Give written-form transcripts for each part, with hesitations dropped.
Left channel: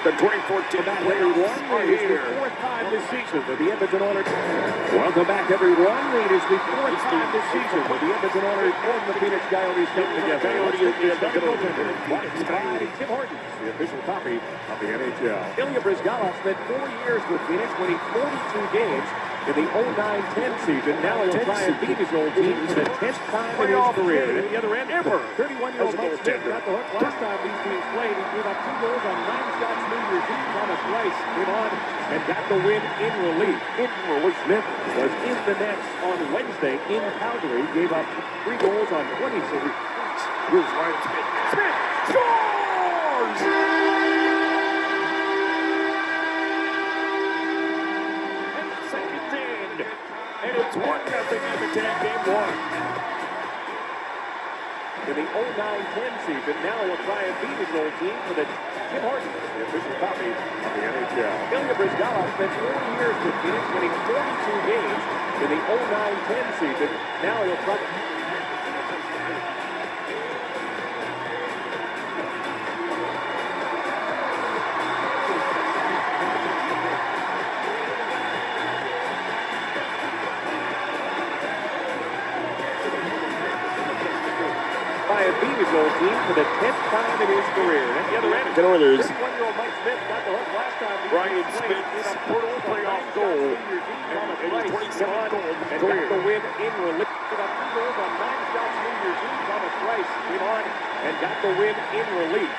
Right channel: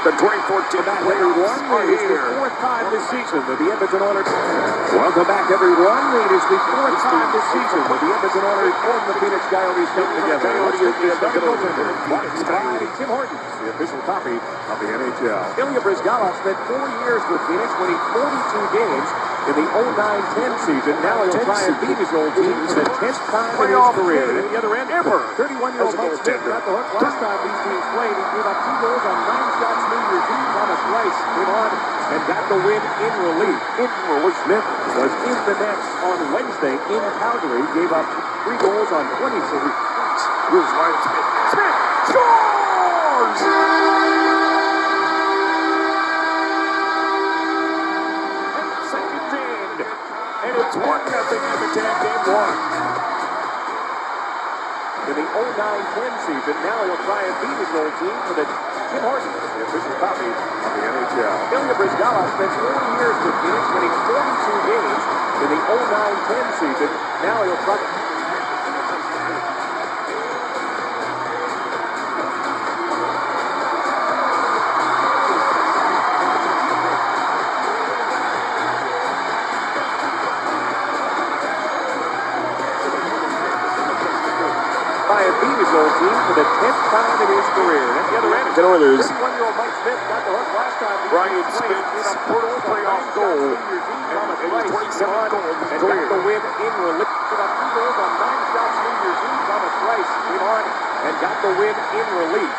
The 2014 playoffs are here. Fourth time this season that the Edmonton Oilers. Welcome back, everyone. It is the fourth time this season that the Edmonton Oilers and the Phenix Coyotes come together. By Tim Hortons, the official copy of the NHL. Ilya Bryzgalov spent 4 years with Phoenix, winning 42 games in the 09-10 season. Now he'll try and beat his old team for the 10th time in his career. And at the other end, Apr. 31-year-old Mike Smith got the hook last time these teams played. He gave up 2 goals on 9 shots. New Year's Eve. Thomas Rice came on and got the win in relief. Smith was in the nets on Wednesday in Calgary. Gave up 3 goals on 26. Here's Ryan Smith. Smith scores! And the second's in. And it's 1-0 Edmonton, game 1. In the 09-10 season, now he'll try and beat his old team for the Tim Hortons, the official copy of the NHL. Ilya Bryzgalov spent 4 years with Phoenix, winning 42 games in the 09-10 season. Now he'll try. Beat his old team for the 10th time in his career. And at the other end, 31-year-old Mike Smith got the hook last time. Ryan Smith's first playoff goal. And his 27th goal of his career. Got the win in relief. Got 2 goals on 9 shots New Year's Eve. Thomas Rice came on and got the win in relief.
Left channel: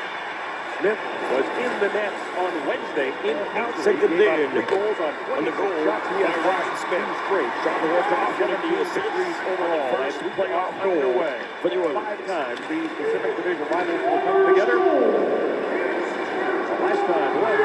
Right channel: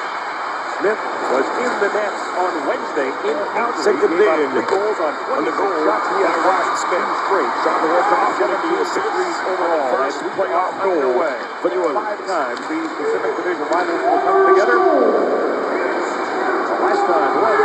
Smith was in the nets on Wednesday in Calgary. Second in. 3 goals on 26 shots. He has Ryan Smith. Straight. Shot the left off. 17 degrees overall. First playoff goal for the Oilers. 5 times these Pacific Division rivals will come together. The last time was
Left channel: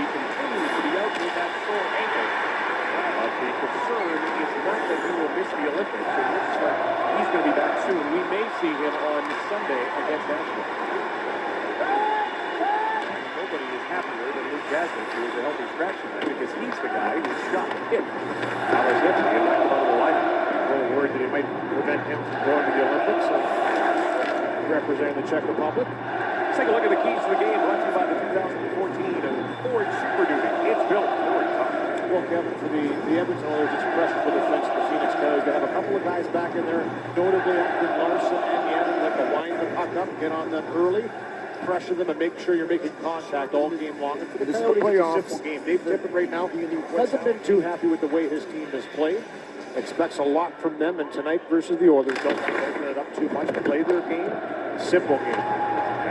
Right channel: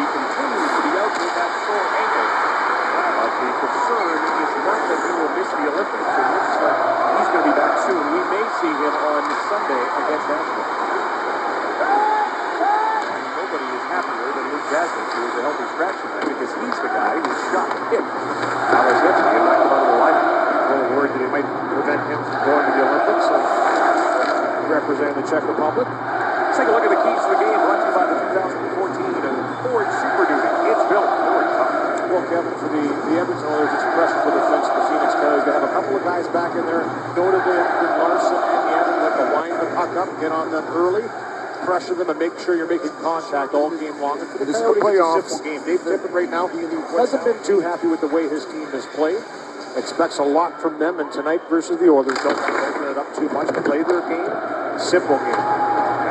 continues to be out with that sore ankle. But the concern is not that he will miss the Olympics. It looks like he's going to be back soon. We may see him on Sunday against Nashville. Nobody is happier than Luke Jasmine, who is a healthy scratch tonight, because he's the guy who shot him. Alex Hemsky is out of the lineup. A little worried that he might prevent him from going to the Olympics and representing the Czech Republic. Let's take a look at the keys to the game brought to you by the 2014 Ford Super Duty. It's built Ford. Well, Kevin, for the Edmonton Oilers, it's pressure for the defense of the Phoenix Coyotes. They have a couple of guys back in there, notably Larson and Yannon, that can wind the puck up, get on them early, pressure them, and make sure you're making contact all game long. And for the Coyotes, it's a simple game. Dave Tippett right now hasn't been too happy with the way his team has played. Expects a lot from them, and tonight versus the Oilers, don't open it up too much. Play their game, simple game.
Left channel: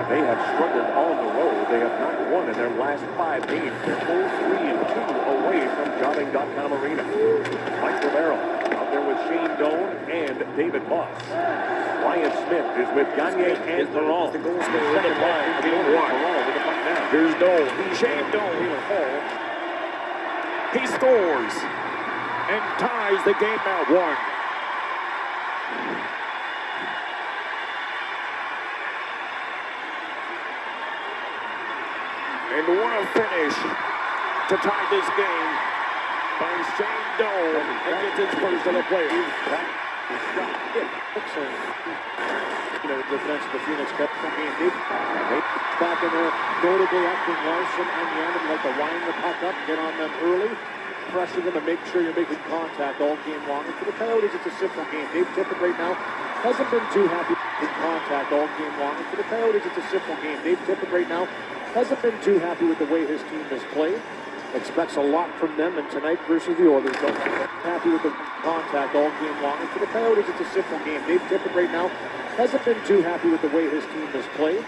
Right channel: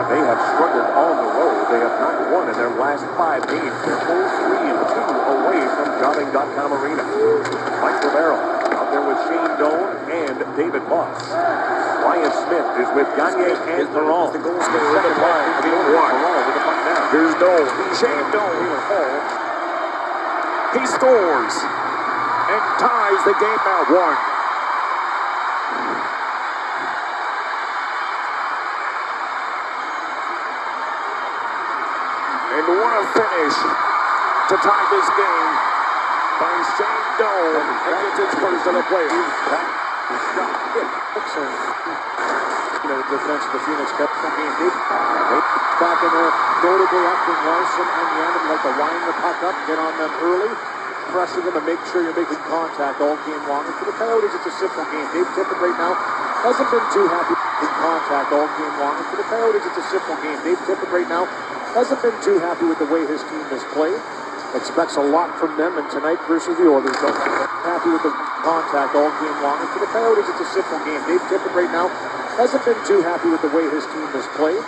They have struggled on the road. They have not won in their last 5 games. They're 0-3-2 away from Jobbing.com Arena. Mike Romero out there with Shane Doan and David Moss. Ryan Smith is with Gagne and Perron. The goal scorer second line. Perron with the puck down. Here's Doan. Shane Doan. He scores and ties the game at 1. And what a finish to tie this game by Shane Doan, and gets his first of the playoffs. Defense of the Phoenix Coyotes game. Back in there, notably after Larson and Yannon like to wind the puck up, get on them early, pressure them, and make sure you're making contact all game long. And for the Coyotes, it's a simple game. Dave Tippett right now hasn't been too happy with contact all game long. And for the Coyotes, it's a simple game. Dave Tippett right now hasn't been too happy with the way his team has played. Expects a lot from them, and tonight versus the Oilers, don't be happy with the contact all game long. And for the Coyotes, it's a simple game. Dave Tippett right now hasn't been too happy with the way his team has played.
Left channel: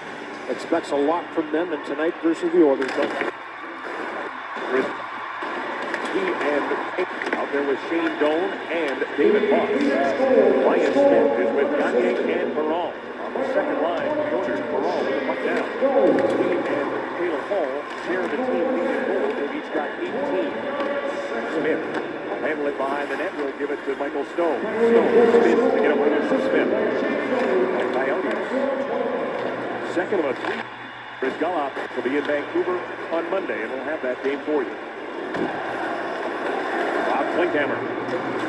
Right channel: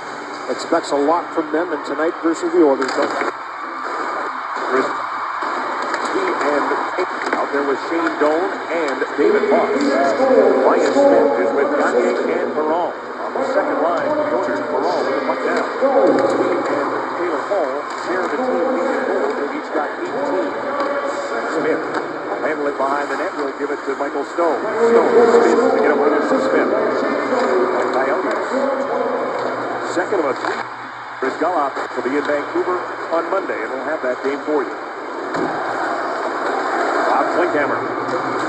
Expects a lot from them, and tonight versus the Oilers, don't be. He and out there with Shane Doan and David Moss. Ryan Smith is with Gagne and Perron. On the second line, the Oilers, Perron with the puck down. He and Taylor Hall share the team lead in goals. They've each got 18. Smith handle it behind the net. We'll give it to Michael Stone. Stone spins to get away with Smith. And Coyotes. Second of a three. Chris Gallop will be in Vancouver on Monday, and we'll have that game for you. Bob Klinkhammer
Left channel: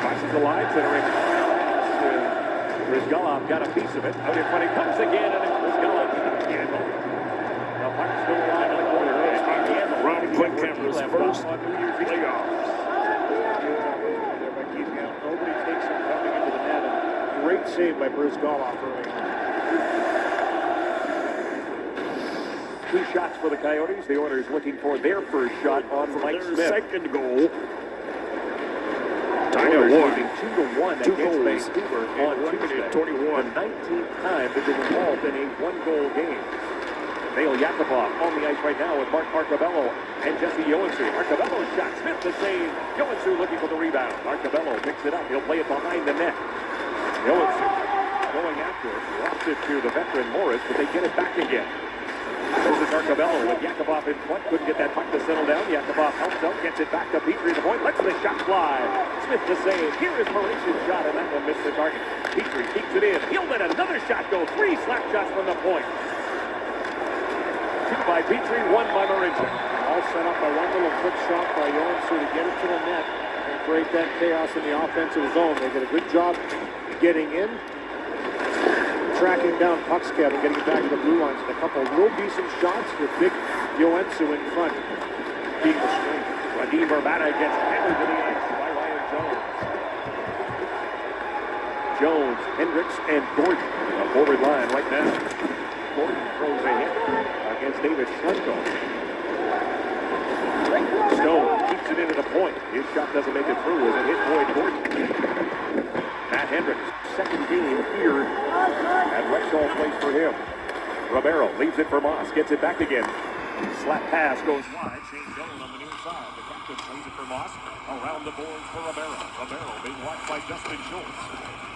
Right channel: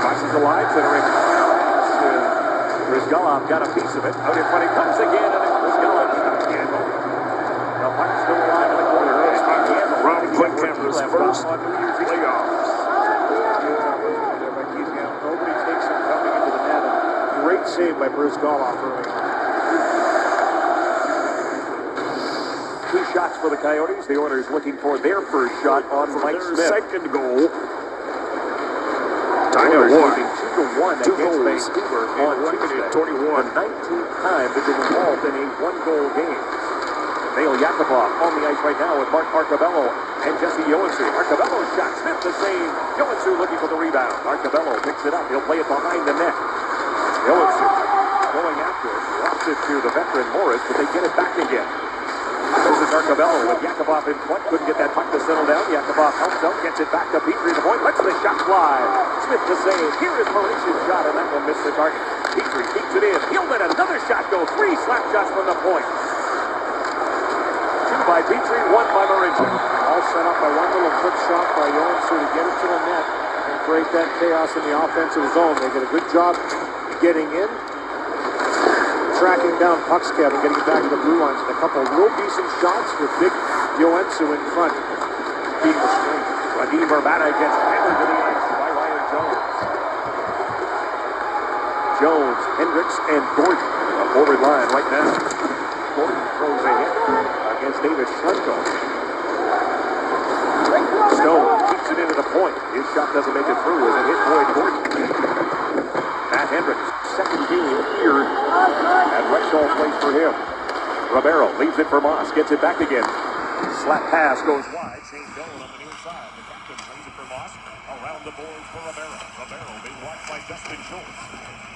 crosses the line, centering. Chris Gallop got a piece of it. Out in front, he comes again, and Chris Gallop stops Gandel. The puck still alive in the corner. Rob Klinkhammer's first playoffs. Nobody takes him coming into the net. Great save by Bruce Gallop early on. 2 shots for the Coyotes. The Oilers looking for their first shot on Mike Smith. Second goal. Oilers losing 2-1 against goals Vancouver on Tuesday. 21. The 19th time they've been involved in a 1-goal game. Nail Yakupov on the ice right now with Mark Marcabello and Jesse Joensuu. Marcabello's shot. Smith the save. Joensuu looking for the rebound. Marcabello picks it up. He'll play it behind the net. Joensuu going after it. Lost it to the veteran Morris, but they get it back again. This is Marcabello with Yakupov in front. Couldn't get that puck to settle down. Yakupov helps out, gets it back to Petrie the point. Lets the shot fly. Smith the save. Here is Mauritius' shot, and that one missed the target. Petrie keeps it in. He'll let another shot go. 3 slap shots from the point. 2 by Petrie, 1 by Mauritius. All set up by one little quick shot by Joensuu to get it to the net and create that chaos in the offensive zone. They did a good job getting in, tracking down pucks, Kevin, getting it back to the blue lines, and a couple of real decent shots with big Joensuu in front, being the strength. Radim Verbata gets hammered to the ice by Ryan Jones. Jones, Hendricks, and Gordon. A forward line right now. Gordon throws a hit against David Schlemko. Stone keeps it into the point. His shot doesn't make it through as it hit Boyd Gordon. Matt Hendricks, second game here at Rexall Place for him. Romero leaves it for Moss, gets it back again. Slap pass goes wide. Shane Doan on the near side. The captain plays it for Moss. Around the boards for Romero. Romero being watched by Justin Schultz.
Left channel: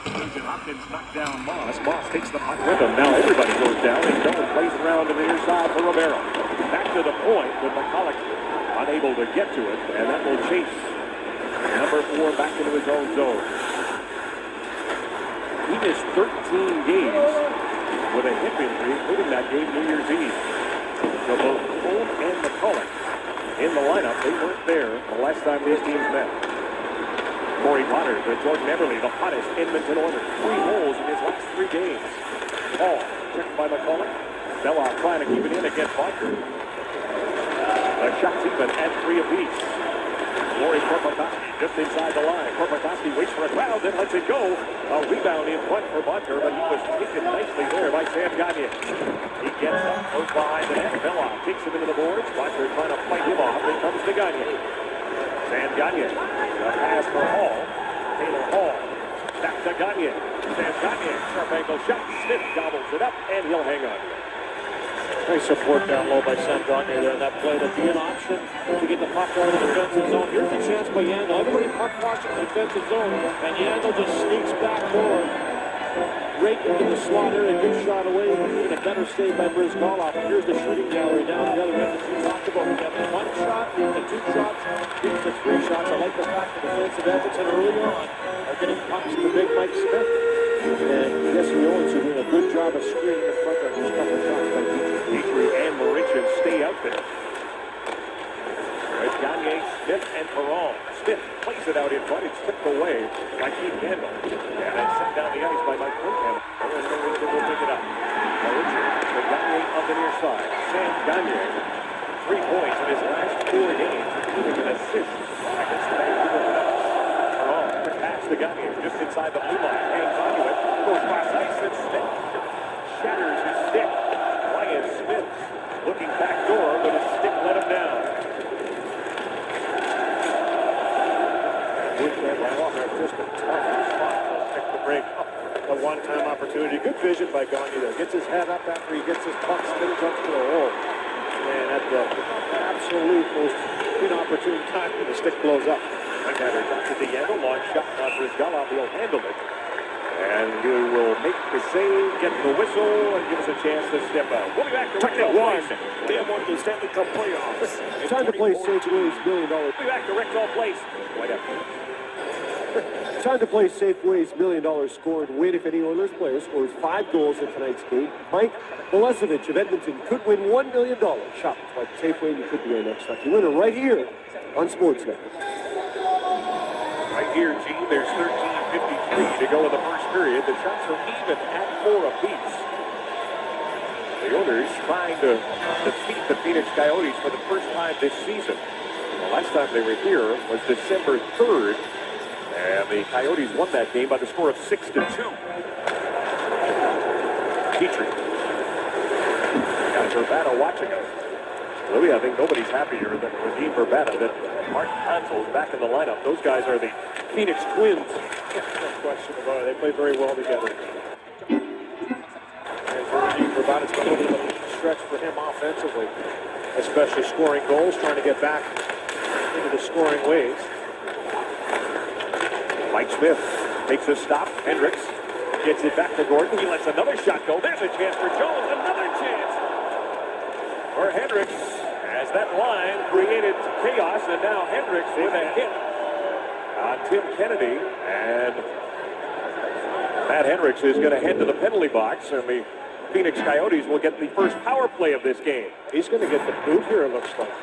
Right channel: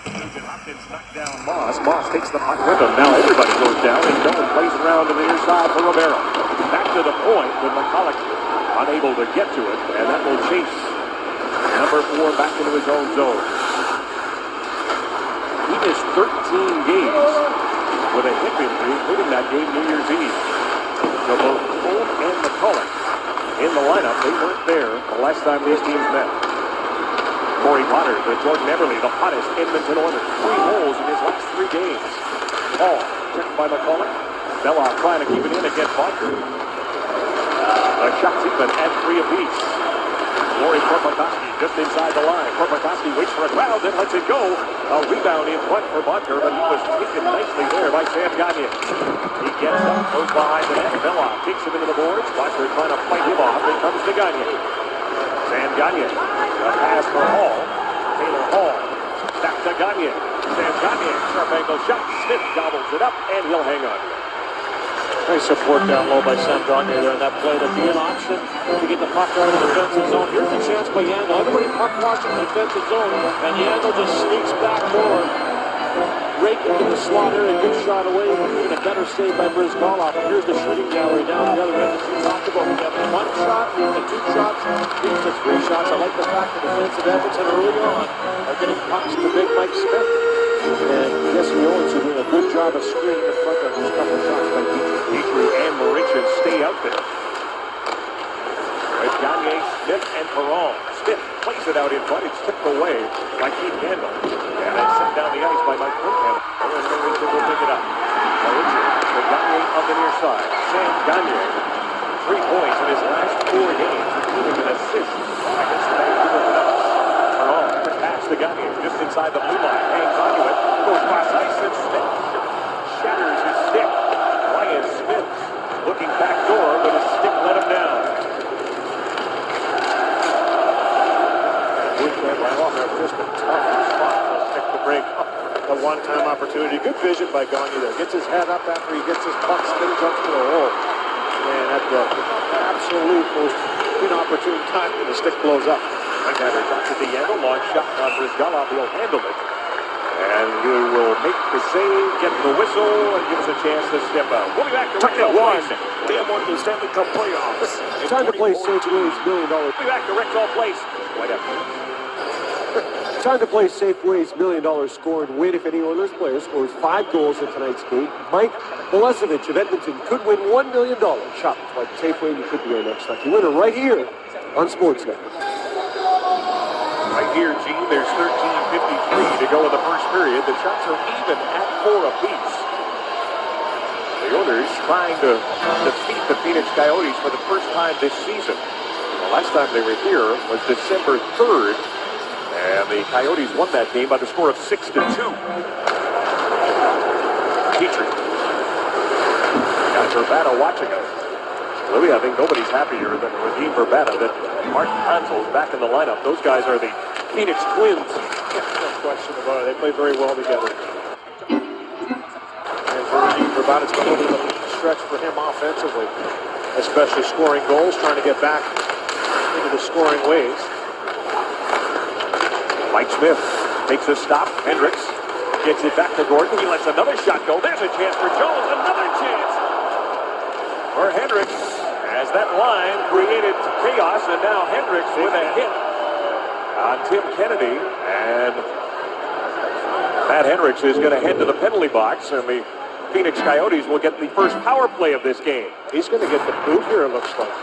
Nugent Hopkins knocked down Moss. Moss takes the puck with him. Now everybody goes down, and Doan plays it around to the near side for Romero. Back to the point with McCulloch unable to get to it, and that will chase number 4 back into his own zone. He missed 13 games with a hip injury, including that game New Year's Eve. So both Cole and McCulloch in the lineup, they weren't there the last time these teams met. Corey Potter to Jordan Eberle, the hottest Edmonton Oilers. 3 goals in his last 3 games. Hall checked by McCulloch. Belloff trying to keep it in against Bodker. The shots even at 3 apiece. Lori Korpikoski just inside the line. Korpikoski waits for a crowd, then lets it go. A rebound in front for Bodker, but he was taken nicely there by Sam Gagne. He gets up, goes behind the net. Belloff kicks him into the boards. Bodker trying to fight him off. Then comes to Gagne. Sam Gagne. A pass for Hall. Taylor Hall. Back to Gagne. Sam Gagne. Sharp angle shot. Smith gobbles it up, and he'll hang on. Nice support down low by Sam Gagne there in that play to be an option to get the puck out of the defensive zone. Here's a chance by Yandel. Everybody puck watching the defensive zone, and Yandel just sneaks back forward. Right into the slot area, good shot away, and a better save by Bruce Gallop. Here's the shooting gallery down the other end, as we talked about. We have 1 shot, we have 2 shots, we have 3 shots. I like the fact that the defensive Edmonton early on are getting pucks to big Mike Smith. And Jesse Joensuu doing a good job of screening in front of these couple shots by Petrie and Mauritius stay out there. With Gagne, Smith, and Perron. Smith plays it out in front. It's tipped away by Keith Handel. And then sent down the ice by Mike Klinkhammer. And Mauritius will pick it up. Mauritius to Gagne on the near side. Sam Gagne, 3 points in his last 4 games, including an assist against the Vancouver Canucks. Perron to pass to Gagne just inside the blue line. Hangs onto it. Goes cross ice, and Smith shatters his stick. Ryan Smith looking back door, but his stick let him down. just a tough spot for a stick to break. A one-time opportunity. Good vision by Gagne there. Gets his head up after he gets his puck, spins up to the hole. And at the absolute most inopportune time, the stick blows up. Right-hander drops it to Yandel. Long shot on Brizgalov. He'll handle it. And he will make the save, get the whistle, and give us a chance to step out. We'll be back to Rexall Place. They have won the Stanley Cup playoffs. It's time to play St. Louis $1 million. We'll be back to Rexall Place. Right after this. Time to play Safeway's $1 million score and win if any Oilers player scores 5 goals in tonight's game. Mike Milesevich of Edmonton could win $1 million. Shop like Safeway, you could be our next lucky winner right here on Sportsnet. Right here, Gene, there's 13:53 to go in the first period. The shots are even at 4 apiece. The Oilers trying to defeat the Phenix Coyotes for the first time this season. The last time they were here was December 3rd. And the Coyotes won that game by the score of 6-2. Petrie. Got Verbata watching us. Louis, I think nobody's happier than Raheem Verbata that Martin Hansel's back in the lineup. Those guys are the Phoenix Twins. No question about it. They play very well together. And for Raheem Verbata, it's been a little bit of a stretch for him offensively, especially scoring goals, trying to get back into the scoring ways. Mike Smith makes a stop. Hendricks gets it back to Gordon. He lets another shot go. There's a chance for Jones. Another chance for Hendricks as that line created chaos. And now Hendricks with a hit on Tim Kennedy. And Matt Hendricks is going to head to the penalty box. And the Phoenix Coyotes will get the first power play of this game. He's going to get the boot here, it looks like.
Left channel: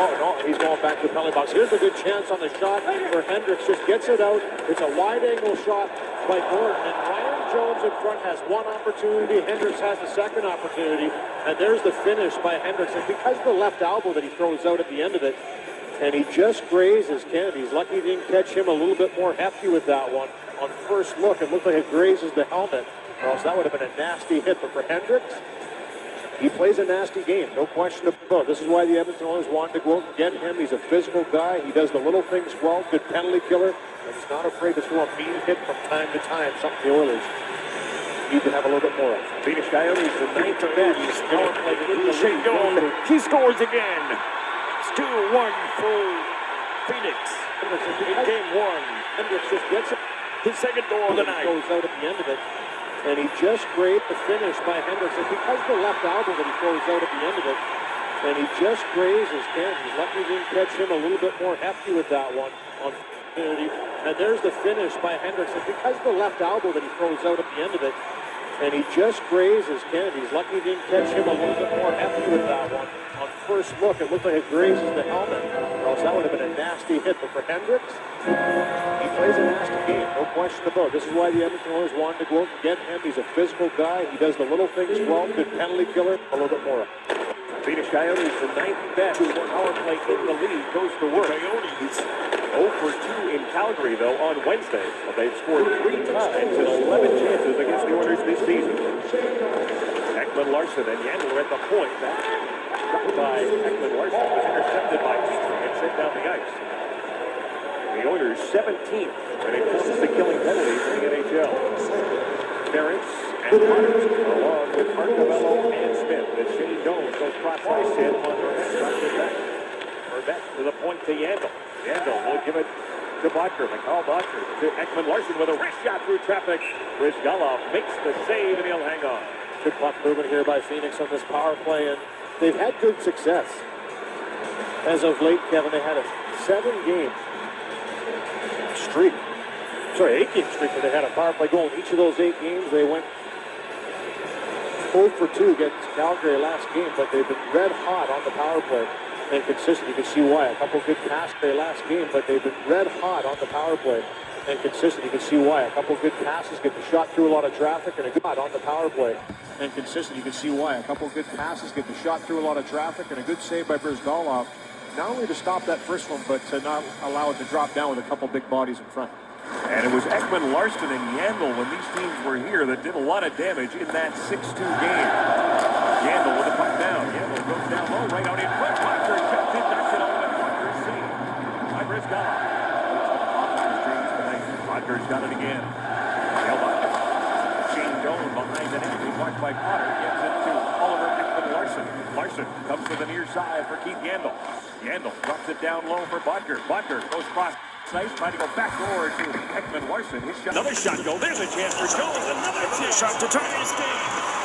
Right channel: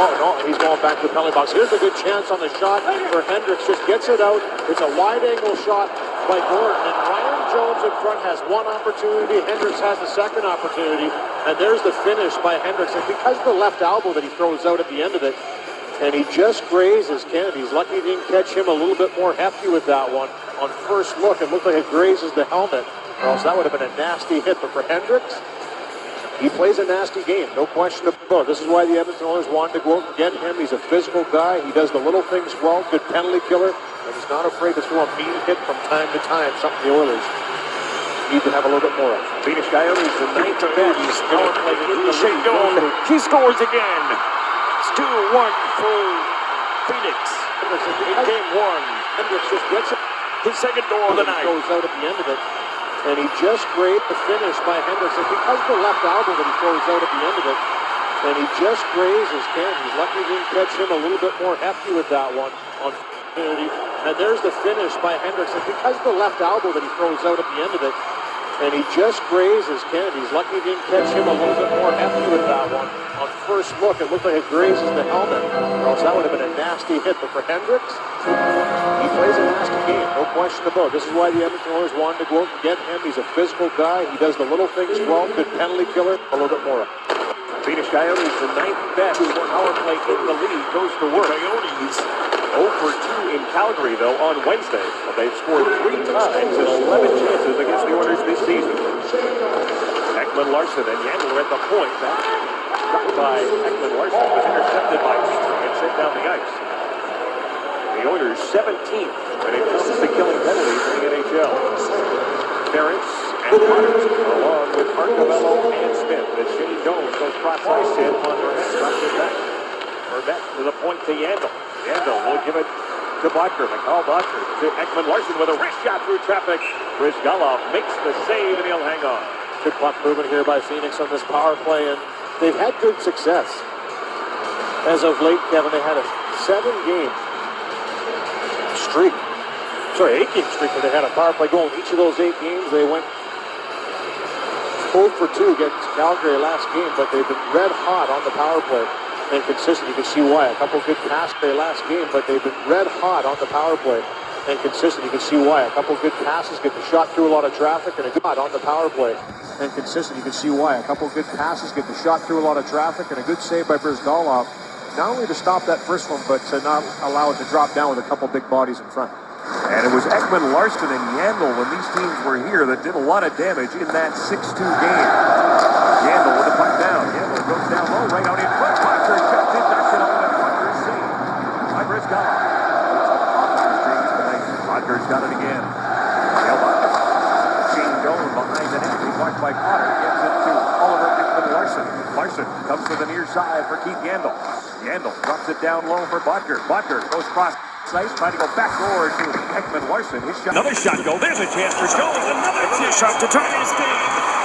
No, he's going back to the penalty box. Here's a good chance on the shot where Hendricks just gets it out. It's a wide-angle shot by Gordon, and Ryan Jones in front has one opportunity. Hendricks has the second opportunity, and there's the finish by Hendricks. And because of the left elbow that he throws out at the end of it, and he just grazes Kennedy. He's lucky he didn't catch him a little bit more hefty with that one. On first look, it looked like it grazes the helmet, or else that would have been a nasty hit. But for Hendricks, he plays a nasty game, no question about it. This is why the Edmonton Oilers wanted to go out and get him. He's a physical guy. He does the little things well, good penalty killer, and he's not afraid to throw a mean hit from time to time, something the Oilers need to have a little bit more of. Phoenix Coyotes, the ninth best power play in the league. He scores again. It's 2-1 for Phoenix in game one. Hendricks just gets it. His second goal of the night. Goes out at the end of it. And he just grazed the finish by Hendricks. And because of the left elbow that he throws out at the end of it, and he just grazes Kennedy. He's lucky he didn't catch him a little bit more hefty with that one on opportunity. And there's the finish by Hendricks. And because of the left elbow that he throws out at the end of it, and he just grazes Kennedy. He's lucky he didn't catch him a little bit more hefty with that one. On first look, it looked like it grazes the helmet, or else that would have been a nasty hit. But for Hendricks, he plays a nasty game, no question about it. This is why the Edmonton Oilers wanted to go out and get him. He's a physical guy. He does the little things well, good penalty killer. A little bit more. Phoenix Coyotes, the ninth best power play in the league, goes to work. Coyotes 0 for 2 in Calgary, though, on Wednesday. But they've scored 3 times in 11 chances against the Oilers this season. Ekman Larsson and Yandel are at the point. That shot by Ekman Larsson was intercepted by Petrie and sent down the ice. The Oilers 17th when it comes to killing penalties in the NHL. Ferentz and Potter, along with Marcovello and Smith, as Shane Jones goes cross-ice in on Vermette, drops it back. Vermette to the point to Yandel. Yandel will give it to Butker. Mikhail Butker to Ekman Larsson with a wrist shot through traffic. Brizgalov makes the save and he'll hang on. Good puck movement here by Phoenix on this power play, and they've had good success. As of late, Kevin, they had a 7-game streak. Sorry, 8-game streak where they had a power play goal. In each of those 8 games, they went 0 for 2 against Calgary last game, but they've been red hot on the power play and consistent. You can see why. A couple good passes their last game, but they've been red hot on the power play and consistent. You can see why. A couple good passes, get the shot through a lot of traffic, and a good on the power play and consistent. You can see why. A couple good passes, get the shot through a lot of traffic, and a good save by Brizgalov. Not only to stop that first one, but to not allow it to drop down with a couple big bodies in front. And it was Ekman Larsson and Yandel when these teams were here that did a lot of damage in that 6-2 game. Yandel with the puck down. Yandel goes down low, right out in front. Butker shuts it, knocks it on, and Butker saved by Brizgalov. Butker's got it again. Shane Jones behind the net. He's watched by Potter. Gives it to Oliver Ekman Larsson. Larsson comes to the near side for Keith Yandel. Yandel drops it down low for Butker. Butker goes cross Nice, trying to go backdoor to Ekman-Larsson. His shot. Another shot goal. There's a chance for Jones. Another chance. Shot to tie this game.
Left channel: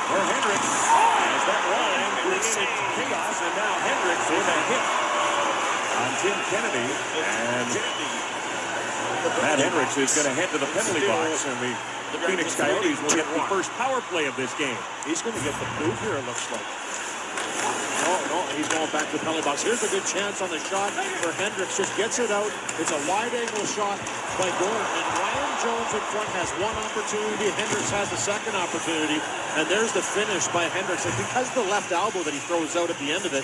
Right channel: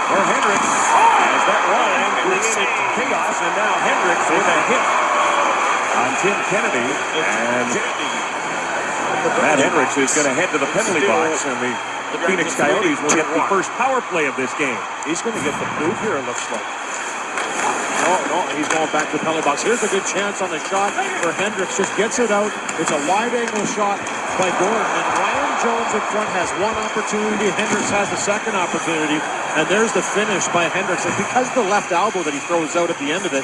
For Hendricks. As that line created chaos, and now Hendricks with a hit on Tim Kennedy. And Matt Hendricks is going to head to the penalty box, and the Phenix Coyotes will get the first power play of this game. He's going to get the boot here, it looks like. No, he's going back to the penalty box. Here's a good chance on the shot for Hendricks. Just gets it out. It's a wide-angle shot by Gordon. And Ryan Jones in front has one opportunity. Hendricks has the second opportunity. And there's the finish by Hendricks. And because of the left elbow that he throws out at the end of it,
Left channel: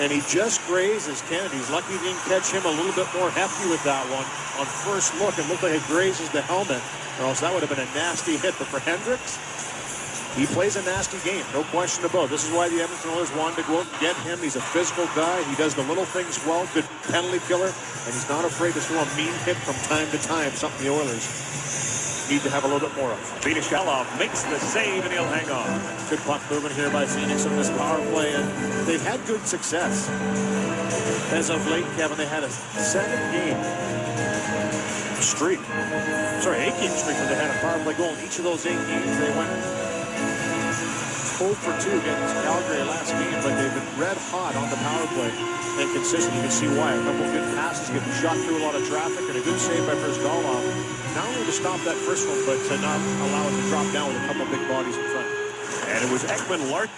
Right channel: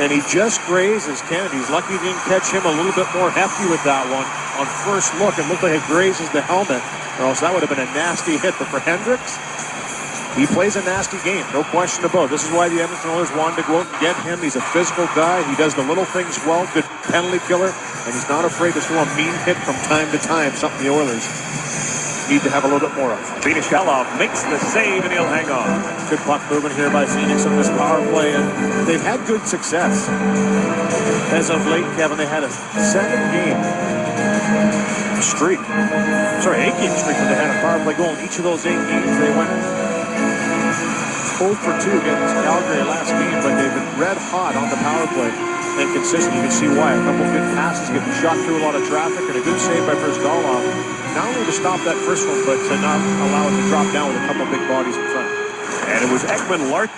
and he just grazes Kennedy. He's lucky he didn't catch him a little bit more hefty with that one. On first look, it looked like it grazes the helmet, or else that would have been a nasty hit. But for Hendricks, he plays a nasty game, no question about it. This is why the Edmonton Oilers wanted to go out and get him. He's a physical guy. He does the little things well, good penalty killer, and he's not afraid to throw a mean hit from time to time, something the Oilers need to have a little bit more of. Phoenix Coyotes makes the save, and he'll hang on. Good puck movement here by Phoenix on this power play, and they've had good success. As of late, Kevin, they had a 7-game streak. Sorry, 8-game streak when they had a power play goal. In each of those 8 games, they went 0 for 2 against Calgary last game, but they've been red hot on the power play and consistent. You can see why. A couple good passes, getting shot through a lot of traffic, and a good save by Brizgalov. Not only to stop that first one, but to not allow it to drop down with a couple big bodies in front. And it was Ekman-Larsson.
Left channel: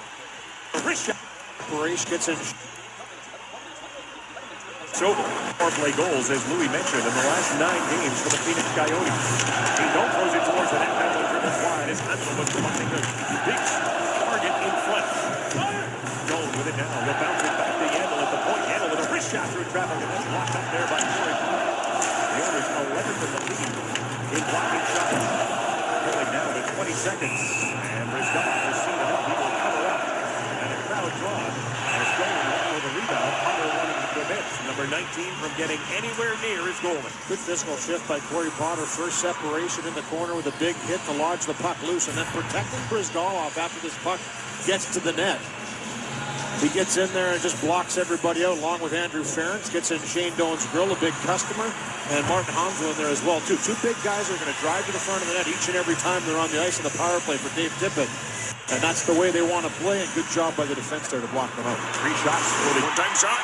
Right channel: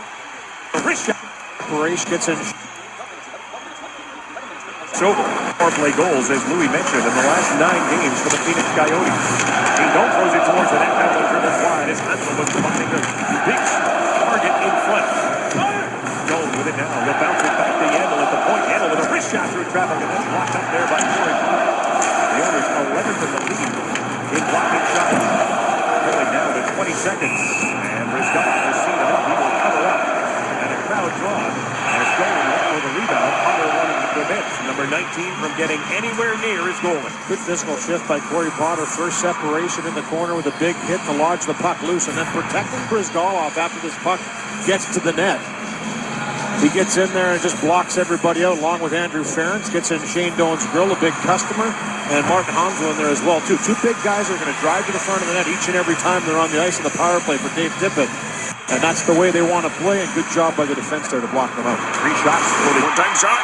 The wrist shot. Paresh gets in. So power play goals, as Louis mentioned, in the last 9 games for the Phoenix Coyotes. He don't throws it towards the net. Now it's dribbles wide. It's Huntsman was finding the big target in front. Jones with it now. He'll bounce it back to Yandel at the point. Yandel with a wrist shot through traffic, and that's blocked up there by Corey Potter. The Oilers 11th in the league in blocking shots. Going down to 20 seconds. And Brizgalov has seen enough. He will cover up. And a crowd drawn. As Golan with a rebound. Potter wanting to prevent number 19 from getting anywhere near his goal. Good physical shift by Corey Potter. First separation in the corner with a big hit to lodge the puck loose, and then protecting Brizgalov after this puck gets to the net. He gets in there and just blocks everybody out, along with Andrew Ferentz. Gets in Shane Doan's grill, a big customer, and Martin Hansel in there as well, too. 2 big guys are going to drive to the front of the net each and every time they're on the ice in the power play for Dave Tippett. And that's the way they want to play, and good job by the defense there to block them out. 3 shots. One-time shot.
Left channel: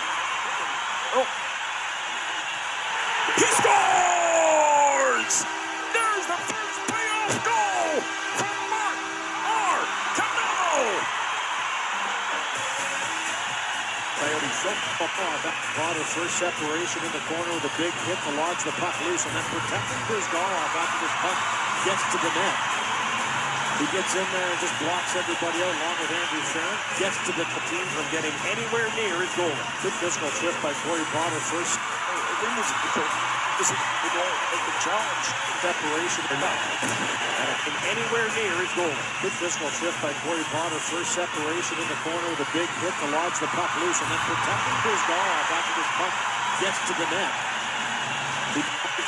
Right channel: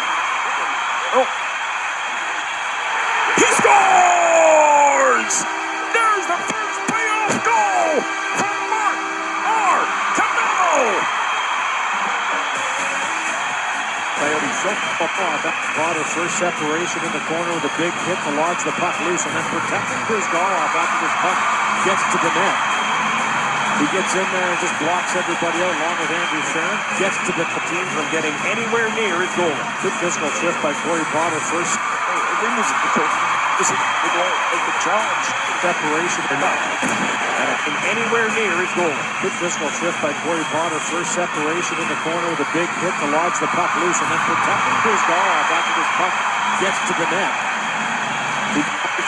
Oh. He scores! There's the first playoff goal for Mark R. Cano! Coyotes shut off. Potter first separation in the corner with a big hit to lodge the puck loose, and then protecting Brizgalov after this puck gets to the net. He gets in there and just blocks everybody out, along with Andrew Ferentz. Gets to the team from getting anywhere near his goal. Good physical shift by Corey Potter. First This is the challenge. separation or not. And anywhere near his goal. Good physical shift by Corey Potter. First separation in the corner with a big hit to lodge the puck loose, and then protecting Brizgalov after this puck gets to the net.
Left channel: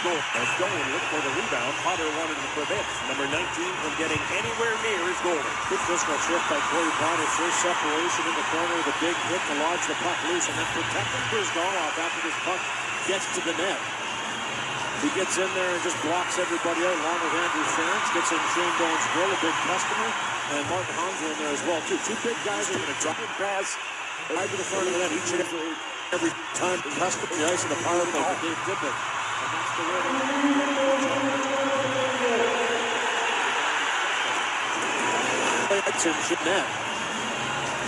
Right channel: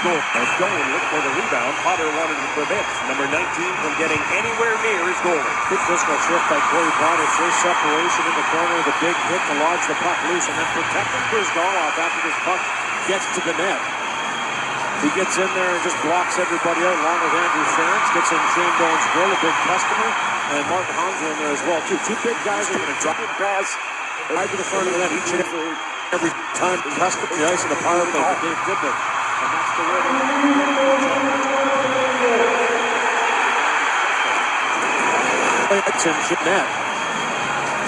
As Dolan looked for the rebound, Potter wanted to prevent number 19 from getting anywhere near his goal. Good physical shift by Corey Potter. First separation in the corner with a big hit to lodge the puck loose, and then protecting Brizgalov after this puck gets to the net. He gets in there and just blocks everybody out, along with Andrew Ferentz. Gets in Shane Doan's grill, a big customer, and Martin Hansel in there as well, too. 2 big guys are going to drop and pass right to the front of the net each and every time the customer the ice in the power play for Dave Tippett. And that's the way it's in net.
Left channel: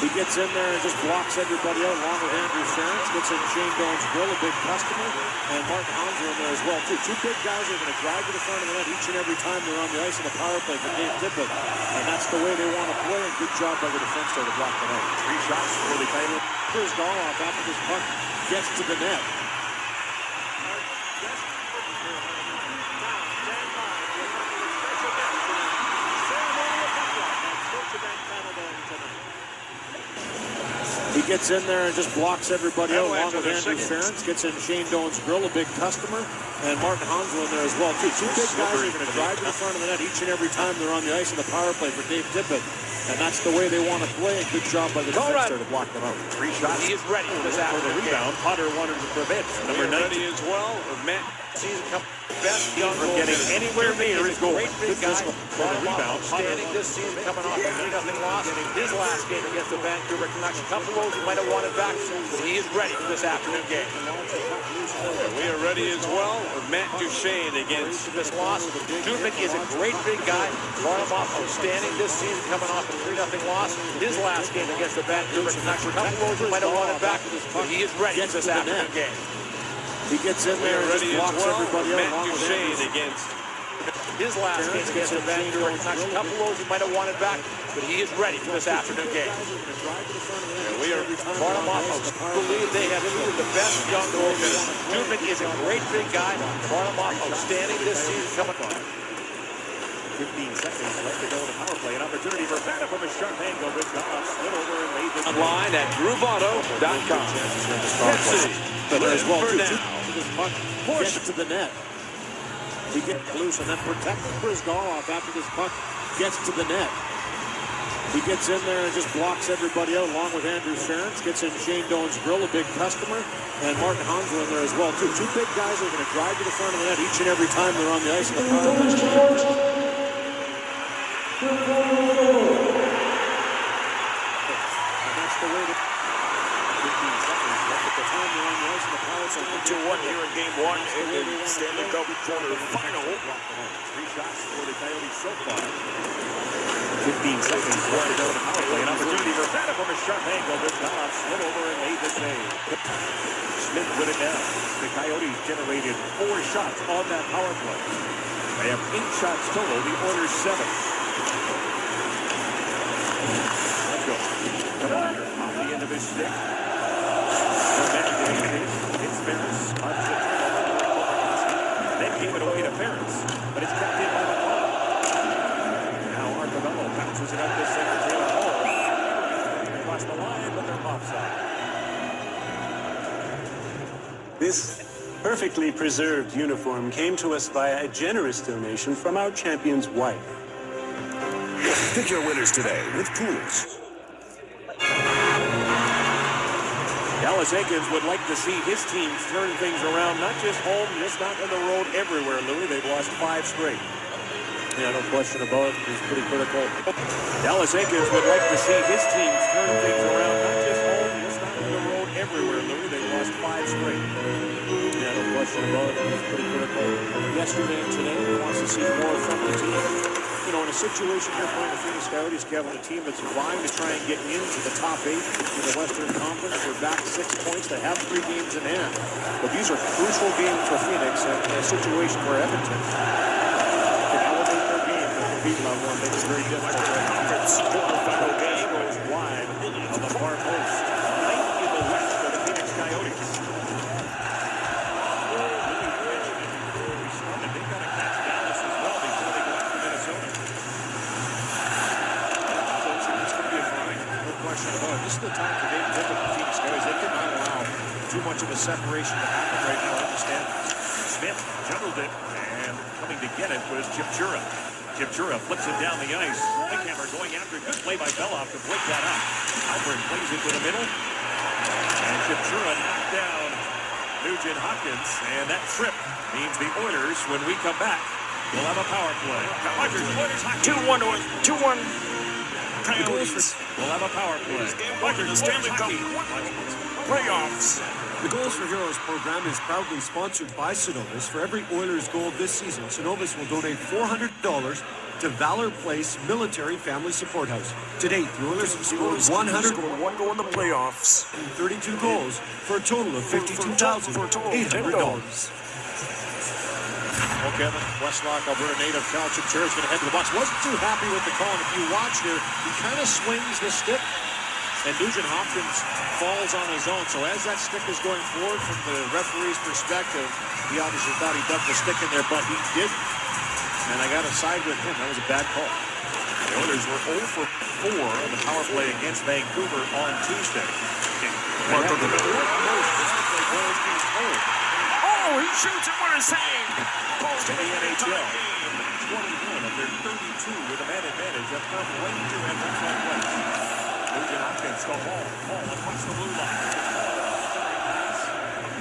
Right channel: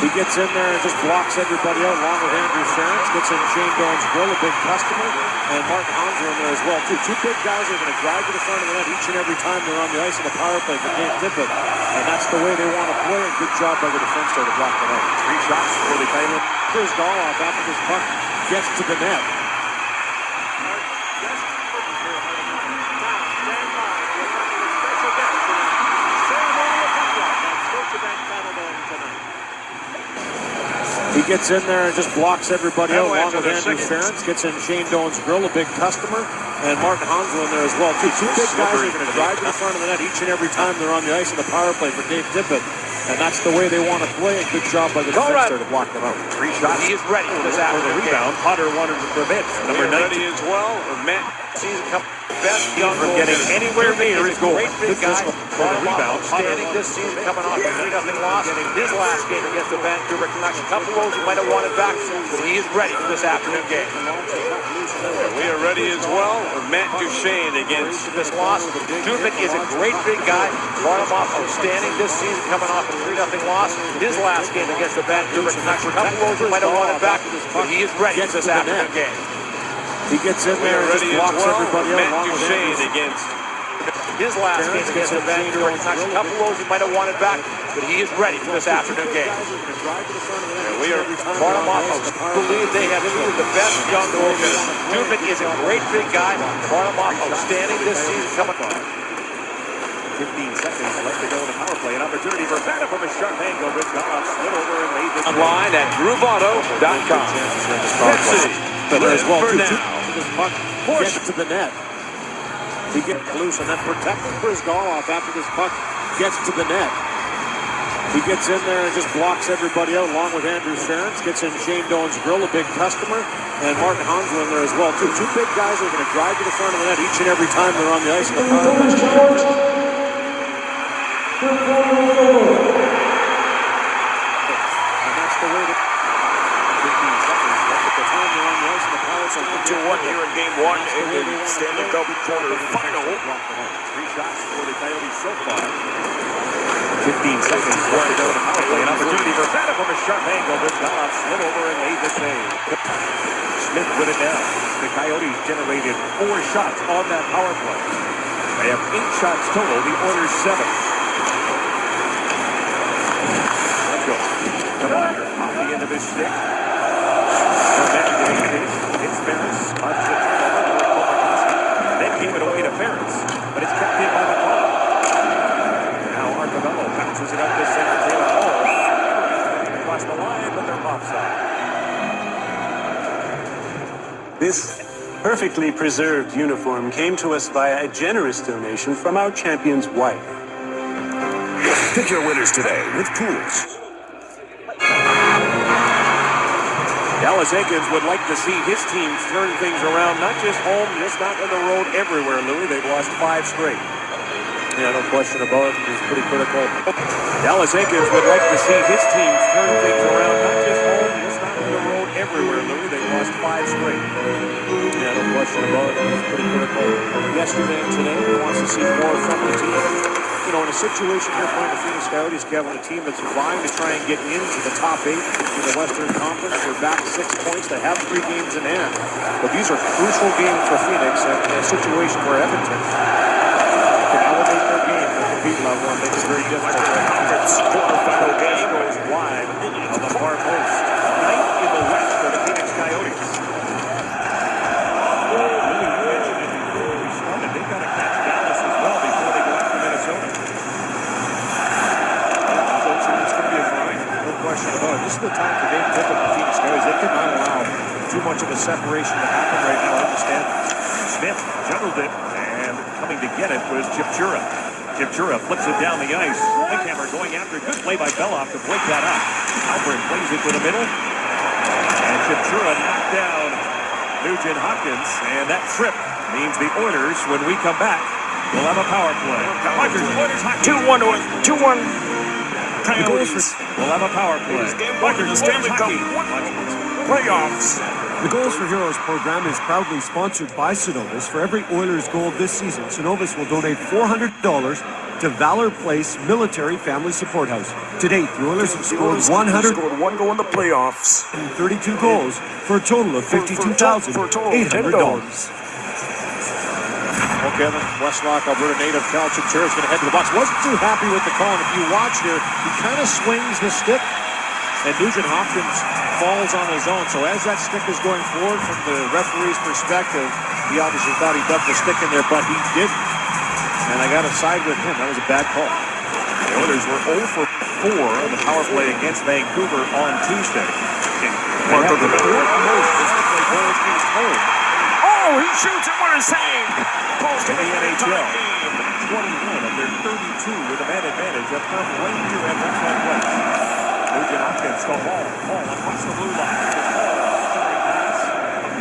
He gets in there and just blocks everybody out, along with Andrew Ferentz. Gets in Shane Doan's grill, a big customer, and Martin Hansel in there as well, too. 2 big guys are going to drive to the front of the net each and every time they're on the ice in the power play for Dave Tippett. And that's the way they want to play, and good job by the defense there to block them out. 3 shots for the Coyotes. Brizgalov after this puck gets to the net. He gets in there and just blocks everybody out along with Andrew Ferentz. Gets in Shane Doan's grill, a big customer. And Martin Hansel in there as well. Two big guys are going to drive to the front of the net each and every time they're on the ice in the power play for Dave Tippett. And that's the way they want to play. A good job by the defense there to block them out. 3 shots. He is ready for this afternoon rebound. Potter wanted to prevent. Number 9 as well. Matt season come best young from getting anywhere near his goal. Great big guy. Rebound. Outstanding this season coming off a 3-0 loss. His last game against the Vancouver Canucks. A couple of those he might have wanted back, but he is ready for this afternoon game. We are ready as well. Matt Duchene against This loss. Dubnik is a great big guy. Brought him off outstanding this season coming off a 3-0 loss. His last game against the Vancouver Canucks. A couple of those he might have wanted back, but he is ready for this afternoon game. He gets in there and just blocks everybody out. Matt Duchene against His last game against the Vancouver Canucks. A couple of those he might have wanted back, but he is ready for this afternoon game. we are Brought him off. I believe they have two of the best young goaltenders. Dubnik is a great big guy. Brought him off outstanding this season coming on. 15 seconds left to go in the power play. An opportunity for Banner from a sharp angle. Rich Goff slid over and made this online at grooveauto.com. There's well two puck gets to the net. He gets loose and then protected Chris Goloff after this puck gets to the net. He gets in there and just blocks everybody out along with Andrew Ferentz. Gets in Shane Doan's grill, a big customer. And Martin Hansel in there as well. Two big guys are going to drive to the front of the net each and every time they're on the ice in the power play. And that's the way to 15 seconds left at the time they're on the ice in the power play. 2-1 here in game 1 in the Stanley Cup quarterfinal. 3 shots for the Coyotes so far. 15 seconds left to go in the power play. An opportunity for Banner from a sharp angle. Rich Goff slid over and made the save. Smith with it down. The Coyotes generated 4 shots on that power play. They have 8 shots total. The Oilers 7. Off the end of his stick. It's Ferentz. Then gave it away to Ferentz. But it's kept in by the ball. Now Arcavello bounces it up to center. Taylor Hall. Across the line, but they're offside. This perfectly preserved uniform came to us via a generous donation from our champion's wife. Pick your winners today with Pools. Dallas Eakins would like to see his team turn things around, not just home, just not on the road, everywhere, Louis. They've lost 5 straight. Yeah, no question about it. He's pretty critical. Dallas Eakins would like to see his team turn things around, not just home, just not on the road, everywhere, Louis. They've lost 5 straight. Yeah, no question about it. He's pretty critical. Yesterday and today, he wants to see more from the team. You know, in a situation here playing the Phenix Coyotes, Kevin, a team that's vying to try and get into the top 8 in the Western Conference. They're back 6 points. They have 3 games in hand. But these are crucial games for Phoenix, and in a situation where Edmonton can elevate their game to compete level and make it very difficult. Quarterfinal game goes wide on the far post. 9th in the West for the Phoenix Coyotes. They've got to catch Dallas as well before they go after Minnesota. It's going to be a grind, no question about it. This is the time for Dave Tippett and the Phoenix Coyotes. They cannot allow too much of a separation to happen right now in the standings. Smith juggled it, and coming to get it was Chipchura. Chipchura flips it down the ice. Lickhammer going after. Good play by Beloff to break that up. Albert plays it to the middle. And Chipchura knocked down Nugent Hopkins. And that trip means the Oilers, when we come back, will have a power play. Rogers, Oilers, 2-1 Coyotes will have a power play. Rogers, the Stanley Cup playoffs. The Goals for Heroes program is proudly sponsored by Synovus. For every Oilers goal this season, Synovus will donate $400 to Valor Place Military Family Support House. To date, the Oilers have scored 1 goal in the playoffs. 132 goals for a total of $52,800. Well, Kevin, Westlock, Alberta native Cal Chipchura is going to head to the box. Wasn't too happy with the call. And if you watch here, he kind of swings the stick, and Nugent Hopkins falls on his own. So as that stick is going forward from the referee's perspective, he obviously thought he dumped the stick in there, but he didn't. And I got to side with him. That was a bad call. The Oilers were 0 for 4 on the power play against Vancouver on Tuesday. Part of the Oh, he shoots it. What a save. Close to the NHL. 21 of their 32 with a man advantage have come right here at Westland West. Nugent Hopkins to Hall. Hall across the blue line.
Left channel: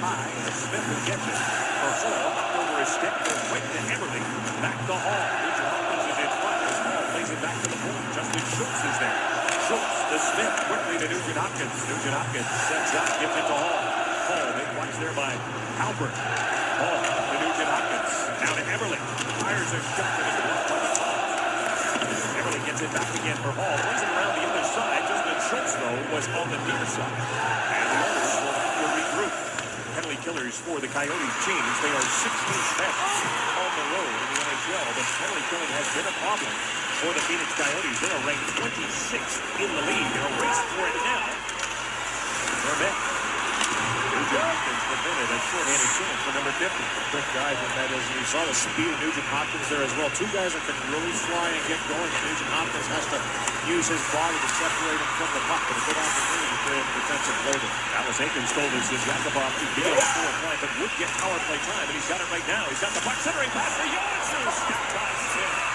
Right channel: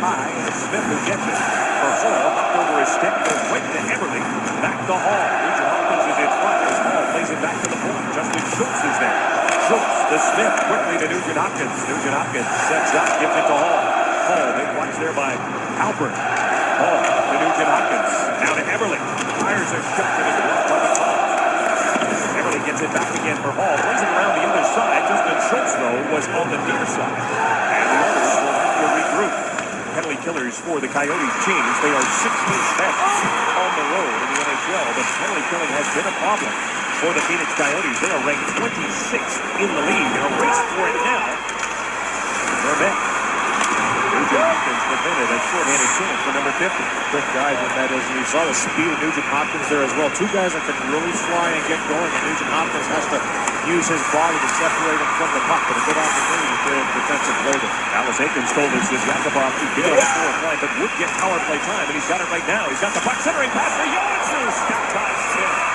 High, and Smith who gets it. For Hall, knocked over his stick, goes right to Eberle. Back to Hall. Nugent Hopkins is in front as Hall plays it back to the point. Justin Schultz is there. Schultz to Smith, quickly to Nugent Hopkins. Nugent Hopkins sets up, gives it to Hall. Hall, big watch there by Apr. Hall to Nugent Hopkins. Now to Eberle. Fires a shot to the left by the Hall. Eberle gets it back again for Hall. Plays it around the other side. Justin Schultz, though, was on the near side. And the others will have to regroup. Penalty killers for the Coyotes change. They are 16th best on the road in the NHL, but penalty killing has been a problem for the Phenix Coyotes. They are ranked 26th in the league. In a race for it now. Verbeck. Nugent Hopkins defended a short-handed chance for number 50. Quick guys with that, as you saw the speed of Nugent Hopkins there as well. Two guys that can really fly and get going, and Nugent Hopkins has to use his body to separate him from the puck, but a good opportunity for his defensive play there. Alice Aikens told us this Yakupov to get on the fourth line, but would get power play time, and he's got it right now. He's got the puck, centering pass for Johansson. Step by Smith.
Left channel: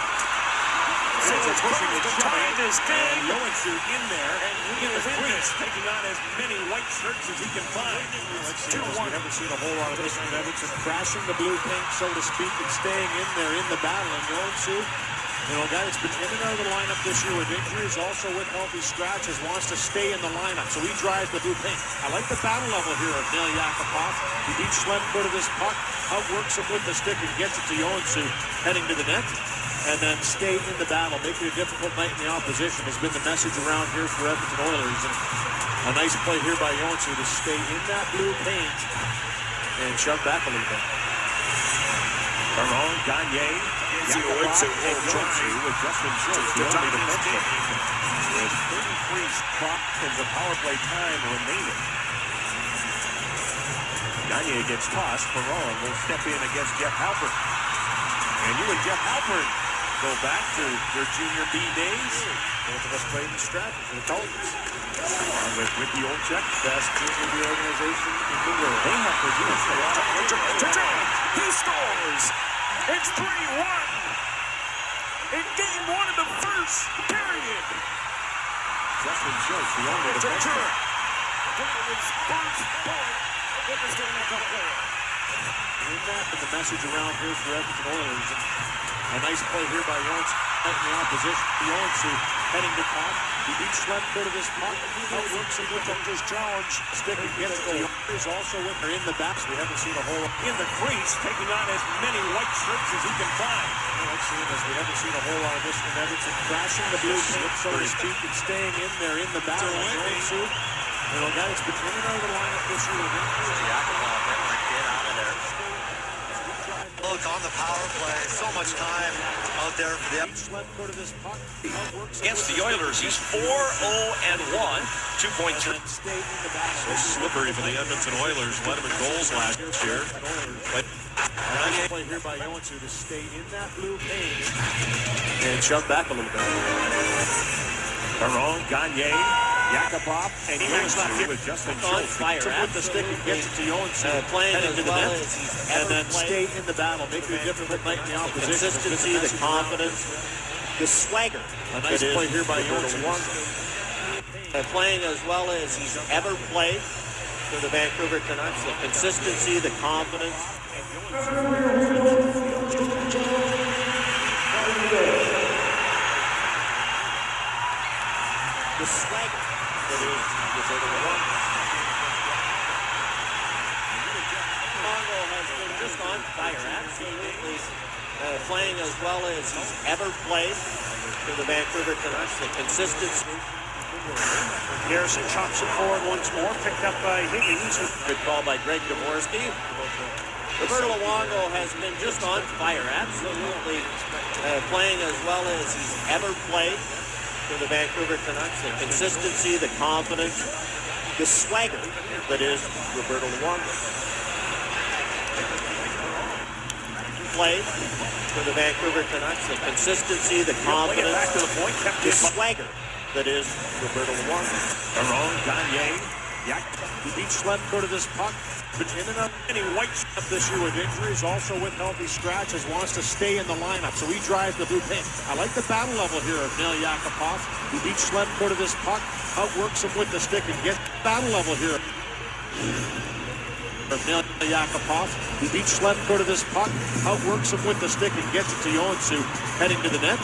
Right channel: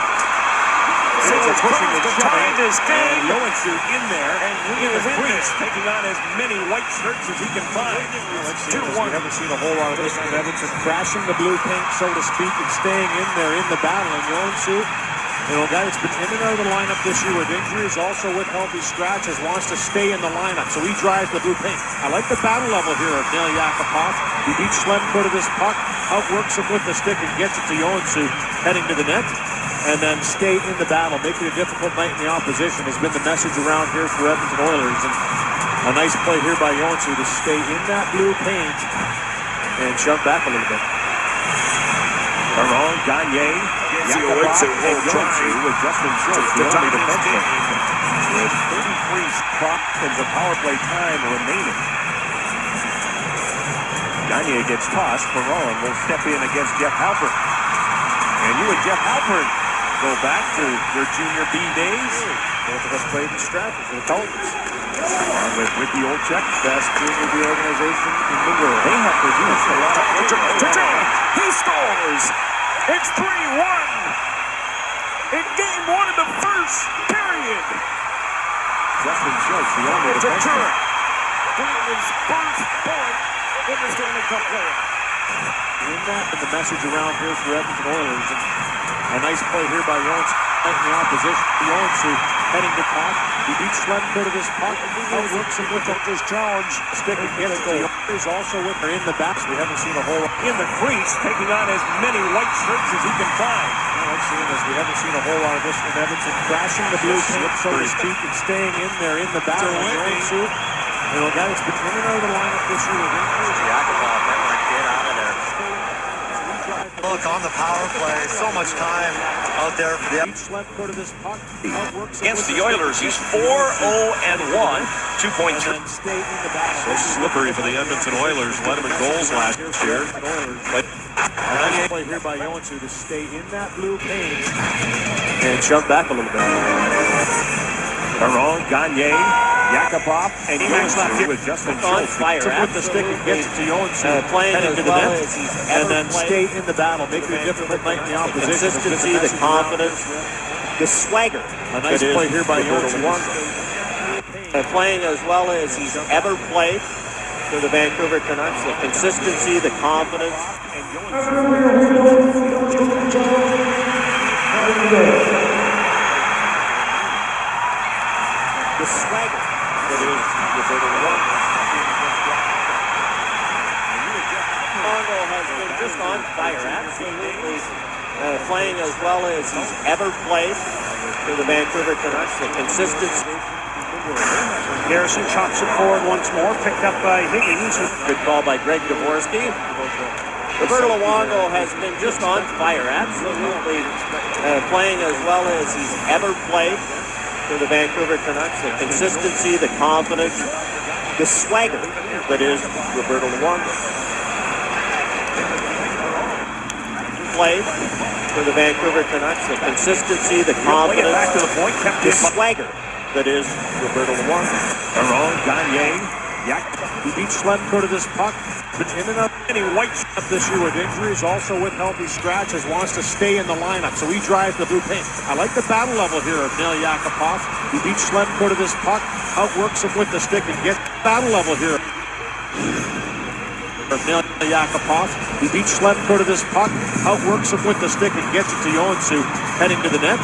It's pushing and shoving, and Johansson in there, and William Freeze taking on as many white shirts as he can find. We haven't seen a whole lot of this from Edmonton, crashing the blue paint, so to speak, and staying in there in the battle. And Johansson, a guy that's been in and out of the lineup this year with injuries, also with healthy scratches, wants to stay in the lineup, so he drives the blue paint. I like the battle level here of Neil Yakupov. He beats Schlemko to this puck, outworks him with the stick, and gets it to Johansson heading to the net. And then stay in the battle, make it a difficult night in the opposition has been the message around here for Edmonton Oilers. And a nice play here by Johansson to stay in that blue paint and shove back a little bit. Perron, Gagne, Yakupov, and Johansson with Justin Schultz, the only defenseman. With 33 seconds of power play time remaining. Gagne gets tossed. Perron will step in against Jeff Halpern. And you and Jeff Halpern go back to your junior B days. Both of us played in Stratford for the Coyotes. With Ricky Olczyk, best junior B organization in the world. They have produced a lot of He scores. It's 3-1. In game one of the first period. Justin Schultz, the only defenseman. His first point in the Stanley Cup game. In that, and the message around here for Edmonton Oilers. And a nice play here by Johansson in the opposition. Johansson heading to puck. He beats Schlemko to this puck. Outworks him with his challenge. Stick and gets it. He's also with her in the back. We haven't seen a whole lot. In the crease, taking on as many white shirts as he can find. We haven't seen a whole lot of this from Edmonton. Crashing the blue paint, so to speak, and staying in there in the battle. Johansson, a guy that's been in and out of the lineup this year with injuries. Yakupov, that might get out of there. Look, on the power play, so much time out there for the... Against the Oilers, he's 4-0-1, 2.3. So slippery for the Edmonton Oilers. Led him in goals last year. But play here by Johansson to stay in that blue paint and shove back a little bit. Perron, Gagne, Yakupov, and Johansson with Justin Schultz. With the stick and gets it to Johansson, playing into the net, and then stay in the battle, make it a difficult night in the opposition. Consistency, the confidence, the swagger. A nice play here by Johansson. Playing as well as he's ever played for the Vancouver Canucks. The consistency, the confidence. The swagger. Mongo has been just on fire, absolutely playing as well as he's ever played for the Vancouver Canucks. The consistency. Garrison chops it forward once more, picked up by Higgins. Good call by Greg Dvorsky. Roberto Luongo has been just on fire, absolutely playing as well as he's ever played for the Vancouver Canucks. The consistency, the confidence, the swagger that is Roberto Luongo. Played for the Vancouver Canucks. The consistency, the confidence, back to the point, kept the it. swagger that is Roberto Luongo. Perron, Gagne, Yak, who beat Schlemko to this puck. Been in and out. Any white up this year with injuries, also with healthy scratches, wants to stay in the lineup, so he drives the blue paint. I like the battle level here of Nail Yakupov. He beat Schlemko to this puck, outworks him with the stick, and gets battle level here. Nail Yakupov. He beat Schlemko to this puck, outworks him with the stick, and gets it to Joensuu, heading to the net.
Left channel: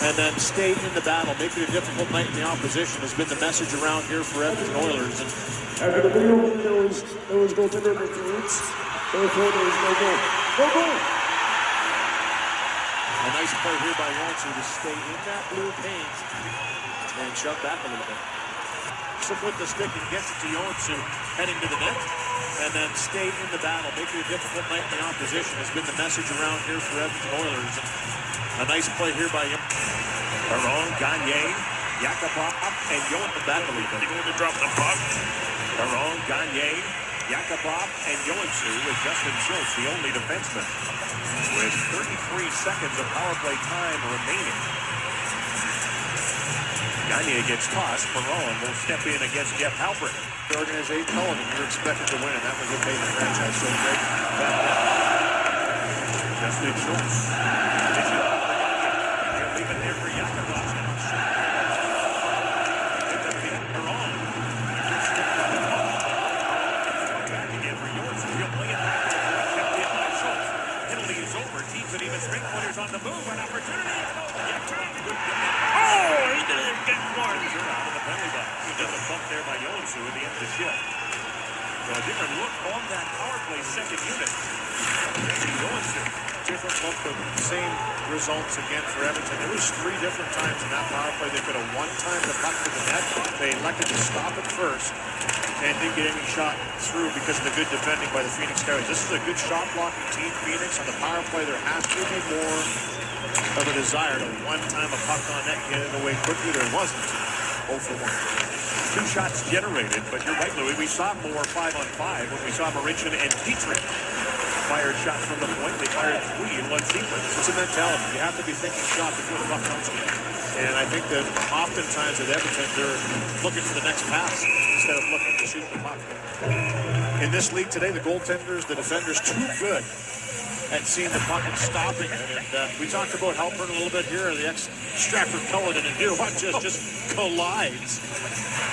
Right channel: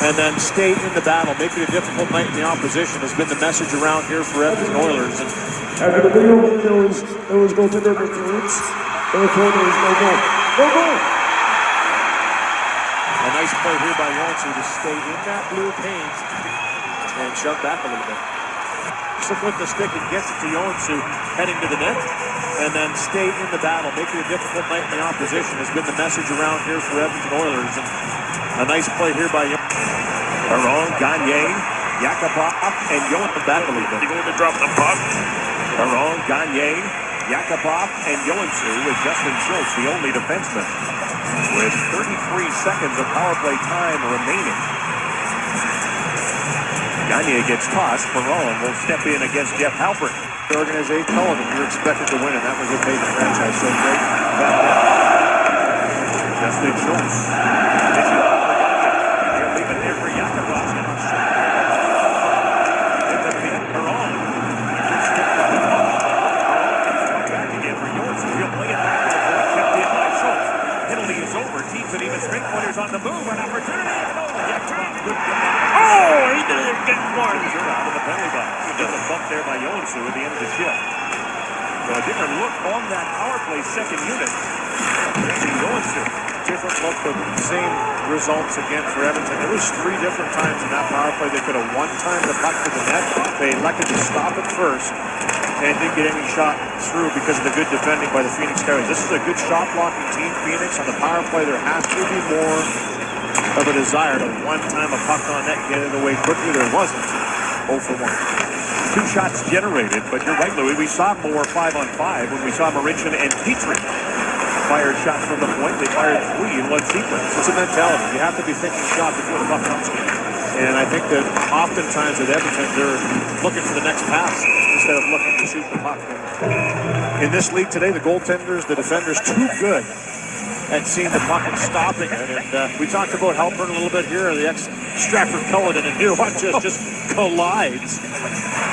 And then stay in the battle. Make it a difficult night in the opposition has been the message around here for Edmonton Oilers. And after the video, there was goaltender for Phoenix. They were told there was no goal. No goal! a nice play here by Joensuu to stay in that blue paint and shove back a little bit. With the stick and gets it to Joensuu, heading to the net. And then stay in the battle. Make it a difficult night in the opposition has been the message around here for Edmonton Oilers. And a nice play here by Perron, Gagne, Yakupov, and Joensuu back a little bit. Going to drop the puck. Perron, Gagne, Yakupov, and Joensuu with Justin Schultz, the only defenseman, with 33 seconds of power play time remaining. Gagne gets tossed. Perron will step in against Jeff Halpert. The organization told him you're expected to win, and that was what made the franchise so great. Justin Schultz. He'll leave it there for Yakupov. Perron. Back again for Joensuu. He'll play it back to the point. Kept in by Schultz. Penalty is over. Teams and even straight pointers on the move. An opportunity. Oh, he didn't get one. Out of the penalty box. He does a bump there by Joensuu at the end of the shift. So a different look on that power play second unit. Joensuu. Different look, but same results again for Edmonton. There was 3 different times in that power play they could have one-timed the puck to the net. They elected to stop it first and didn't get any shot through because of the good defending by the Phenix Coyotes. This is a good shot blocking team, Phoenix. On the power play, there has to be more of a desire to one-time a puck on net, get it away quickly. There wasn't. 0 for 1. 2 shots generated, but you're right, Louis. We saw more 5-on-5 when we saw Marincin and Petrie fired shots from the point. They fired 3 in one sequence. It's a mentality. You have to be thinking shot before the puck comes in. And I think that oftentimes at Edmonton, they're looking for the next pass instead of looking to shoot the puck. In this league today, the goaltenders, the defenders, too good at seeing the puck and stopping it. And we talked about Halpern a little bit here, the ex-Stratford Culloden, and here one just collides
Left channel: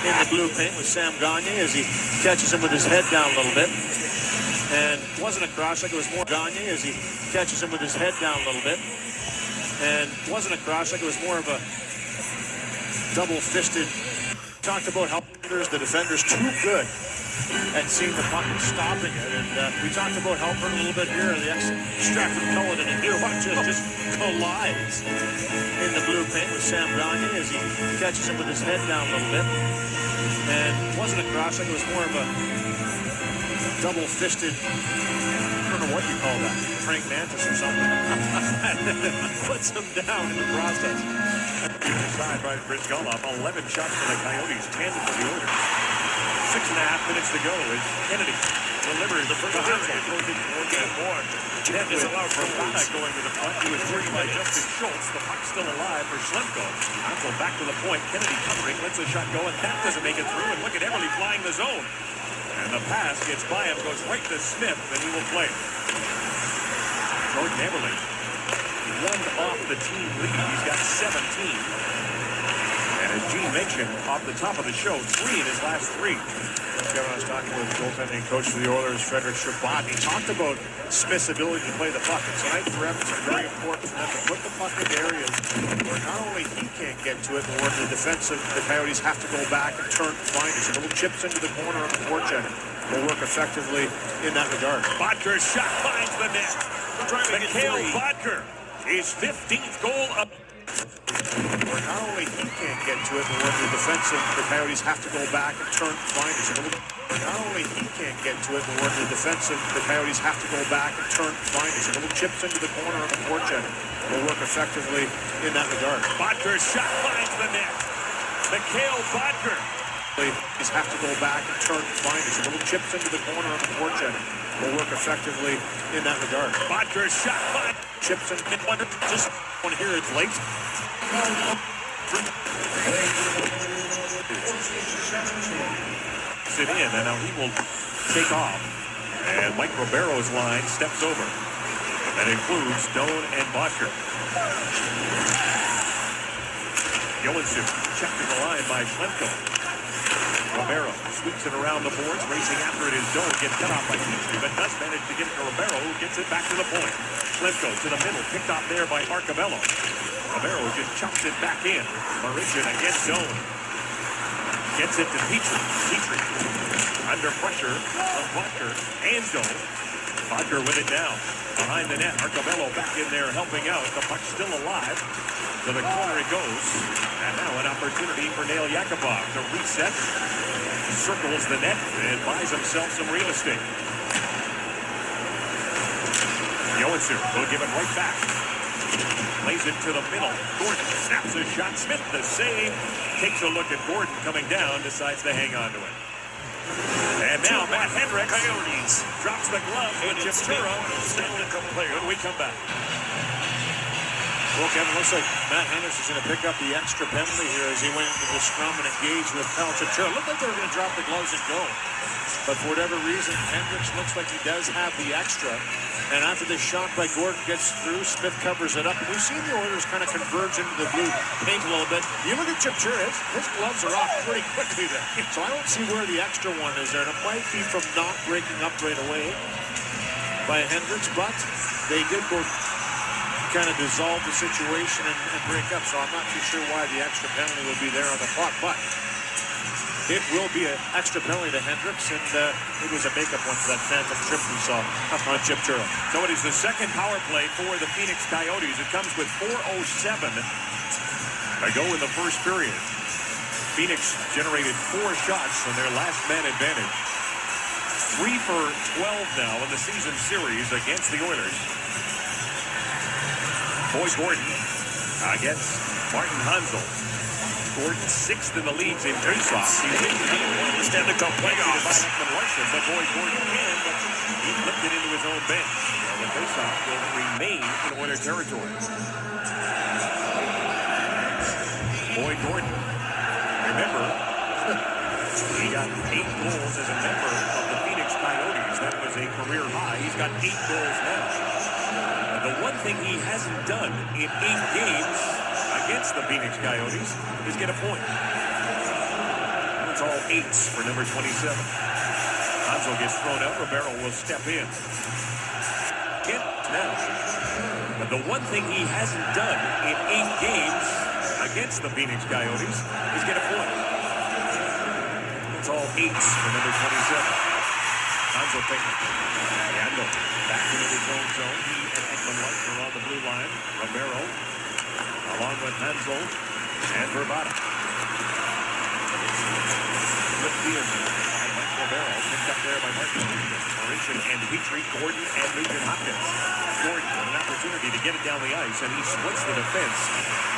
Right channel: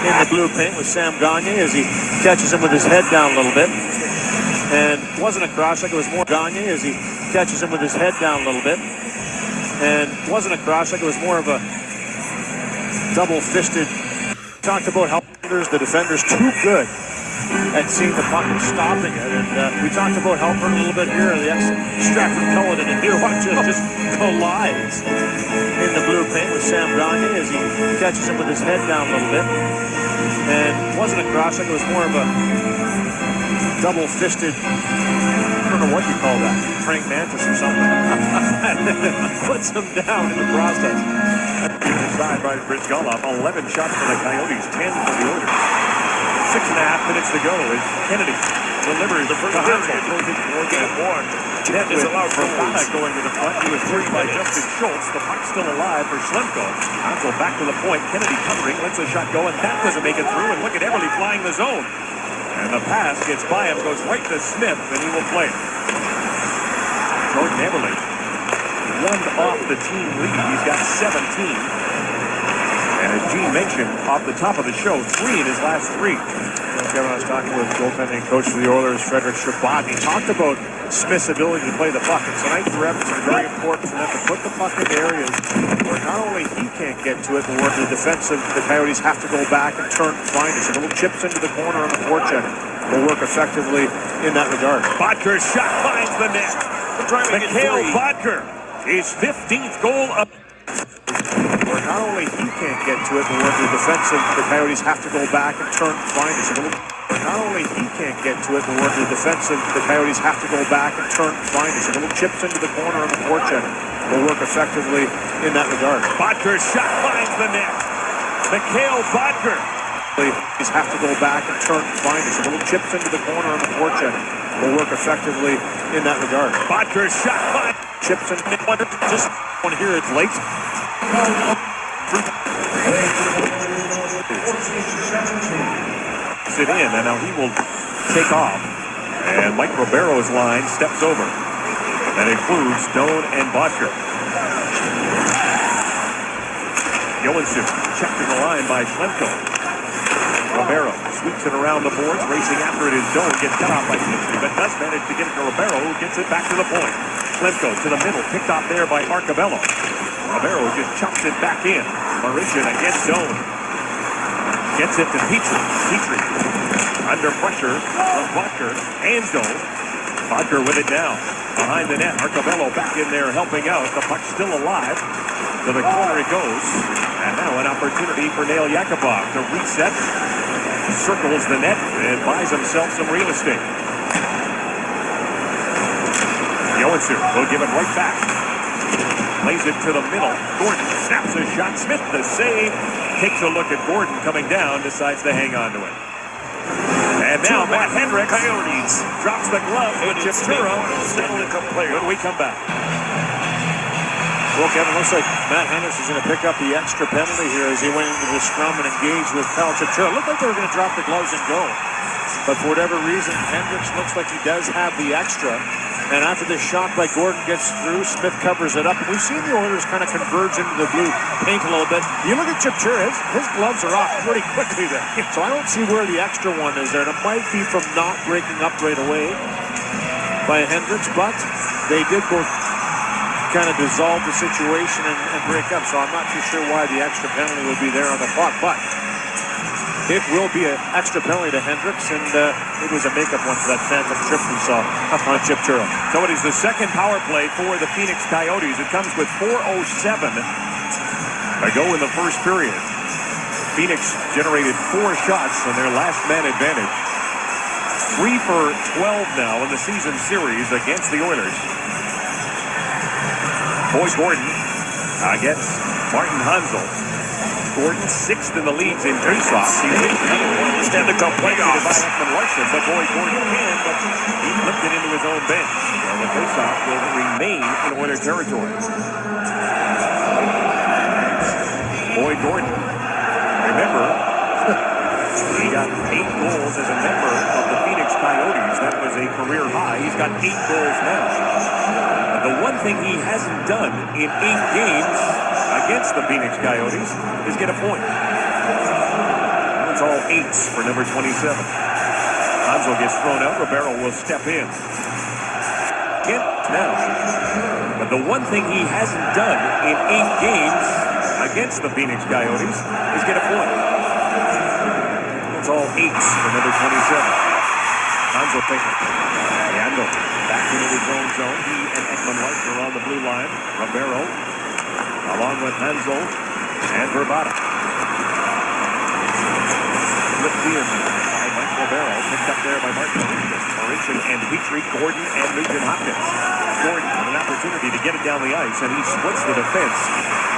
in the blue paint with Sam Gagne as he catches him with his head down a little bit. And it wasn't a cross check, it was more Gagne as he catches him with his head down a little bit. And it wasn't a cross check, it was more of a double-fisted. Talked about Halpern, the defenders, too good at seeing the puck and stopping it. And we talked about Halpern a little bit here, the ex-Stratford Culloden, and here one just collides in the blue paint with Sam Gagne as he catches him with his head down a little bit. And it wasn't a cross check, it was more of a double-fisted, I don't know what you call that, praying mantis or something. Puts him down in the process. Side by Rich Goloff, 11 shots for the Coyotes, 10 for the Oilers. 6.5 minutes to go as Kennedy delivers the first Net is allowed for Fana going to the front. He was free by Justin Schultz. The puck's still alive for Schlemko. Go back to the point. Kennedy covering, lets a shot go, and that doesn't make it through. And look at Everly flying the zone. And the pass gets by him, goes right to Smith, and he will play it. Jordan Everly, 1 off the team lead. He's got 17. And as Gene mentioned, off the top of the show, 3 in his last 3. Kevin, I was talking with goaltending coach for the Oilers, Frederick Chabot. He talked about Smith's ability to play the puck. And tonight for Edmonton, very important for them to put the puck in areas where not only he can't get to it, but where the defensive, the Coyotes have to go back and turn and find it. So little chips into the corner on the forecheck will work effectively in that regard. Bodker's shot finds the net. Mikhail Bodker, his 15th goal up. Where not only he can't get to it, but where the defensive, the Coyotes have to go back and turn and find it. So not only he can't get to it, but where the defensive, the Coyotes have to go back and turn and find it. So little chips into the corner on the forecheck will work effectively in that regard. Bodker's shot finds the net. Mikhail Bodker. Coyotes have to go back and turn and find it. So little chips into the corner on the forecheck will work effectively in that regard. Bodker's shot finds chips and just want to hear it late. chips it in, and now he will take off. And Mike Ribeiro's line steps over. That includes Stone and Bodker. Johansson checked in the line by Klemko. Ribeiro sweeps it around the boards, racing after it is Stone, gets cut off by Petrie, but does manage to get it to Ribeiro, who gets it back to the point. Klemko to the middle, picked off there by Arcabello. Ribeiro just chops it back in. Marishin against Stone. Gets it to Petrie. Petrie under pressure from Bodker and Stone. Bodker with it now. Behind the net, Arcabello back in there helping out. The puck still alive. To the corner it goes. And now an opportunity for Nail Yakupov to reset. Circles the net and buys himself some real estate. Johansson will give it right back. Lays it to the middle. Gordon snaps a shot. Smith the save. Takes a look at Gordon coming down. Decides to hang on to it. And now Matt Hendricks Coyotes drops the glove with Chipturo. Stanley play when we come back. Well, Kevin, looks like Matt Hendricks is going to pick up the extra penalty here as he went into the scrum and engaged with Kyle Chipturo. Looked like they were going to drop the gloves and go. But for whatever reason, Hendricks looks like he does have the extra. And after this shot by Gordon gets through, Smith covers it up. And we've seen the Oilers kind of converge into the blue paint a little bit. You look at Chipturo, his gloves are off pretty quickly there. So I don't see where the extra one is there. And it might be from not breaking up right away by Hendricks, but they did both kind of dissolve the situation and break up. So I'm not too sure why the extra penalty would be there on the clock. But it will be an extra penalty to Hendricks, and it was a makeup one for that phantom trip we saw on Chipturo. So it is the second power play for the Phenix Coyotes. It comes with 4:07 to go in the first period. Phoenix generated 4 shots on their last man advantage. 3 for 12 now in the season series against the Oilers. Boyce Gordon against Martin Hansel. Gordon 6th in the leagues in faceoffs. He hit another one. Stanley Cup playoffs. But Boyce Gordon can, but he flipped it into his own bench. So the faceoff will remain in Oilers territory. Boyd Gordon, remember, he got 8 goals as a member of the Phoenix Coyotes. That was a career high. He's got 8 goals now. The one thing he hasn't done in 8 games against the Phoenix Coyotes is get a point. It's all 8s for number 27. Hansel gets thrown out. Ribeiro will step in. Now. But the one thing he hasn't done in 8 games against the Phoenix Coyotes is get a point. It's all 8s for number 27. Hansel thinking. Yandel back into his own zone. He and Ekman White are on the blue line. Ribeiro along with Hansel and Verbata. Flipped in by Mike Ribeiro. Picked up there by Martin. Marishin and Petrie, Gordon and Nugent Hopkins. Gordon with an opportunity to get it down the ice, and he splits the defense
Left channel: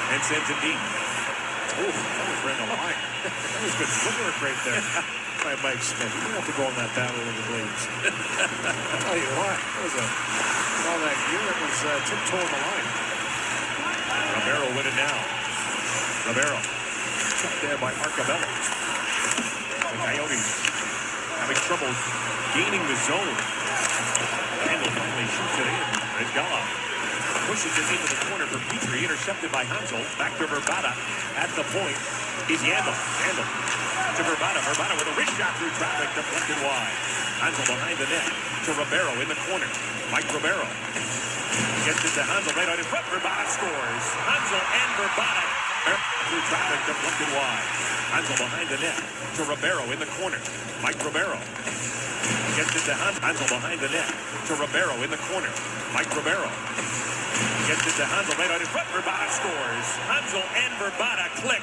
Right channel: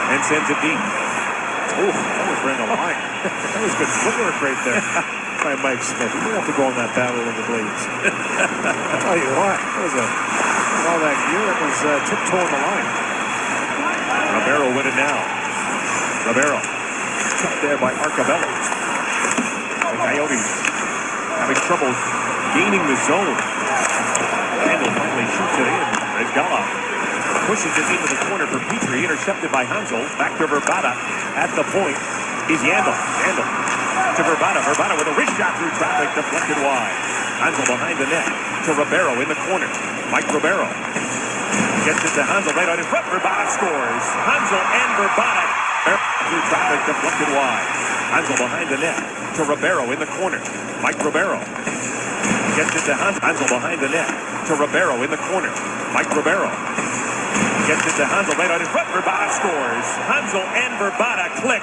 and sends it deep. Ooh, that was right on the line. That was good footwork right there by Mike Smith. You don't have to go on that battle of the blades. I'll tell you what, that was all that gear, that was tiptoeing the line. Ribeiro with it now. Ribeiro checked there by Arcabello. The Coyotes having trouble gaining the zone. Randall finally shoots it in as Gala pushes it into the corner for Petrie, intercepted by Hansel. Back to Verbata. At the point is Yandel. Yandel to Verbata. Verbata with a wrist shot through traffic, deflected wide. Hansel behind the net to Ribeiro in the corner. Mike Ribeiro gets it to Hansel right on in front. Verbata scores. Hansel and Verbata through traffic, deflected wide. Hansel behind the net to Ribeiro in the corner. Mike Ribeiro gets it to Hansel. Hansel behind the net to Ribeiro in the corner. Mike Ribeiro gets it to Hansel right on in front. Verbata scores. Hansel and Verbata click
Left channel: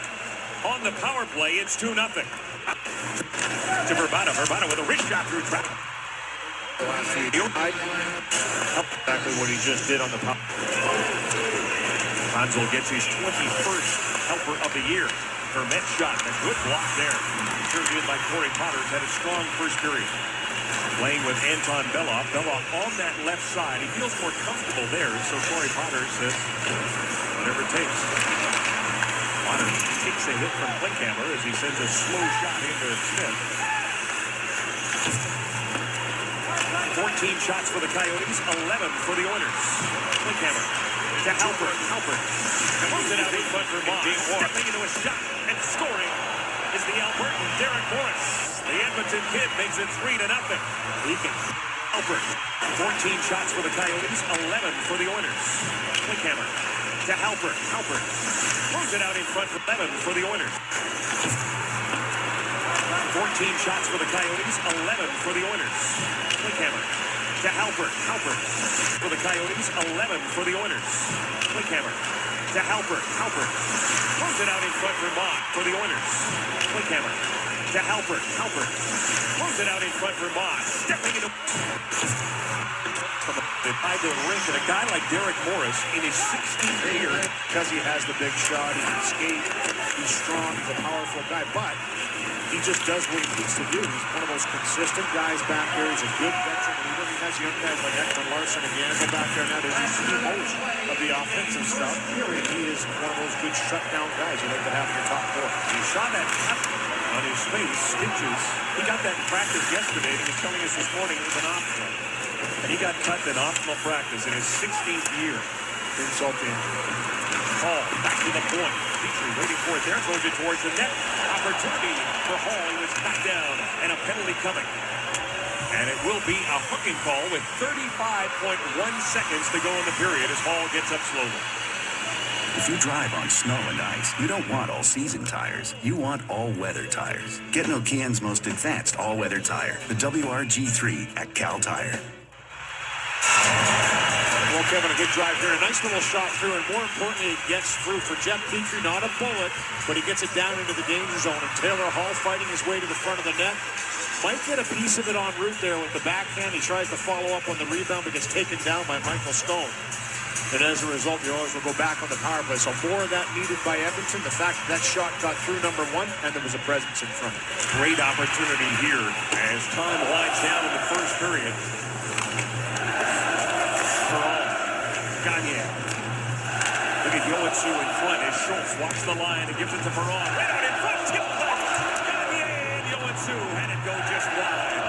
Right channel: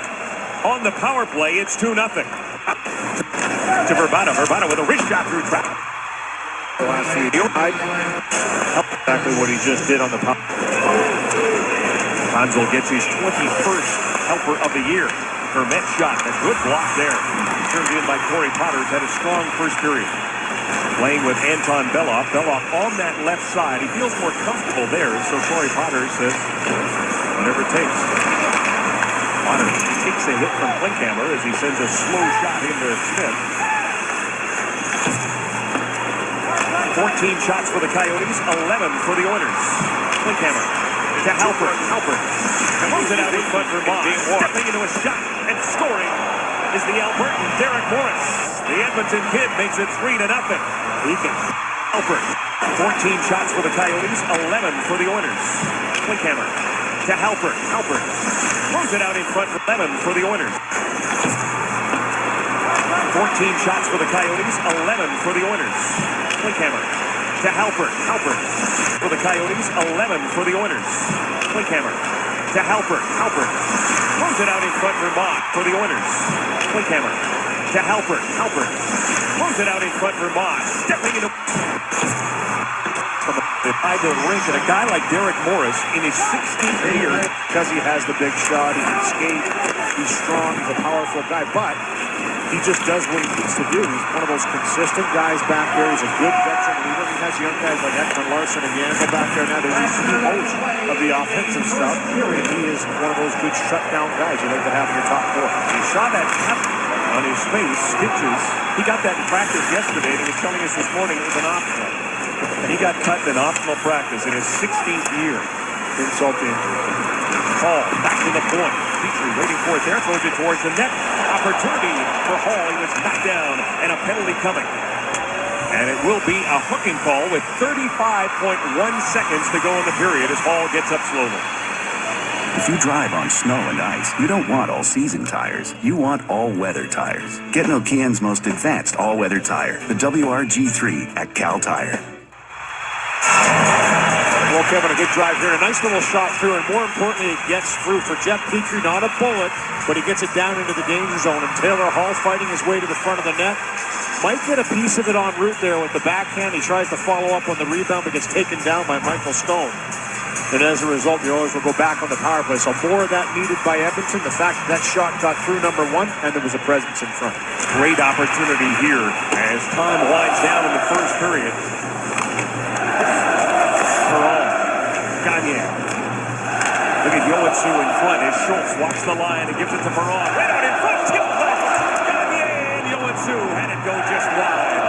on the power play. It's 2-0. To Verbata. Verbata with a wrist shot through traffic. Exactly what he just did on the power. Hansel gets his 21st helper of the year. Vermette shot. A good block there. Turned in by Corey Potter. Had a strong first period. Playing with Anton Beloff. Beloff on that left side. He feels more comfortable there. So Corey Potter says, whatever it takes. Potter takes a hit from Klinkhammer as he sends a slow shot into Smith. 14 shots for the Coyotes, 11 for the Oilers. Klinkhammer to Halpert. Halpert moves it out in front for Moss. Stepping into a shot and scoring is the Albertan Derek Morris. The Edmonton kid makes it 3-0. He can. Halpert, 14 shots for the Coyotes, 11 for the Oilers. Klinkhammer to Halpert. Halpert moves it out in front for 11 for the Oilers. 14 shots for the Coyotes, 11 for the Oilers. Klinkhammer to Halpert. Halpert for the Coyotes, 11 for the Oilers. Klinkhammer to Halpert. Halpert moves it out in front for Moss for the Oilers. Klinkhammer to Halpert. Halpert moves it out in front for Moss. Stepping into the side of the rink, and a guy like Derek Morris in his 16th year, because he has the big shot, he can skate, he's strong, he's a powerful guy, but he just does what he needs to do. He's one of those consistent guys back there. He's a good veteran leader. He has young guys like Ekman Larson and Yandel back there now that he's most of the offensive stuff. And he is one of those good shutdown guys you like to have in your top four. He saw that on his face, stitches. He got that in practice yesterday, and he was telling us this morning it was an optional. And he got cut in an optional practice in his 16th year. Insult to injury. Hall back to the point. Petrie waiting for it there, throws it towards the net. Opportunity for Hall. He was knocked down, and a penalty coming. And it will be a hooking call with 35.1 seconds to go in the period as Hall gets up slowly. If you drive on snow and ice, you don't want all-season tires. You want all-weather tires. Get Nokian's most advanced all-weather tire, the WRG3 at Cal Tire. Well, Kevin, a good drive here. A nice little shot through, and more importantly, it gets through for Jeff Petrie. Not a bullet, but he gets it down into the danger zone. And Taylor Hall fighting his way to the front of the net. Might get a piece of it en route there with the backhand. He tries to follow up on the rebound, but gets taken down by Michael Stone. And as a result, the Oilers will go back on the power play. So more of that needed by Edmonton. The fact that shot got through number one, and there was a presence in front. Great opportunity here as time winds down in the first period. Gagne. Look at Yoetsu in front as Schultz walks the line and gives it to Perron. Right out in front. Tip left. Gagne and Yoetsu had it go just wide.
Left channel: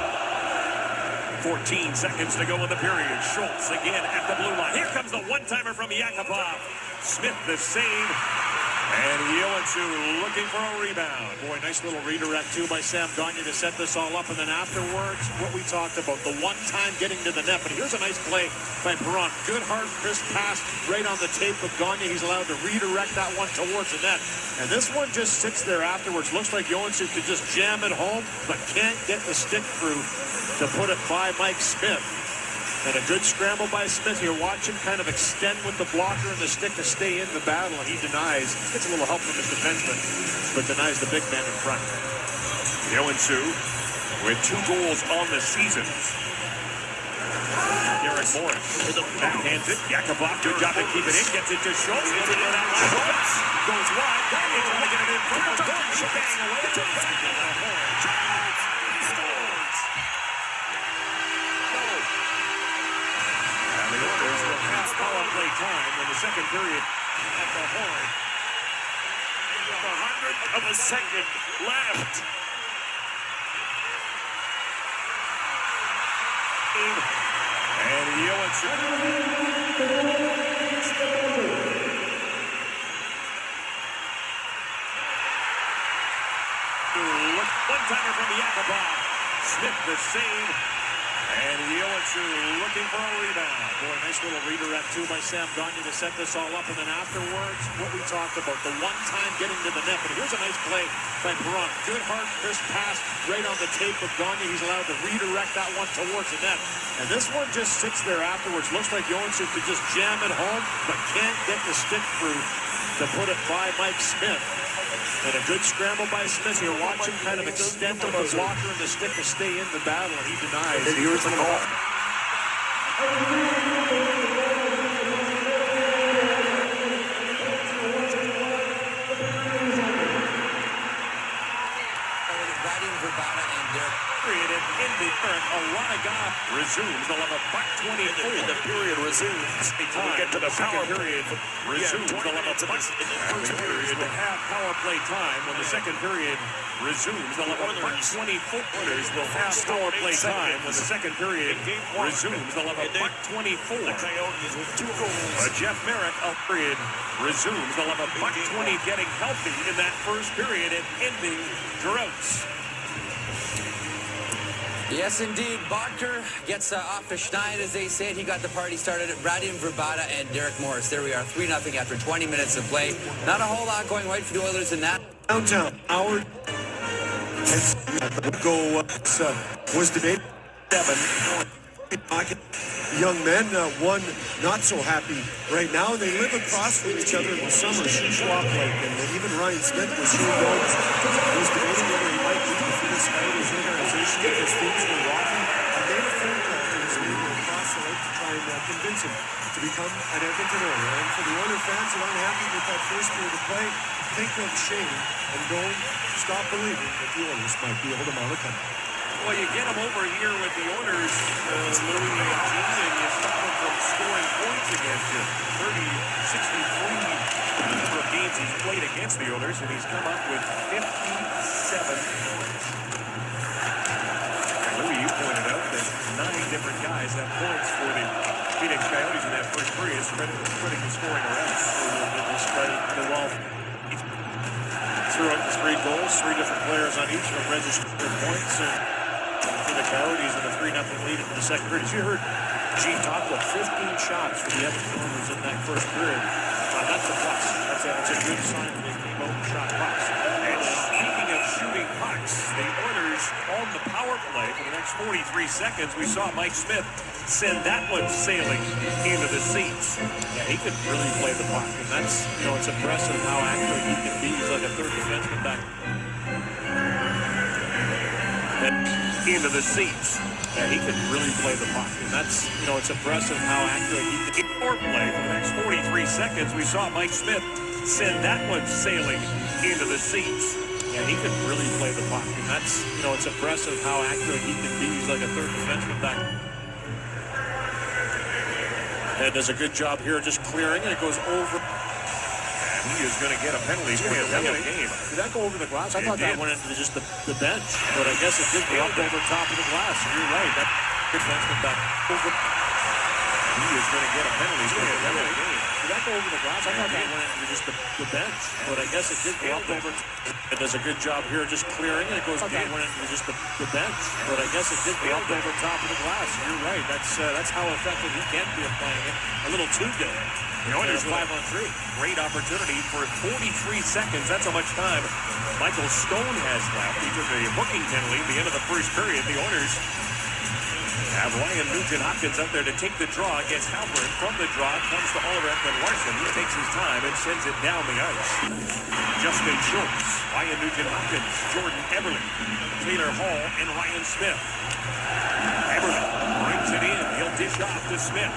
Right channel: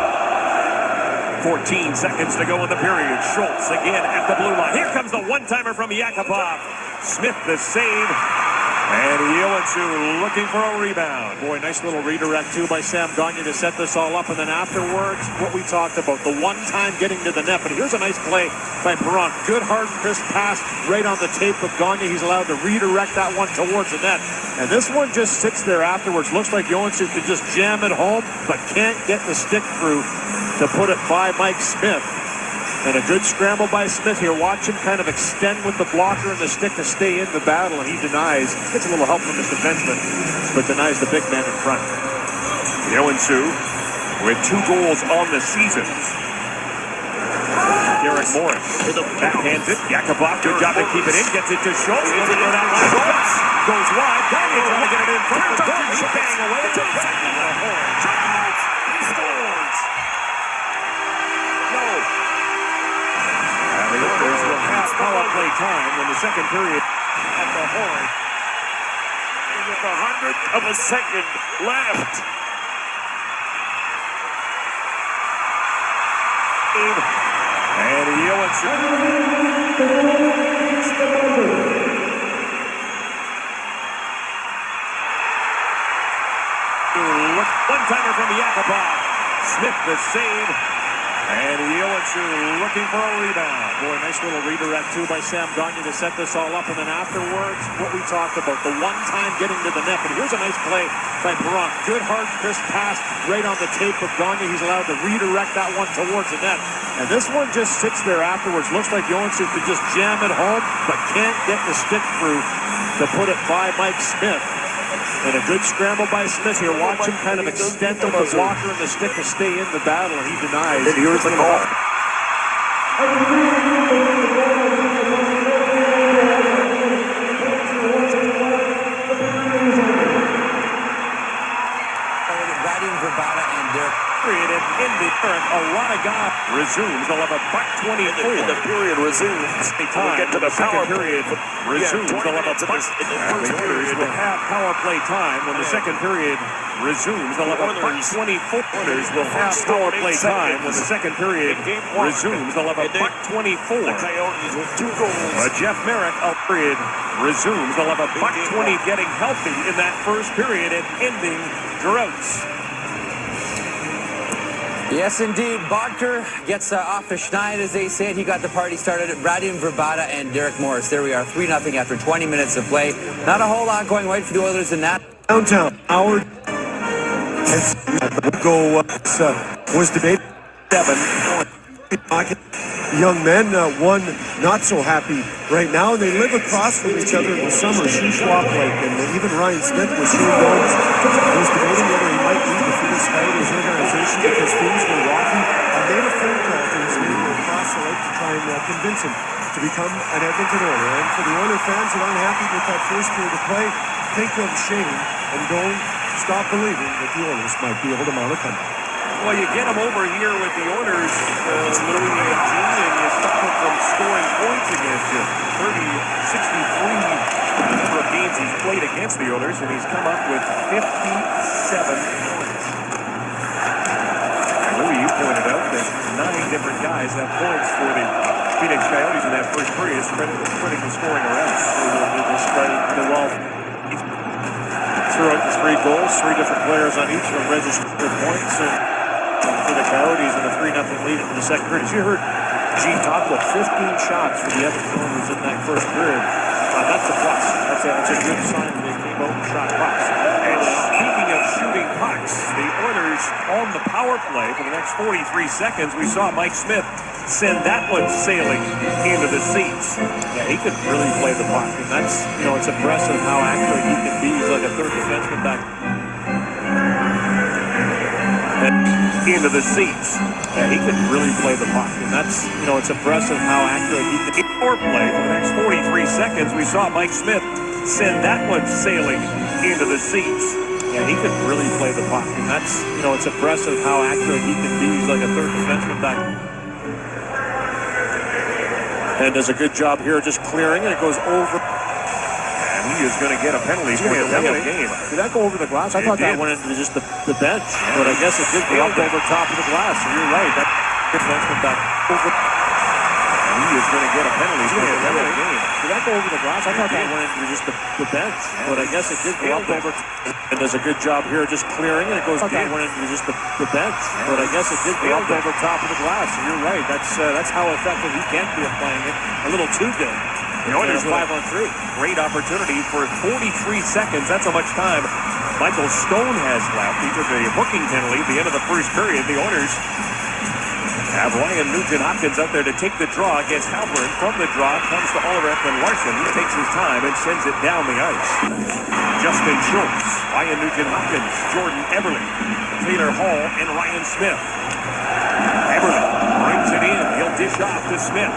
14 seconds to go in the period. Schultz again at the blue line. Here comes the one-timer from Yakupov. Smith the save. And Yoetsu looking for a rebound. Boy, nice little redirect, too, by Sam Gagne to set this all up. And then afterwards, what we talked about, the one-time getting to the net. But here's a nice play by Perron. Good, hard, crisp pass right on the tape of Gagne. He's allowed to redirect that one towards the net. And this one just sits there afterwards. Looks like Yoetsu could just jam it home, but can't get the stick through to put it by Mike Smith. And a good scramble by Smith here. Watch him kind of extend with the blocker and the stick to stay in the battle, and he denies. Gets a little help from his defenseman, but denies the big man in front. Yoetsu with 2 goals on the season. Derek Morris backhands it. Yakupov, good job to keep it in. Gets it to Schultz. Looking for that one. Schultz goes wide. Gagne trying to get it in front. Bang away. There's a half power play time when the second period at the horn. With 100th of a second left. And Yoetsu. One-timer from Yakupov. Smith the save. And Yoetsu looking for a rebound. Boy, nice little redirect, too, by Sam Gagne to set this all up. And then afterwards, what we talked about, the one-time getting to the net. But here's a nice play by Perron. Good, hard, crisp pass right on the tape of Gagne. He's allowed to redirect that one towards the net. And this one just sits there afterwards. Looks like Yoetsu could just jam it home, but can't get the stick through to put it by Mike Smith. And a good scramble by Smith here. Watch him kind of extend with the blocker and the stick to stay in the battle, and he denies. And here's the call. resumes. They'll have a $1.24. And the period resumes. We'll get to the power period resumes. They'll have a $1. The Oilers will have power play time when the second period resumes. They'll have a $1.24. Oilers will have power play time when the second period resumes. They'll have a $1.24. Jeff Merrick, period resumes. They'll have a $1.20 getting healthy in that first period and ending droughts. Yes, indeed. Barker gets off the schneid, as they say it. He got the party started. Brady Verbata and Derek Morris. There we are, 3-0 after 20 minutes of play. Not a whole lot going right for the Oilers in that. Downtown, Howard. Was debated 7. Young men, one not so happy right now. They live across from each other in the summer, Shuswap Lake, and even Ryan Smith was debating whether he might leave the Phenix Coyotes organization because things were rocky, and made a phone call to his neighbor across the lake to try and convince him to become an Edmonton Oiler. And for the Oiler fans that aren't happy with that first period of play, think of Shane and don't stop believing that the Oilers might be able to mount a comeback. Well, you get him over here with the Oilers, Louis and Gene, and you stop him from scoring points against you. 63 number of games he's played against the Oilers, and he's come up with 57. And Louis, you pointed out that 9 different guys have points for the Phenix Coyotes in that first period, spreading the scoring around. Throughout the 3 goals, 3 different players on each of them registered points. And for the Coyotes in a 3-0 lead in the second period. As you heard Gene talk about 15 shots for the Edmonton Oilers in that first period. That's a plus. That's a good sign when they came out and shot pucks. And speaking of shooting pucks, the Oilers on the power play for the next 43 seconds, we saw Mike Smith send that one sailing into the seats. Yeah, he could really play the puck. And that's, it's impressive how accurate he can be. He's like a third defenseman back. Into the seats. Yeah, he can really play the puck. And that's, it's impressive how accurate he can be. Power play for the next 43 seconds, we saw Mike Smith send that one sailing into the seats. Yeah, he can really play the puck. And that's, it's impressive how accurate he can be. He's like a third defenseman back. And does a good job here just clearing, and it goes over. He is going to get a penalty for the game. Did that go over the glass? I thought that went into just the bench, but I guess it did go up over top of the glass. So you're right. That defenseman back over. He is going to get a penalty for the game. Did that go over the glass? I thought that went into just the bench, but I guess it did go up over. And does a good job here just clearing, and it goes. That went into just the bench, but I guess it did go up over top of the glass. So you're right. That's how effective he can be at playing it. A little too good. The Oilers 5-on-3. Great opportunity for 43 seconds. That's how much time Michael Stone has left. He took a hooking penalty at the end of the first period. The Oilers have Ryan Nugent-Hopkins out there to take the draw against Halpern. From the draw comes to Oliver and Larson. He takes his time and sends it down the ice. Justin Schultz, Ryan Nugent-Hopkins, Jordan Eberle, Taylor Hall, and Ryan Smith. Eberle brings it in. He'll dish off to Smith.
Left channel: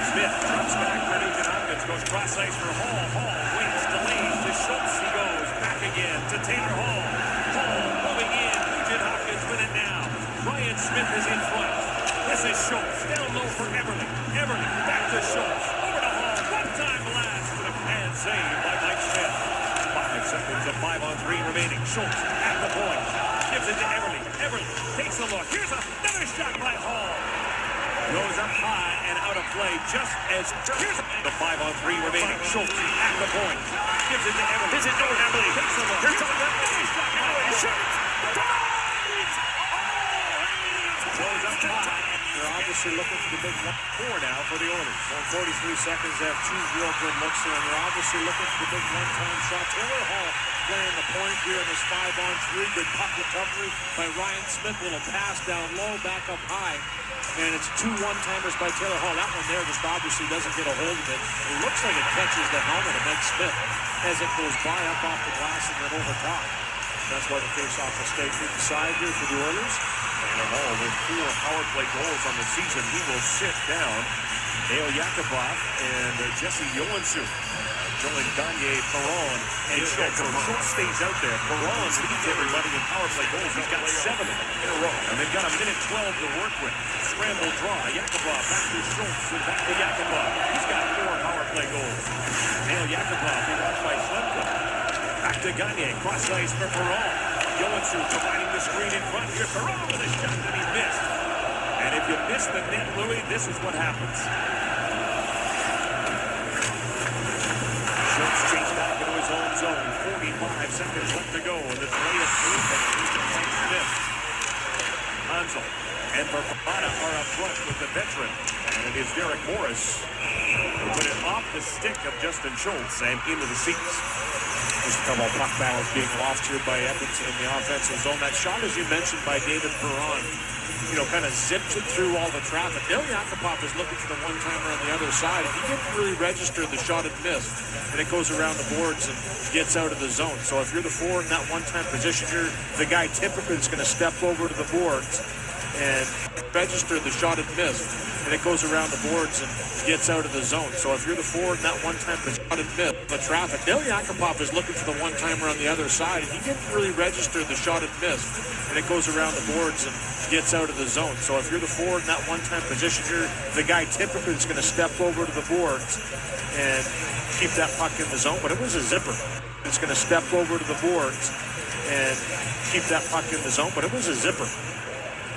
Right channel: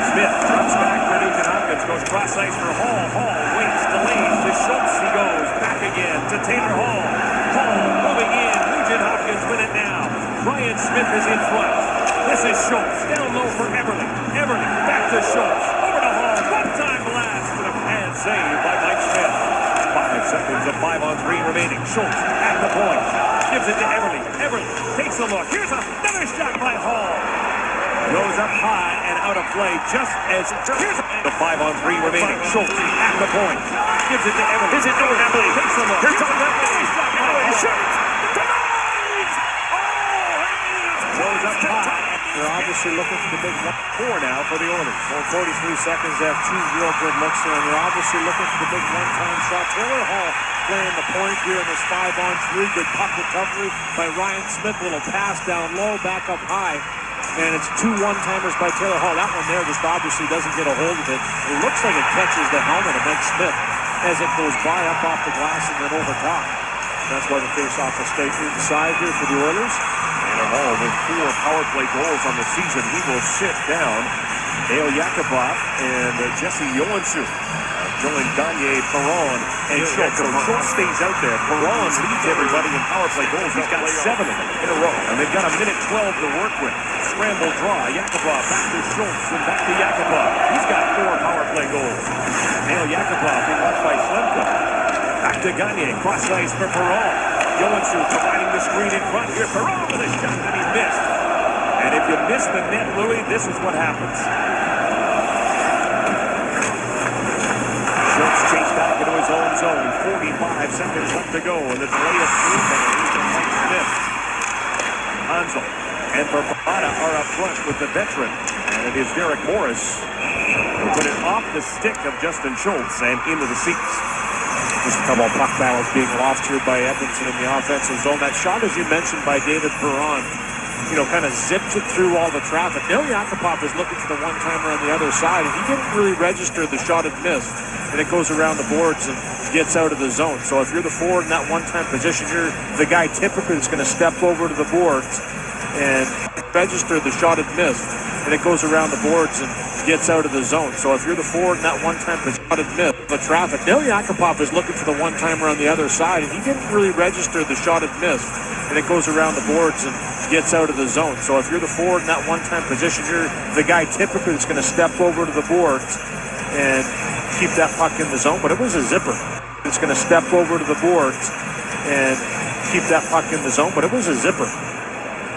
Smith drops back for Nugent-Hopkins, goes cross ice for Hall. Hall waits, delays to Schultz. He goes back again to Taylor Hall. Hall moving in. Nugent-Hopkins win it now. Ryan Smith is in front. This is Schultz down low for Eberle. Eberle back to Schultz. Over to Hall. One-time blast and a pad save by Mike Smith. 5 seconds of 5-on-3 remaining. Schultz at the point. Gives it to Eberle. Eberle takes a look. Here's another shot by Hall. Goes up high and out of play just as here's the 5-on-3 remaining. Schultz at the point. Gives it to Eberle. Is it to Eberle? Takes a look. Here's another shot by Hall. Goes up high. They're obviously looking for the big 4 now for the Oilers. 43 seconds. They have 2 real good looks there. They're obviously looking for the big one-time shot. Taylor Hall playing the point here in this 5-on-3. Good puck recovery by Ryan Smith. Little pass down low, back up high. And it's 2 one-timers by Taylor Hall. That one there just obviously doesn't get a hold of it. It looks like it catches the helmet of Ben Smith as it goes by up off the glass and then over top. That's why the face-off will stay inside here for the Oilers. Taylor Hall with 4 power play goals on the season. He will sit down. Dale Yakupov and Jesse Johansson Join Gagne, Perron, and Schultz. So Schultz stays out there. Perron leads everybody in power play goals. He's got 7 of them in a row. And they've got a minute 12 to work with. Scramble draw. Yakupov back to Schultz and back to Yakupov. He's got 4 power play goals. Now Yakupov being watched by Slemka. Back to Gagne. Cross ice for Perron. Johansson providing the screen in front here. Perron with a shot that he missed. And if you miss the net, Louis, this is what happens. Schultz chased back into his own zone. 45 seconds left to go. And the delay of 3 bounds to Mike Smith. Hansel and Bravada are up front with the veteran. And it is Derek Morris who put it off the stick of Justin Schultz and into the seats. Just a couple of puck battles being lost here by Edmonton in the offensive zone. That shot, as you mentioned, by David Perron, kind of zipped it through all the traffic. Now Yakupov is looking for the one-timer on the other side, and he didn't really register the shot had missed, and it goes around the boards and gets out of the zone. So if you're the forward in that one-time position, you're the guy typically that's going to step over to the boards and register the shot had missed, and it goes around the boards and gets out of the zone. So if you're the forward in that one-time position, the traffic. Now Yakupov is looking for the one-timer on the other side, and he didn't really register the shot had missed, and it goes around the boards and gets out of the zone. So if you're the forward in that one-time position, you're the guy typically that's going to step over to the boards and keep that puck in the zone. But it was a zipper. It's going to step over to the boards and keep that puck in the zone. But it was a zipper.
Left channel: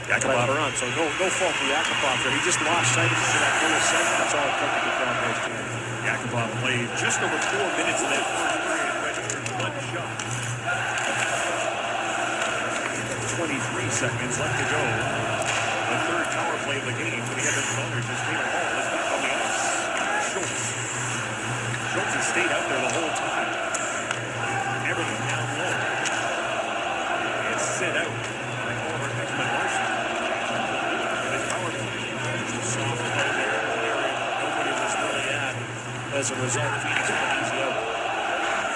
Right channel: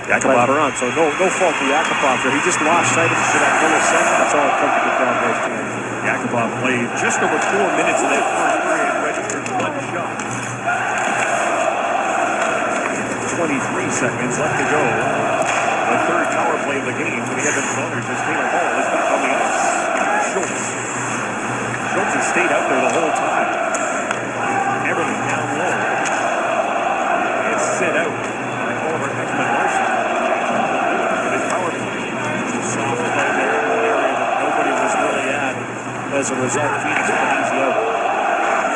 Yakupov on, so no fault to Yakupov there. He just lost sight of it for that millisecond. That's all it took to get down there tonight. Yakupov played just over 4 minutes in that first period, registered 1 shot. 23 seconds left to go. The third power play of the game for the Edmonton Oilers as Taylor Hall is back on the ice. Schultz. Schultz has stayed out there the whole time. Everything down low. It's set out by Oliver Ekman-Larsson. And his power play. Soft play there in an area that nobody was really at. As a result, Phoenix went easy out.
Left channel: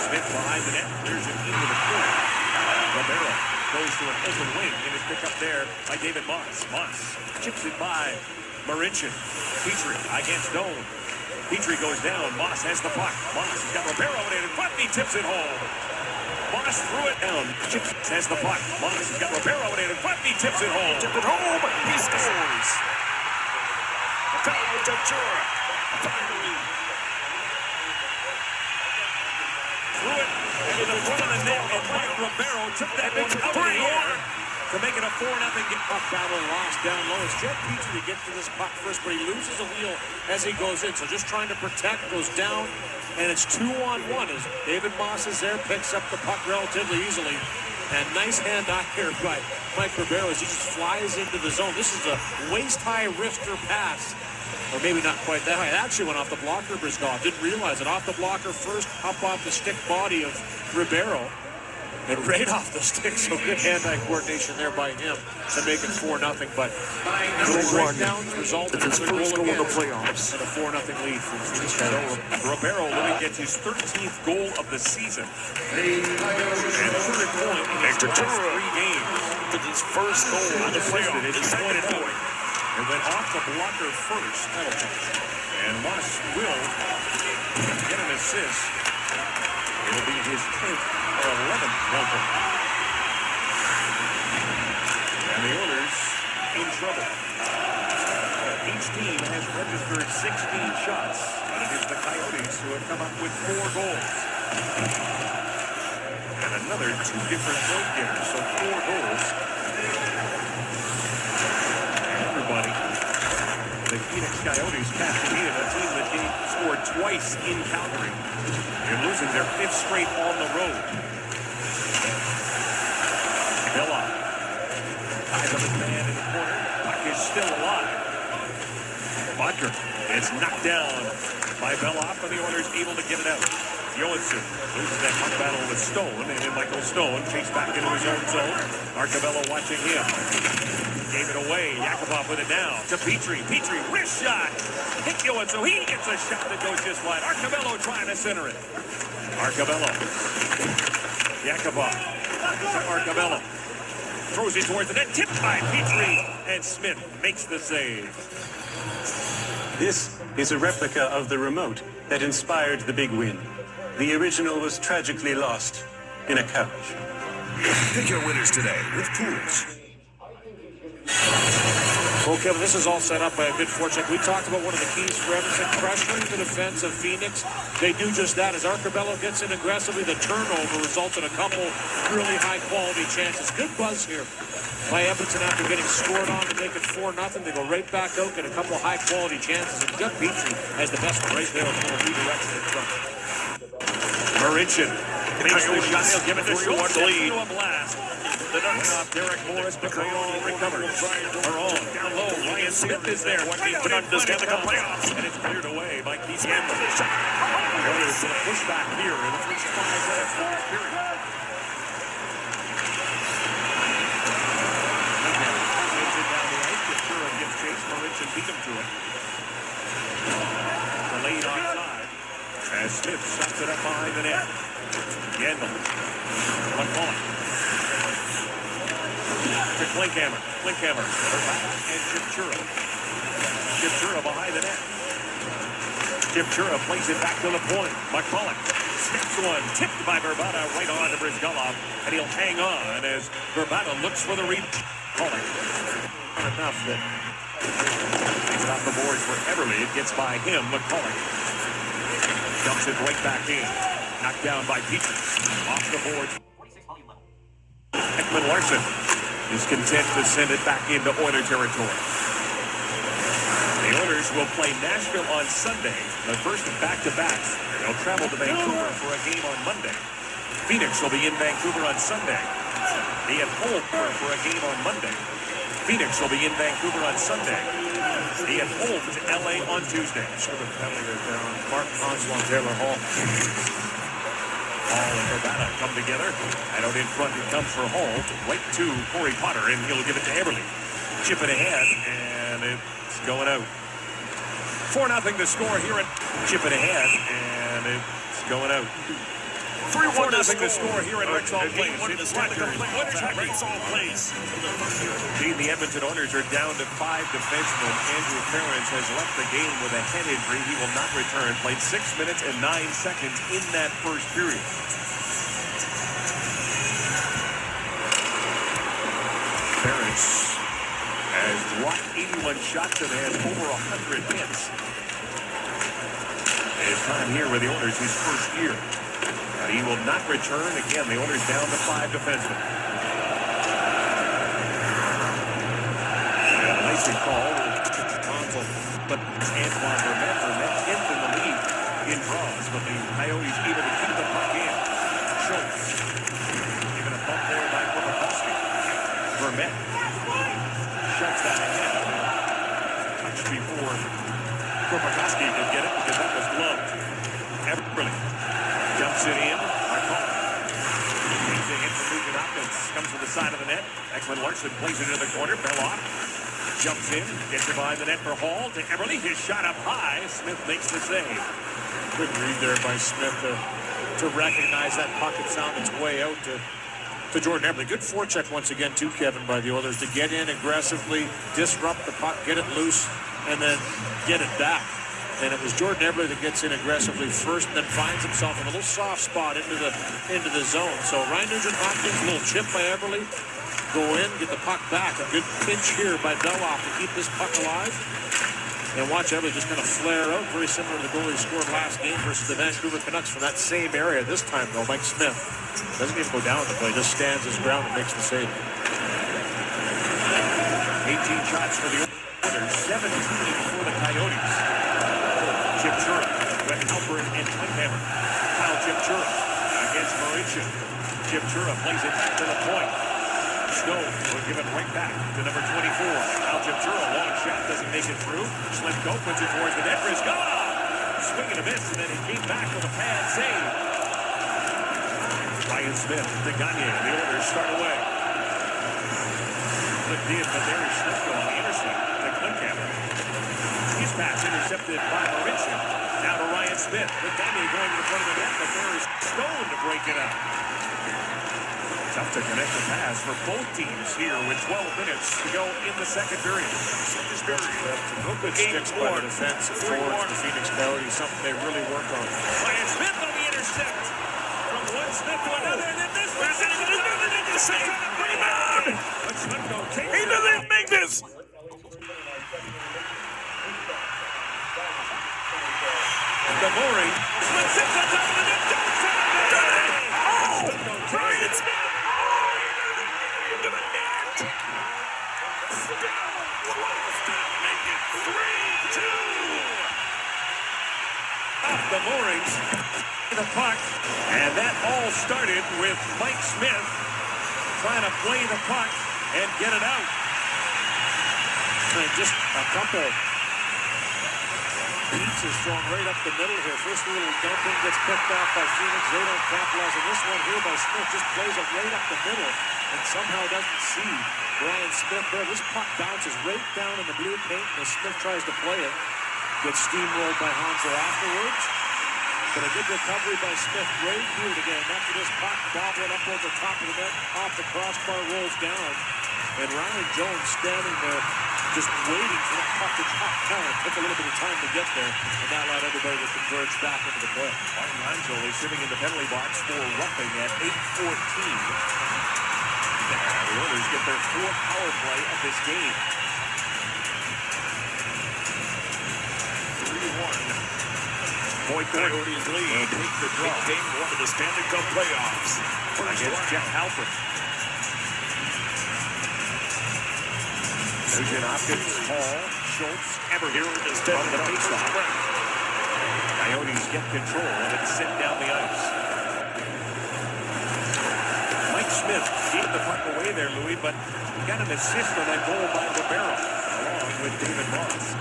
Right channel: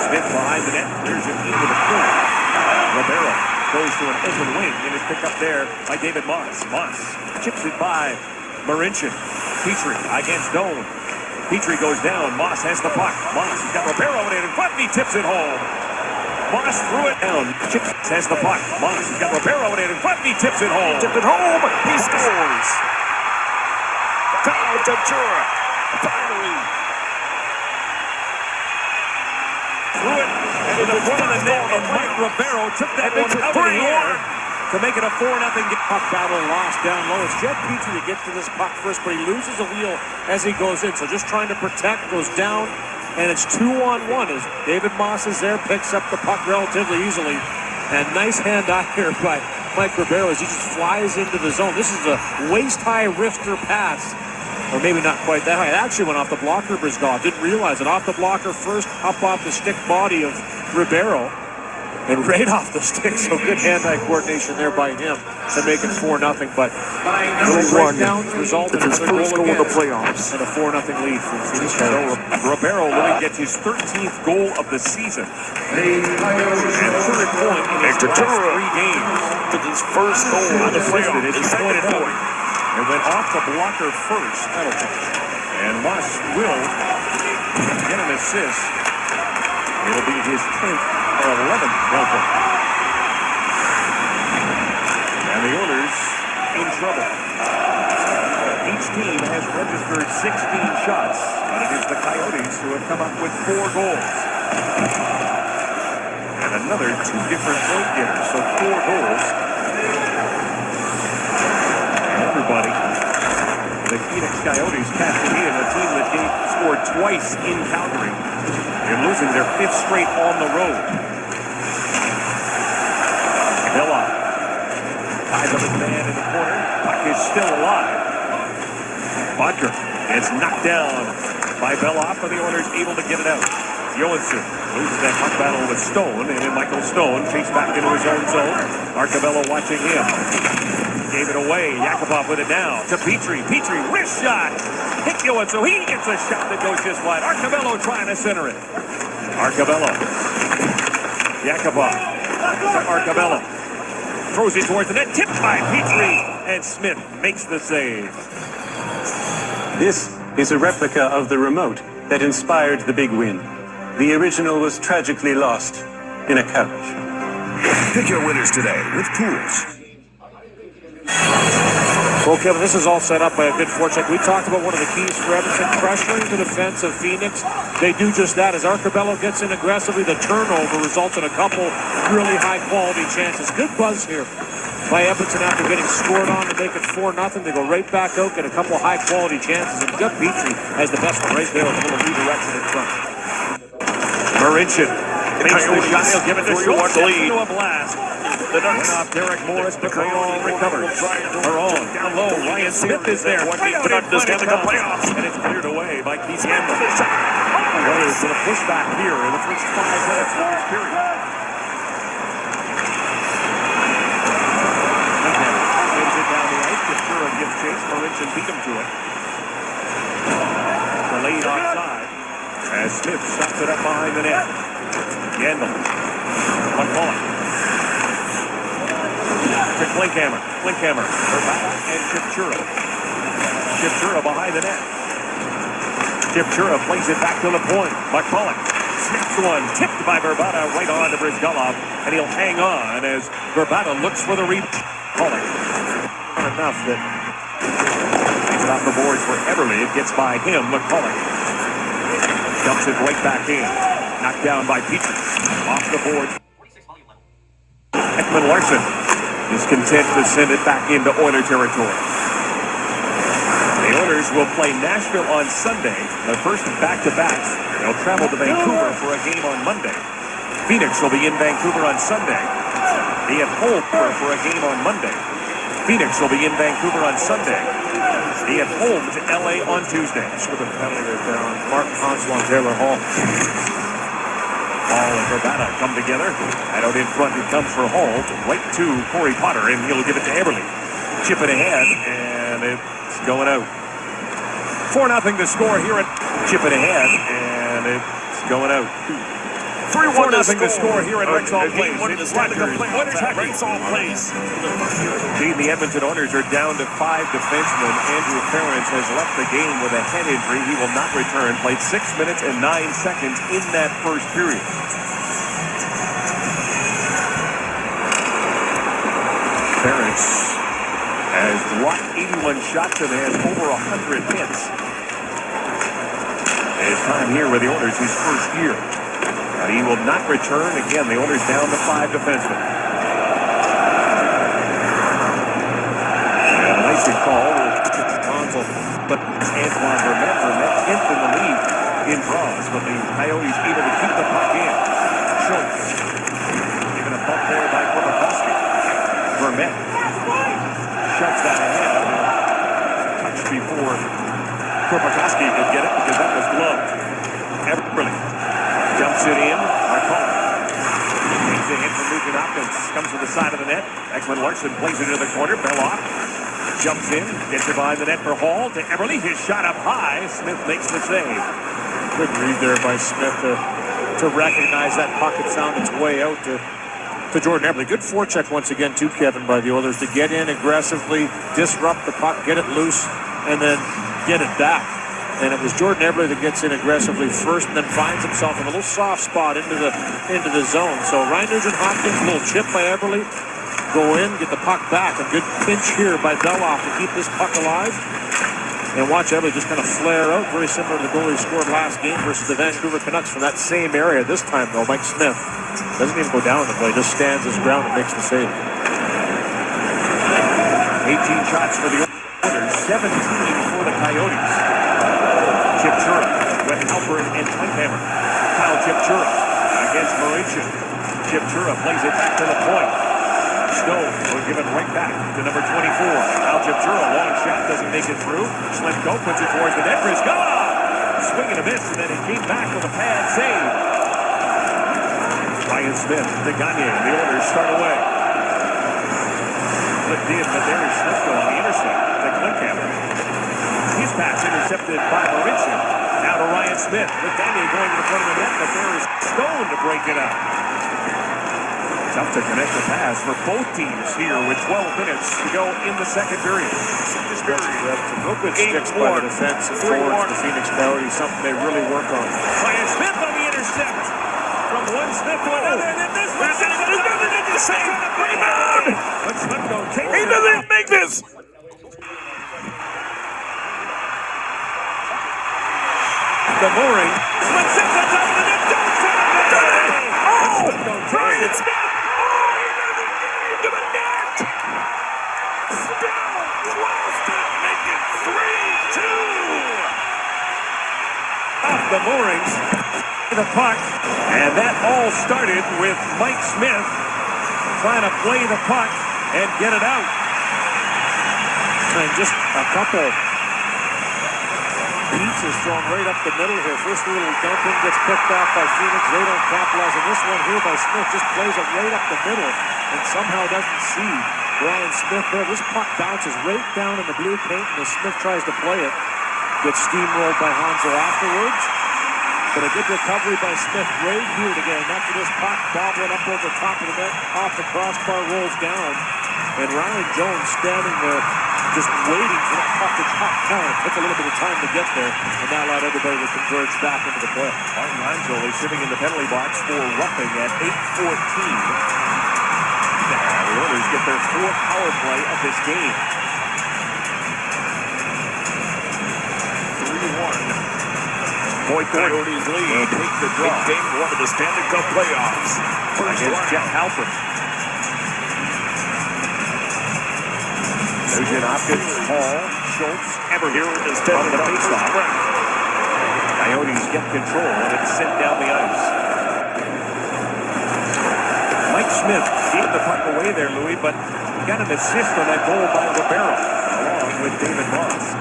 Smith behind the net. Clears it into the corner. Romero goes to an open wing and is picked up there by David Moss. Moss chips it by Marincin. Petrie against Doan. Petrie goes down. Moss has the puck. Moss has got Romero in front and he tips it home. Moss threw it down. Chips has the puck. Moss has got Romero in front and he tips it home. Tip it home. He scores. Kyle Ventura finally threw it into the front of the net, and Mike Romero took that one out of the air to make it a 4-0 puck battle lost down low. It's Jed Petrie that gets to this puck first, but he loses a wheel as he goes in. So just trying to protect, goes down, and it's 2-on-1 as David Moss is there, picks up the puck relatively easily. And nice hand-eye here by Mike Romero as he just flies into the zone. This is a waist-high wrister pass. Or maybe not quite that high. It actually went off the blocker of Brisgov. Didn't realize it. Off the blocker first, up off the stick body of Ribeiro. And right off the stick. So good hand-eye coordination there by him to make it 4-0. But no breakdown resulted in a goal in the playoffs. And a 4-0 lead for Phoenix. Romero will get his 13th goal of the season. And third point in his last 3 games. With his first goal in the playoffs. His second point. It went off the blocker first. And Moss will get an assist. It'll be his 10th or 11th penalty. And the Oilers in trouble. Each team has registered 16 shots. And it is the Coyotes who have come up with 4 goals. And another 2 different point getters. So 4 goals. Everybody. The Phenix Coyotes cashing in, the team that scored twice in Calgary. They're losing their 5th straight on the road. Villa ties up his man in the corner. Puck is still alive. Bodker is knocked down by Beloff, and the Oilers able to get it out. Johansson loses that puck battle with Stone, and then Michael Stone chased back into his own zone. Arcabello watching him. Gave it away. Yakupov with it now to Petrie. Petrie, wrist shot. Hit Johansson. He gets a shot that goes just wide. Arcabello trying to center it. Arcabello. Yakupov to Arcabello. Throws it towards the net. Tipped by Petrie. And Smith makes the save. This is a replica of the remote that inspired the big win. The original was tragically lost in a couch. Pick your winners today with Tools. Well, Kevin, this is all set up by a good forecheck. We talked about one of the keys for Edmonton, pressuring the defense of Phoenix. They do just that. As Arcabello gets in aggressively, the turnover results in a couple really high-quality chances. Good buzz here by Edmonton after getting scored on to make it 4-0. They go right back out, get a couple high-quality chances, and Doug Petrie has the best one right there with a little redirection in front. Mauritian makes the shot. He'll give it to Schultz. lead. A blast. The ducks off Derek Morris. McCall recovers. Maroon down low. Ryan Smith is there. Canucks the Stanley Cup playoffs. And it's cleared away by Keith Campbell. Warriors with a pushback here in the first 5 minutes of this period. Sends it down the ice. Ventura gives chase. Mauritian beat him to it. Delayed offside. As Smith stops it up behind the net. Yandel. McCall. To Klinkhammer. Klinkhammer. And Chipchura. Chipchura behind the net. Chipchura plays it back to the point. McCulloch sneaks one. Tipped by Verbata right on to Brizgalov. And he'll hang on as Verbata looks for the rebound. McCulloch. Not enough that takes it off the boards for Everly. It gets by him. McCulloch dumps it right back in. Knocked down by Petrie. Off the boards. Ekman Larson is content to send it back into Oiler territory. The Oilers will play Nashville on Sunday, their first back-to-back. They'll travel to Vancouver for a game on Monday. Phoenix will be in Vancouver on Sunday. They have home for a game on Monday. Phoenix will be in Vancouver on Sunday. They have home to LA on Tuesday. Should have been penalty right there on Mark Hansel on Taylor Hall. Hall and Verbata come together. And out in front it comes for Hall. Right to Corey Potter, and he'll give it to Everly. Chip it ahead, and it's going out. 4-0 to score here at Chip it ahead, and it's going out. 3-1 to score here at Rexall Place. It's Rexall Place. The Edmonton Oilers are down to 5 defensemen. Andrew Ferentz has left the game with a head injury. He will not return. Played 6 minutes and 9 seconds in that first period. Ferentz has blocked 81 shots and has over 100 hits. His time here with the Oilers, his first year. But he will not return. Again, the Oilers down to 5 defensemen. And a nice call. But Antoine Vermette 10th in the league in draws. But the Coyotes able to keep the puck in. Schultz given a bump there by Korpakowski. Vermette shuts that ahead. Touch before Korpakowski could get it because that was gloved. Everly jumps it in. Takes a hit from Nugent Hopkins. Comes to the side of the net. Ekman Larson plays it into the corner. Belloff jumps in. Gets it behind the net for Hall. To Everly. His shot up high. Smith makes the save. Good read there by Smith to recognize that puck had found its way out to Jordan Everly. Good forecheck once again too, Kevin, by the Oilers to get in aggressively, disrupt the puck, get it loose, and then get it back. And it was Jordan Everly that gets in aggressively first and then finds himself in a little soft spot into the zone. So Ryan Nugent-Hopkins, a little chip by Everly, go in, get the puck back. A good pinch here by Belloff to keep this puck alive. And watch Everly just kind of flare out, very similar to the goal he scored last game versus the Vancouver Canucks from that same area. This time, though, Mike Smith doesn't even go down the play, just stands his ground and makes the save. 18 shots for the Oilers, 17 for the Coyotes. Chipchura with Alford and Klinkhammer. Kyle Chipchura against Mauritian. Chipchura plays it back to the point. Stone will give it right back to number 24. Kyle Chipchura, long shot, doesn't make it through. Schlemko puts it towards the net. Brizgalov swing and a miss, and then he came back with a pad save. Ryan Smith to Gagne. The Oilers start away. Flipped in, but there's Schlemko on the intercept to Klinkhammer. His pass intercepted by Mauritian. Now to Ryan Smith. With Gagne going to the front of the net, but there is Stone to break it up. Tough to connect the pass for both teams here with 12 minutes to go in the second period. No good sticks by the defensive forwards, the Phenix Coyotes, something they really work on. Ryan Smith on the intercept. Smith to another, and then this one. The same rebound. He doesn't make this. The mooring. Smith sits on top of the net. Brian Smith. Into the net. Still close to make it 3-2. Off the moorings. The puck. And that all started with Mike Smith trying to play the puck and get it out. And just a couple beats is thrown right up the middle here. First little dumping gets picked off by Phoenix. They don't capitalize on this one here by Smith. Just plays it right up the middle and somehow doesn't see Brian Smith there. This puck bounces right down in the blue paint, and as Smith tries to play it, gets steamrolled by Hansel afterwards. But a good recovery by Smith right here again. After this puck bobbling up over the top of the net, off the crossbar, rolls down. And Ryan Jones standing there just waiting for that puck to top down. It took a little bit of time to get there, and that allowed everybody to converge back into the play. Martin Angeli sitting in the penalty box for roughing at 8:14. The Oilers get their fourth power play of this game. 3-1. Boy, Coyotes lead. Take the draw. Big game one of the Stanley Cup playoffs. Against Jeff Halpern. Nugent Hopkins, Hall, Schultz, Ever here instead of the faceoff. Coyotes get control and it's sent down the ice. Mike Smith gave the puck away there, Louis, but got an assist on that goal by Ribeiro, along with David Moss.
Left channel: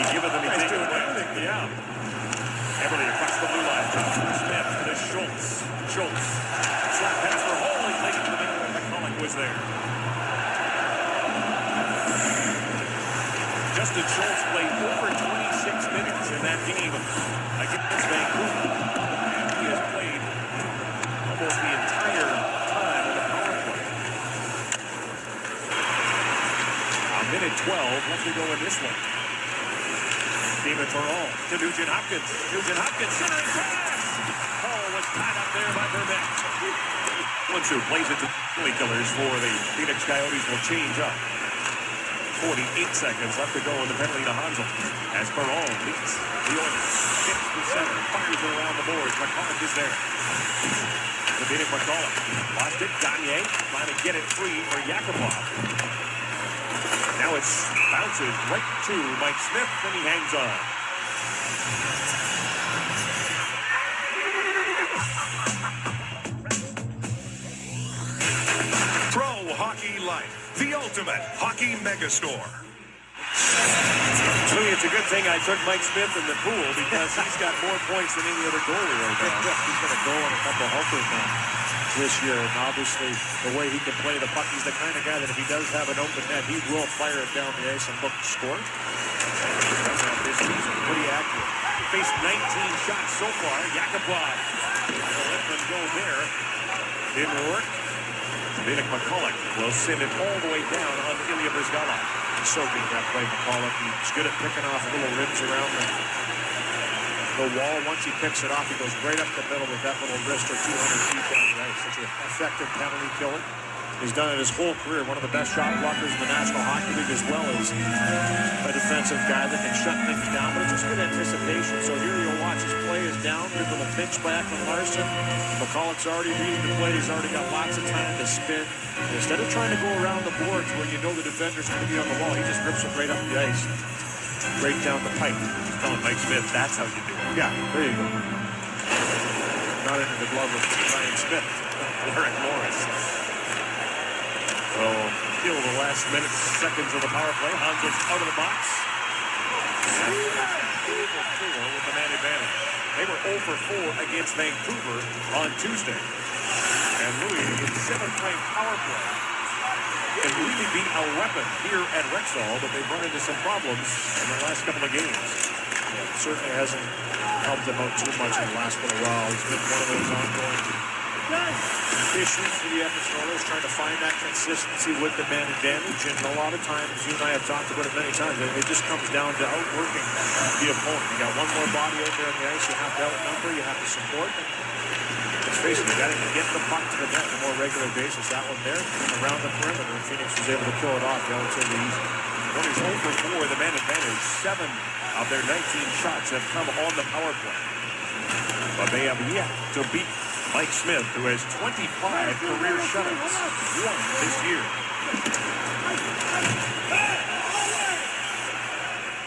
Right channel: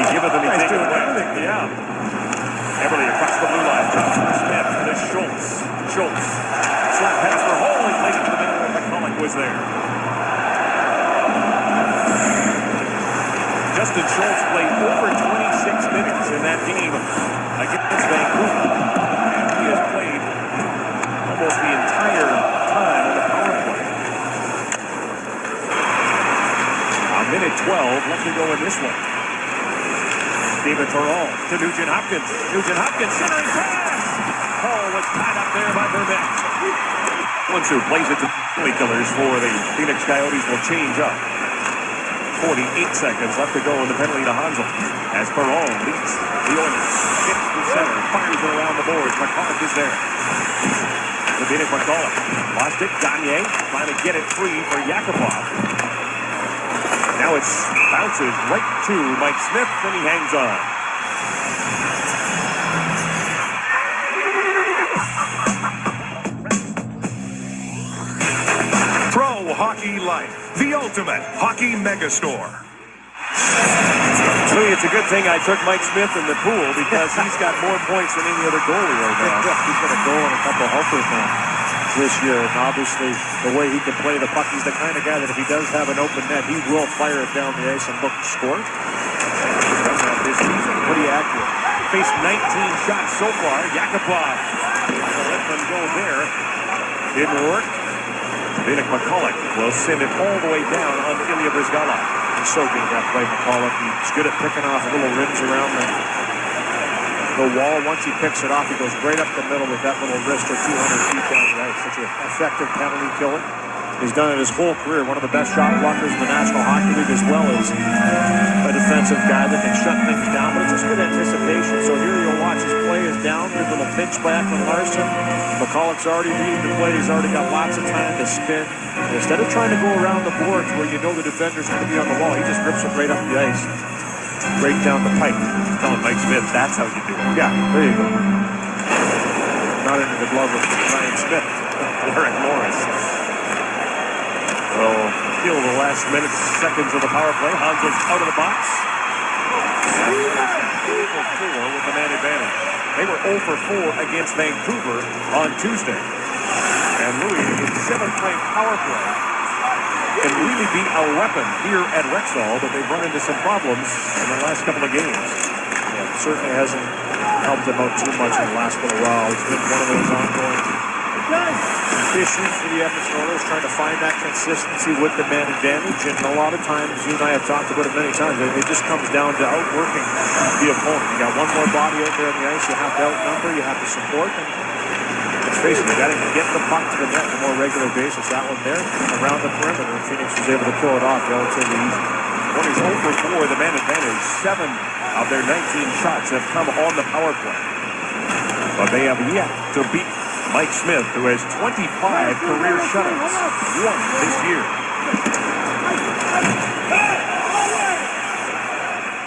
He giveth and he taketh away. Yeah. Everly across the blue line. Smith to Schultz. Schultz. Short pass for Hall and late in the middle where McCulloch was there. Justin Schultz played over 26 minutes in that game against Vancouver. And he has played almost the entire time on the power play. A minute 12 left to go in this one. David Terrell to Nugent Hopkins. Nugent Hopkins centering pass. Hall was tied up there by Burnett. Once who plays it to penalty killers for the Phoenix Coyotes will change up. 48 seconds left to go in the penalty to Hansel. As Perron leads the Oilers. Hits the center. Fires it around the boards. McCulloch is there. David McCulloch. Lost it. Gagne trying to get it free for Yakupov. Now it bounces right to Mike Smith, and he hangs on. Pro Hockey Life, the ultimate hockey megastore. Louis, it's a good thing I took Mike Smith in the pool because he's got more points than any other goalie right now. He's got a goal and a couple helpers now this year, and obviously the way he can play the puck, he's the kind of guy that if he does have an open net, he will fire it down the ice and look to score. Pretty accurate. Faced 19 shots so far. Yakupov let them go there. Didn't work. Phenix McCulloch will send it all the way down on Ilya Brizgalov. He's so good at that play, McCulloch. He's good at picking off little rims around the wall. Once he picks it off, he goes right up the middle with that little wrist or 200 feet down the ice. Such an effective penalty killer. He's done it his whole career. One of the best shot blockers in the National Hockey League, as well as a defensive guy that can shut things down. But it's just good anticipation. So here you'll watch his play is down. Good little pinch back from Larson. McCulloch's already reading the play. He's already got lots of time to spin. And instead of trying to go around the boards where you know the defender's going to be on the wall, he just rips it right up the ice. Right down the pipe. Telling Mike Smith, that's how you do it. Yeah, there you go. Not into the glove of Ryan Smith. Derek Morris. So, still the last minutes, seconds of the power play. Hansel's out of the box. And 4 with the man advantage. They were 0 for 4 against Vancouver on Tuesday. And Louis, his 7th-ranked power play, can really be a weapon here at Rexall, but they've run into some problems in the last couple of games. Yeah, it certainly hasn't helped him out too much in the last little while. It's been one of those ongoing Issues for the Edmonton Oilers, trying to find that consistency with the man advantage, and a lot of times, you and I have talked about it many times, it just comes down to outworking the opponent. You got one more body out there on the ice, you have to outnumber, you have to support, and let's face it, you got to get the puck to the net on a more regular basis. That one there, around the perimeter, and Phoenix was able to pull it off relatively easy. Oilers 0 for 4, the man advantage. 7 of their 19 shots have come on the power play. But they have yet to beat Mike Smith, who has 25 career shutouts, 1 this year.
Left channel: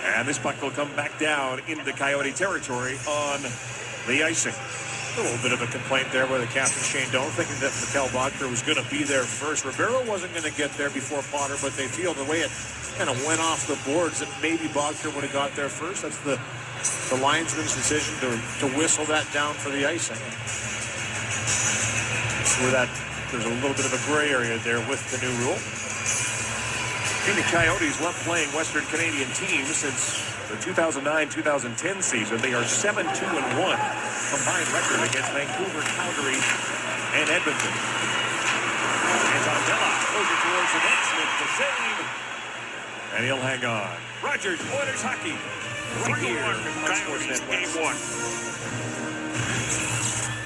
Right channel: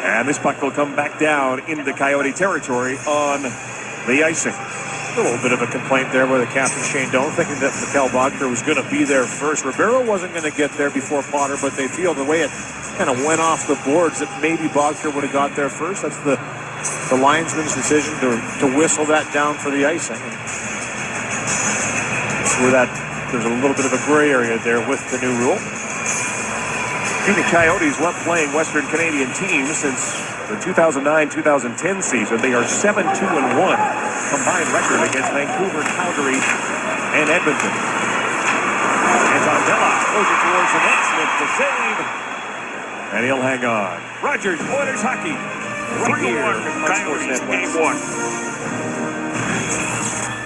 And this puck will come back down into Coyote territory on the icing. A little bit of a complaint there with the captain, Shane Doan, thinking that Mikhail Bogner was going to be there first. Ribeiro wasn't going to get there before Potter, but they feel the way it kind of went off the boards that maybe Bogner would have got there first. That's the linesman's decision to whistle that down for the icing. Where that there's a little bit of a gray area there with the new rule. The Coyotes love playing Western Canadian teams since the 2009-2010 season. They are 7-2-1 combined record against Vancouver, Calgary, and Edmonton. Anton Della throws it towards the net. Smith the save, and he'll hang on. Rogers, Oilers hockey. 3-1 Coyotes game 1.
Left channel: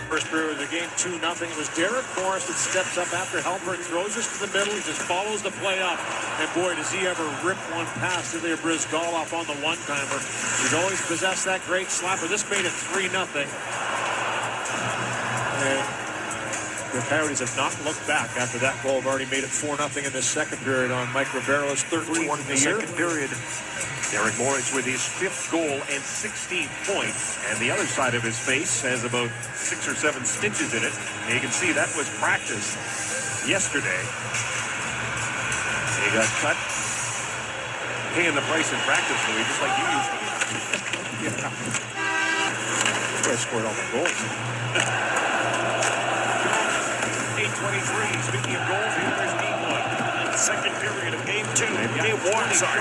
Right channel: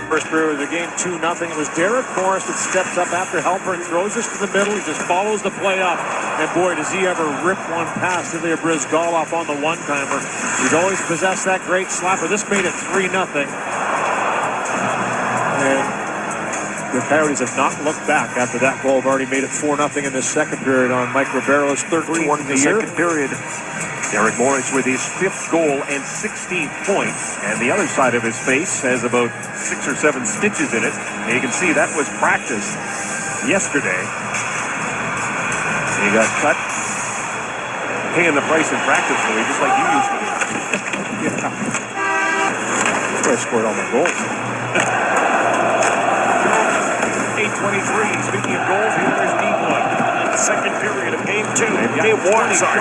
First period of the game, 2-0. It was Derek Morris that steps up after Halpern throws this to the middle. He just follows the play up. And boy, does he ever rip one past Ilya Bryzgalov on the one-timer. He's always possessed that great slapper. This made it 3-0. And the Coyotes have not looked back after that goal. Have already made it 4-0 in the second period on Mike Ribeiro's 13th of the year. Second period. Derek Morris with his 5th goal and 16 points. And the other side of his face has about 6 or 7 stitches in it. And you can see that was practice yesterday. He got cut. Paying the price in practice for you, just like you used to do. I scored all my goals. 8:23. Speaking of goals, the Oilers need one. Second period of game 2. Game 1, sorry.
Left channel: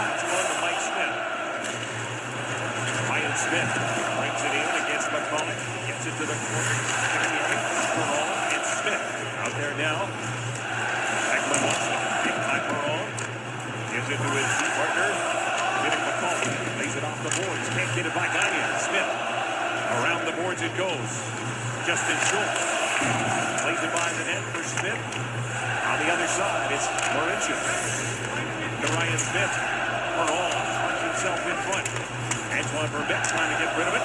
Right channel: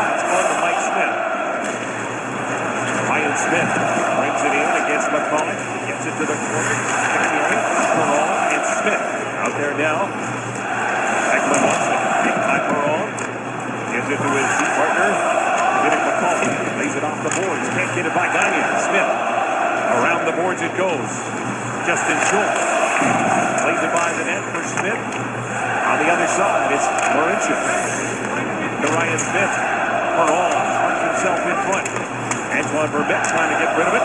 Ryan Smith brings it in against McCulloch. Gets it to the corner. Perron and Smith out there now. Ekman wants it. Big time Perron. Gives it to his partner. Getting McCulloch. Lays it off the boards. Can't get it by Gagnon. Smith. Around the boards it goes. Justin Schultz. Plays it by the net for Smith. On the other side, it's Marincin. To Ryan Smith. Perron starts himself in front. Antoine Vermette trying to get rid of it.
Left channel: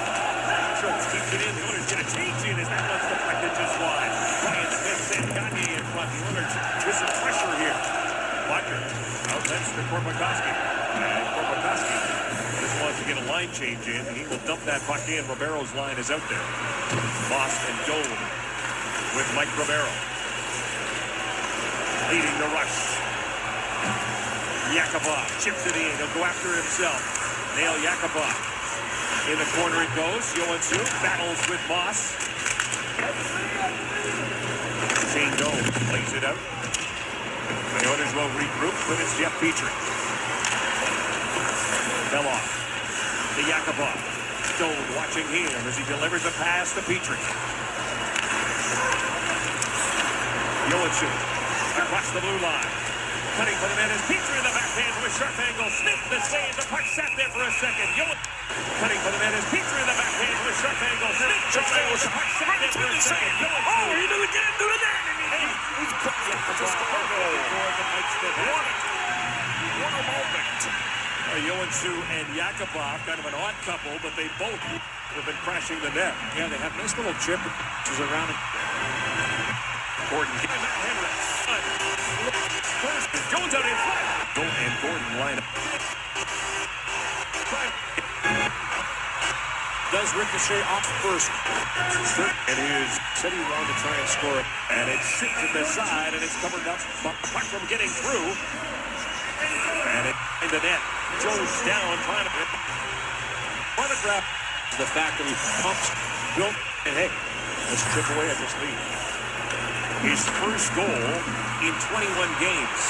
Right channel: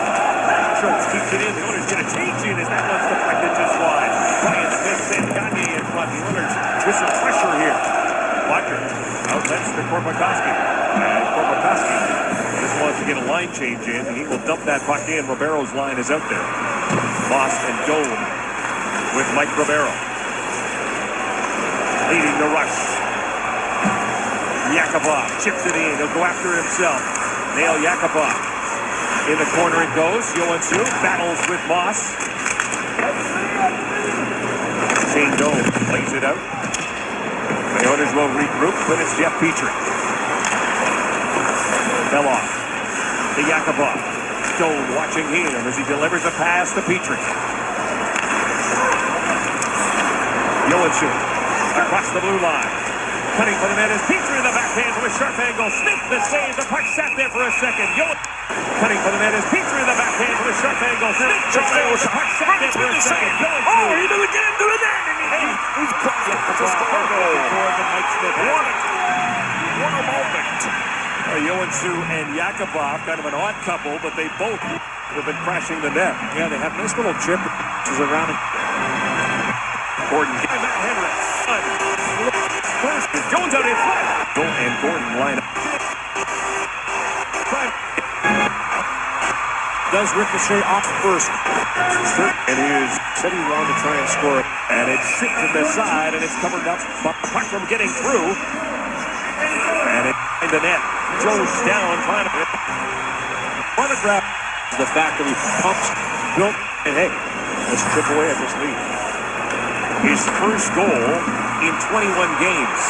Schultz keeps it in. The Oilers get a change in as that one's deflected just wide. Ryan Smith sent Gagnon in front. The Oilers with some pressure here. Butker outlets to Korpikoski. And Korpikoski just wants to get a line change in. And he will dump that puck in. Ribeiro's line is out there. Moss and Dole with Mike Ribeiro. Leading the rush. Yakupov chips it in. He'll go after himself. Nail Yakupov. In the corner it goes. Johansson battles with Moss. Shane Doan plays it out. The Oilers will regroup, but it's Jeff Petrie. Fell off. To Yakupov. Doan watching him as he delivers a pass to Petrie. Johansson across the blue line. Cutting for the net is Petrie in the backhand to a sharp angle. Smith the save. The puck sat there for a second. Cutting for the net is Petrie in the backhand to a sharp angle. Smith the save. The puck sat there for a second. Oh, he did it again to the net. He's caught it. Just a goal for Mike Smith. What a moment. Johansson and Yakupov, kind of an odd couple, but they both have been crashing the net. Yeah, they have a nice little chip. Which is around it. Gordon. Jones out in front. And Gordon line up. Does ricochet off first. And here's said he wanted to try and score it. And it sits in the side, and it's covered up. But puck from getting through. And it in the net. Jones down, trying to grab the fact that he pumps, built, and hey, let's chip away at this lead. His first goal in 21 games.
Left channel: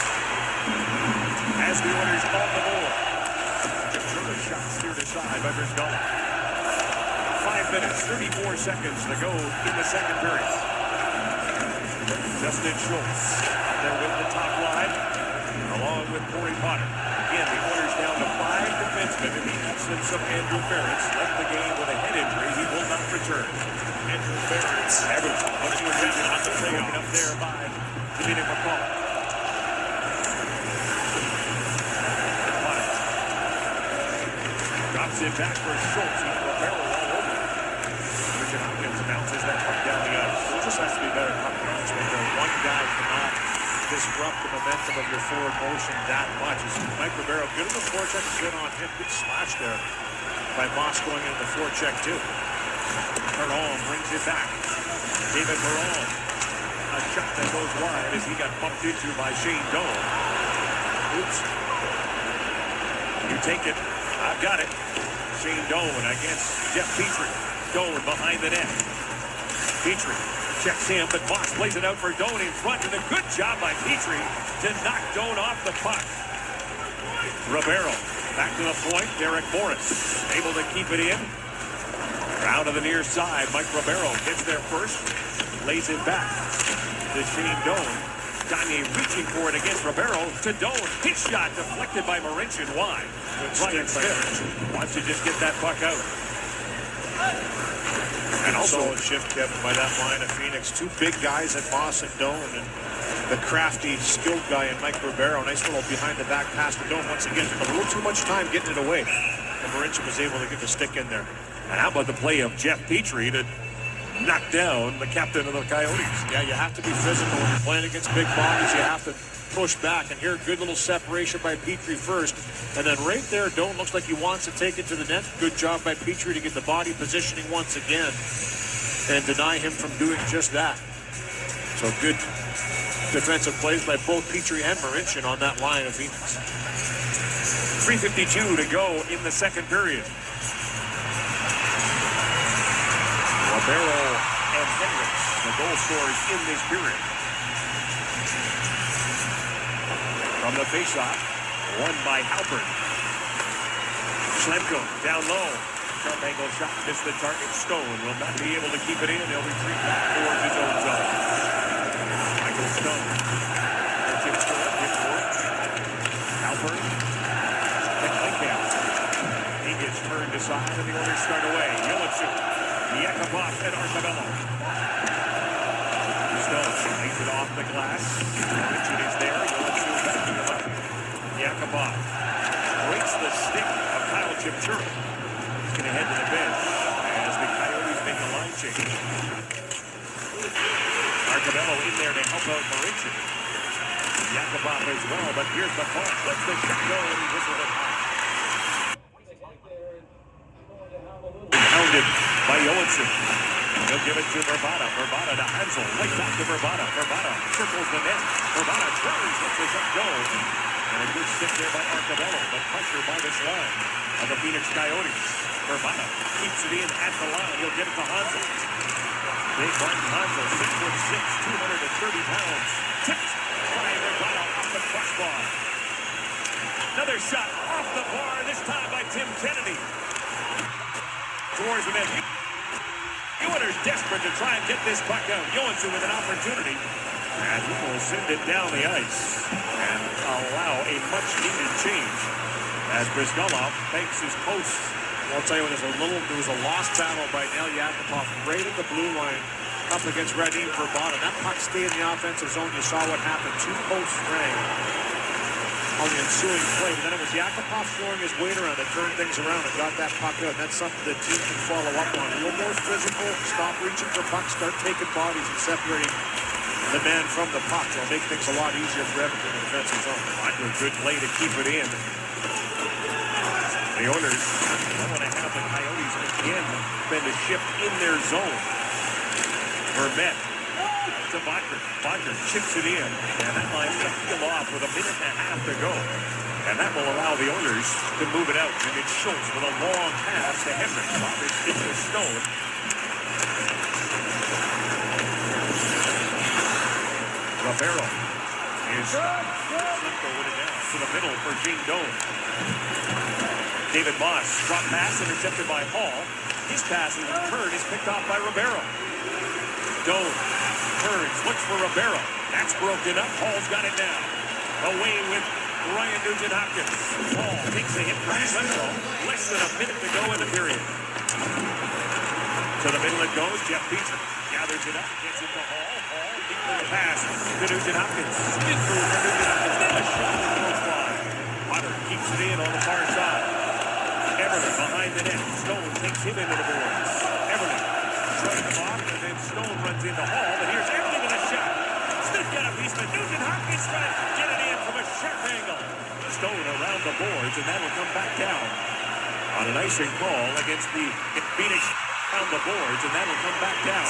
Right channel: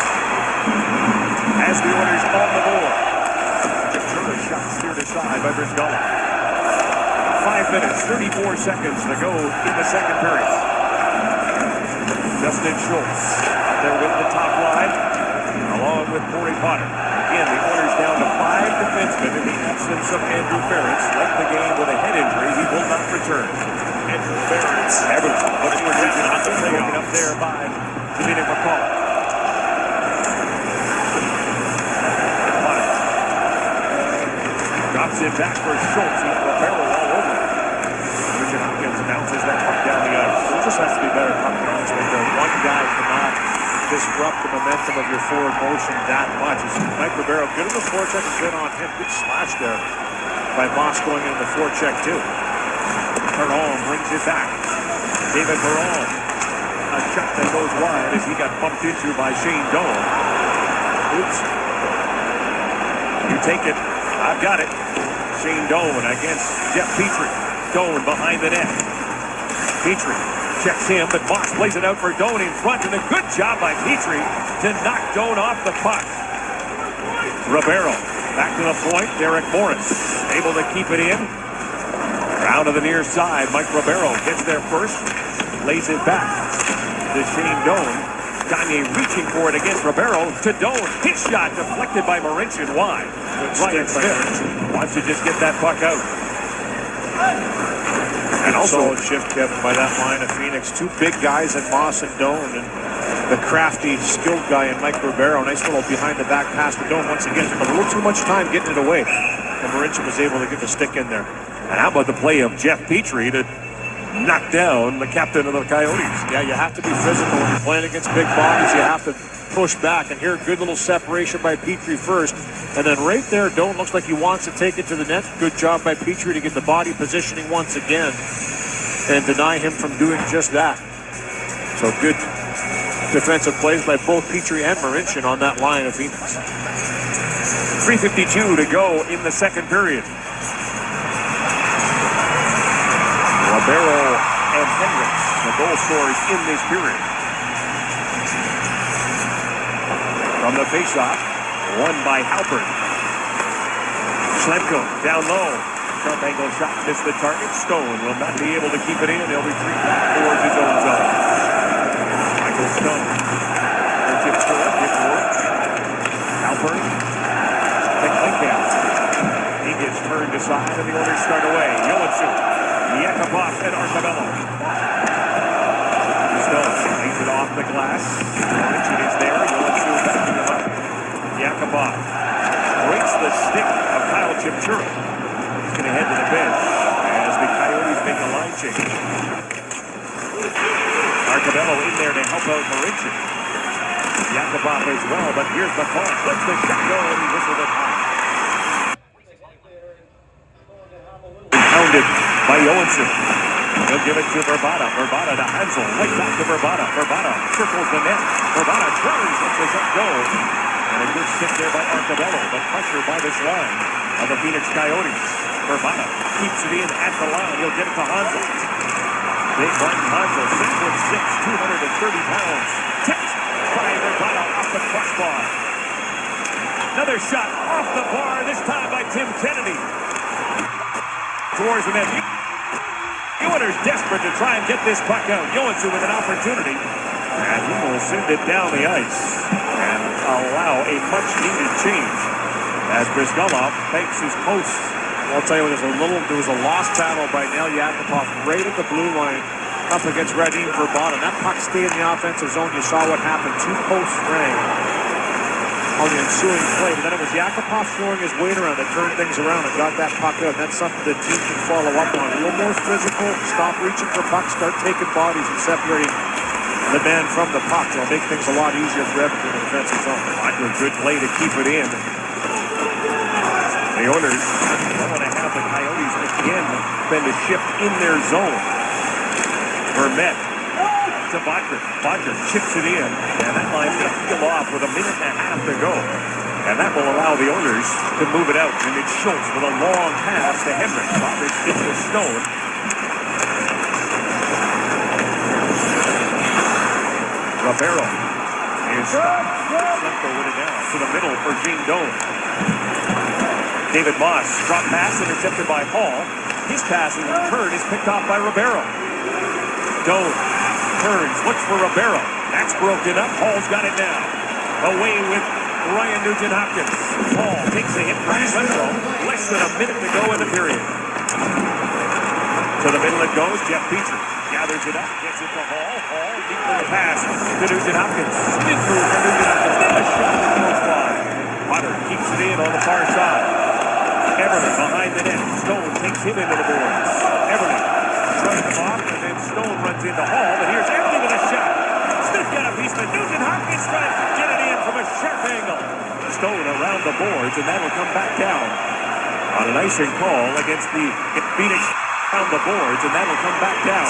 As the Oilers on the board. Turner shot steered aside by Bryzgalov. 5 minutes, 34 seconds to go in the second period. Justin Schultz out there with the top line, along with Corey Potter. Again, the Oilers down to 5 defensemen in the absence of Andrew Ference. Left the game with a head injury. He will not return. Andrew Ference, Edmonton, looking for region on the play up there by Dominic McCall. Drops it back for Schultz. He had a barrel all over it. Richard Hopkins bounces that puck down the ice. It just has to be better puck management. One guy cannot disrupt the momentum of your forward motion that much. Mike Ribeiro, good in the forecheck and good on him. Good slash there by Moss going in the forecheck too. Perron brings it back. David Perron, a shot that goes wide as he got bumped into by Shane Doan. Oops. You take it. I've got it. Shane Doan against Jeff Petrie. Doan behind the net. Petrie checks him, but Moss plays it out for Doan in front, and a good job by Petrie to knock Doan off the puck. Ribeiro back to the point. Derek Morris able to keep it in. Round to the near side. Mike Ribeiro gets there first. Lays it back to Shane Doan. Gagne reaching for it against Ribeiro to Doan. His shot deflected by Marincin wide. Ryan Smith wants to just get that puck out. And also a shift, Kevin, by that line of Phoenix. Two big guys in Moss and Doan, and the crafty, skilled guy in Mike Ribeiro. Nice little behind-the-back pass to Doan once again. Took a little too much time getting it away, and Marincin was able to get the stick in there. And how about the play of Jeff Petrie to knock down the captain of the Coyotes? Yeah, you have to be physical when you're playing against big bodies. You have to push back, and here, good little separation by Petrie first. And then right there, Doan looks like he wants to take it to the net. Good job by Petrie to get the body positioning once again and deny him from doing just that. So good defensive plays by both Petrie and Marincin on that line of Phoenix. 3:52 to go in the second period. Ribeiro and Hendricks, the goal scorers in this period. From the faceoff, won by Halpern. Schlemko down low. Sharp angle shot, missed the target. Stone will not be able to keep it in. They'll retreat back towards his own zone. Michael Stone. Brings it forward, gets work. Halpern. Pick by Camp. He gets turned aside and the Oilers start away. Johansson, Yakupov, and Arcabello. Stone lays it off the glass. Richard is there. Johansson backing him up. Yakupov breaks the stick of Kyle Chipchura. He's going to head to the bench as the Coyotes make a line change. Arcabello in there to help out Marincin. Yakupov as well, but here's the call. Let's the shot go and he whistled it high. Pounded by Johansson. He'll give it to Verbata. Verbata to Hansel. Right back to Verbata. Verbata circles the net. Verbata turns. Lets the shot go. And a good stick there by Arcabello, but pressure by this line of the Phoenix Coyotes. Verbata keeps it in at the line. He'll get it to Hansel. Big Martin Hansel, 6'6", 230 pounds. Tipped by Verbata off the crossbar. Another shot off the bar, this time by Tim Kennedy. Towards the net. The Oilers desperate to try and get this puck out. Johansson with an opportunity. And he will send it down the ice and allow a much-needed change as Brizgalov makes his post. I'll tell you, there was a lost battle by Nail Yakupov right at the blue line up against Radim Verbata. That puck stayed in the offensive zone. You saw what happened. Two posts rang on the ensuing play, but then it was Yakupov throwing his weight around that turned things around and got that puck out. And that's something the team can follow up on. A little more physical, stop reaching for pucks, start taking bodies and separating the man from the puck. It'll make things a lot easier for Edmonton in the defensive zone. A good play to keep it in. The Oilers want to have the Coyotes again bend a shift in their zone. Vermette to Bodker. Bodker chips it in, and that line's going to peel off with a minute and a half to go. And that will allow the Oilers to move it out. And it's Schultz with a long pass to Hendricks. Roberts gets the Stone. Ribeiro is Schlemko with it down to the middle for Shane Doan. David Moss, drop pass intercepted by Hall. His pass in return is picked off by Ribeiro. Doan turns, looks for Ribeiro. That's broken up. Hall's got it now. Away with Ryan Nugent-Hopkins. Hall takes a hit from Central. Less than a minute to go in the period. To the middle it goes. Jeff Petrie gathers it up, gets it to Hall. Hall deep to the pass to Nugent-Hopkins. Spin move for Nugent-Hopkins. Then a shot that goes wide. Potter keeps it in on the far side. Everton behind the net. Stone takes him into the boards. Everton shutting him off, and then Stone runs into Hall. But here's Everton with a shot. Smith got a piece, but Nugent-Hopkins trying to get it in from a sharp angle. Stone around the boards, and that'll come back down. On an icing call against the Phoenix around the boards, and that'll come back down.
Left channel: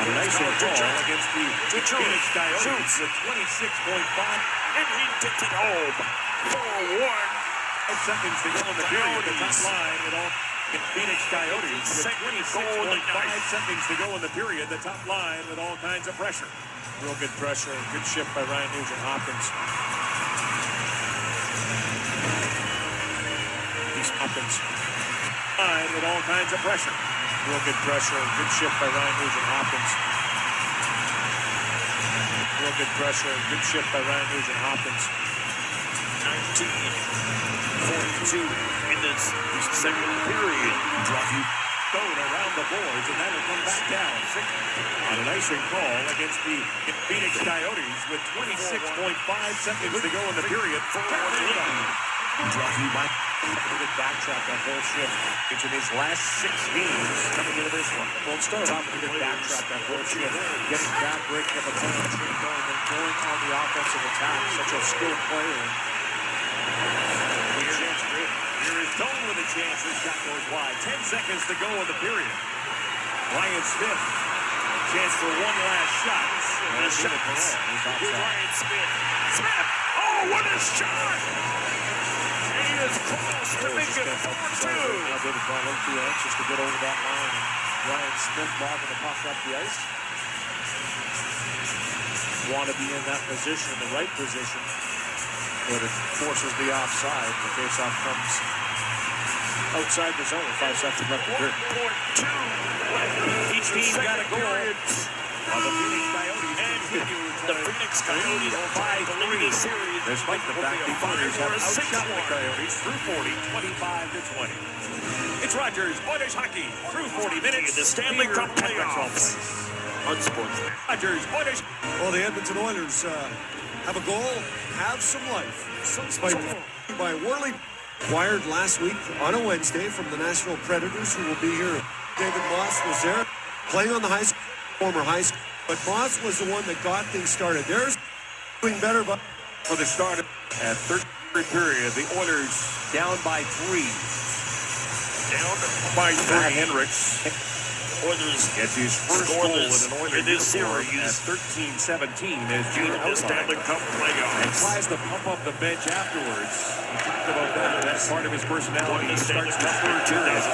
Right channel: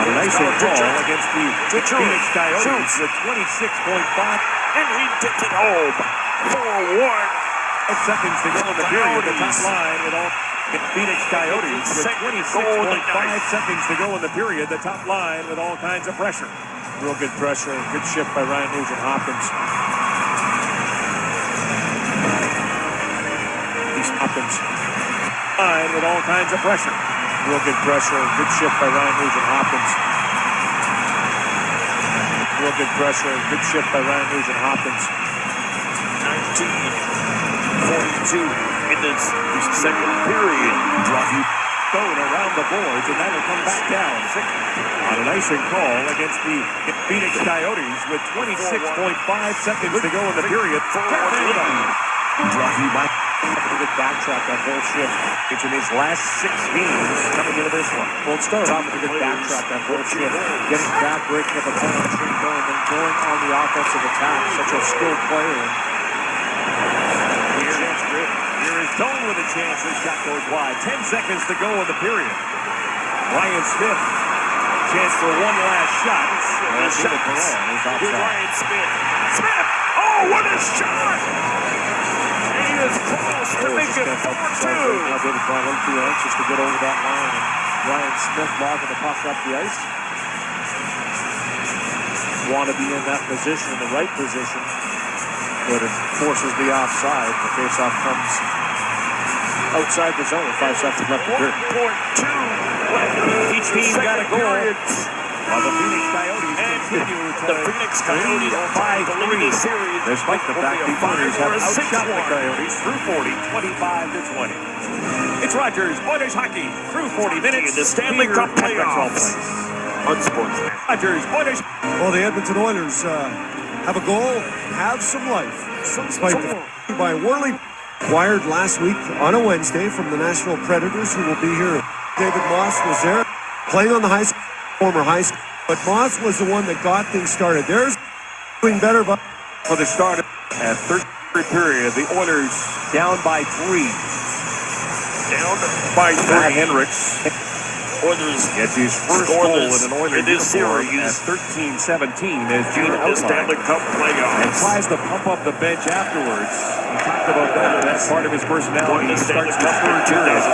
On an icing call against the Phoenix Coyotes with 26.5. And he gets it home. 4-1. 5 seconds to go in the period. The top line with all Phoenix Coyotes with 26.5 seconds to go in the period. The top line with all kinds of pressure. Real good pressure. Good shift by Ryan Nugent-Hopkins. He's Hopkins. Line with all kinds of pressure. Real good pressure. Good shift by Ryan Nugent-Hopkins. Real good pressure. Good shift by Ryan Nugent-Hopkins. 19:42 in this second period. Stone around the boards, and that'll come back down. On an icing call against the Phoenix Coyotes with 26.5 seconds to go in the period. Brought to you by a good backtrack that whole shift. It's in his last 6 games coming into this one. Well, it started off with a good backtrack that whole shift. Getting back, breaking up a penalty, and then going on the offensive attack. Such a skilled player. Here is Stone with a chance. This shot goes wide. 10 seconds to go in the period. Ryan Smith. Chance for one last shot. Ryan Smith. Smith! Oh, what a shot! He is close to make it 4-2. Now David Brown too anxious to get over that line. And Ryan Smith logging the puck up the ice. Want to be in that position, in the right position. But it forces the offside. The faceoff comes outside the zone with 5 seconds left. 1.2. Each team got a goal. While the Phoenix Coyotes continue to The Phoenix Coyotes 5-3 series. despite the fact the Oilers have outshot the Coyotes through 40, 25-20. It's Rogers Oilers hockey through 40 minutes. In the Stanley Cup playoffs. Unsportsman. Rogers Oilers. Well, the Edmonton Oilers have a goal, have some life. Despite the by Worley, acquired last week on a Wednesday from the Nashville Predators, who will be here. David Moss was there, playing on the high school, former high school. But Moss was the one that got things started. There's doing better, but For the start of the third period, the Oilers down by 3. Down by 3. Hendricks Oilers gets his first goal in an Oilers in this uniform series. at 13-17 as Gene In the Stanley Cup and playoffs. tries to pump up the bench afterwards. He talked about that. That's part of his personality. He starts the third period.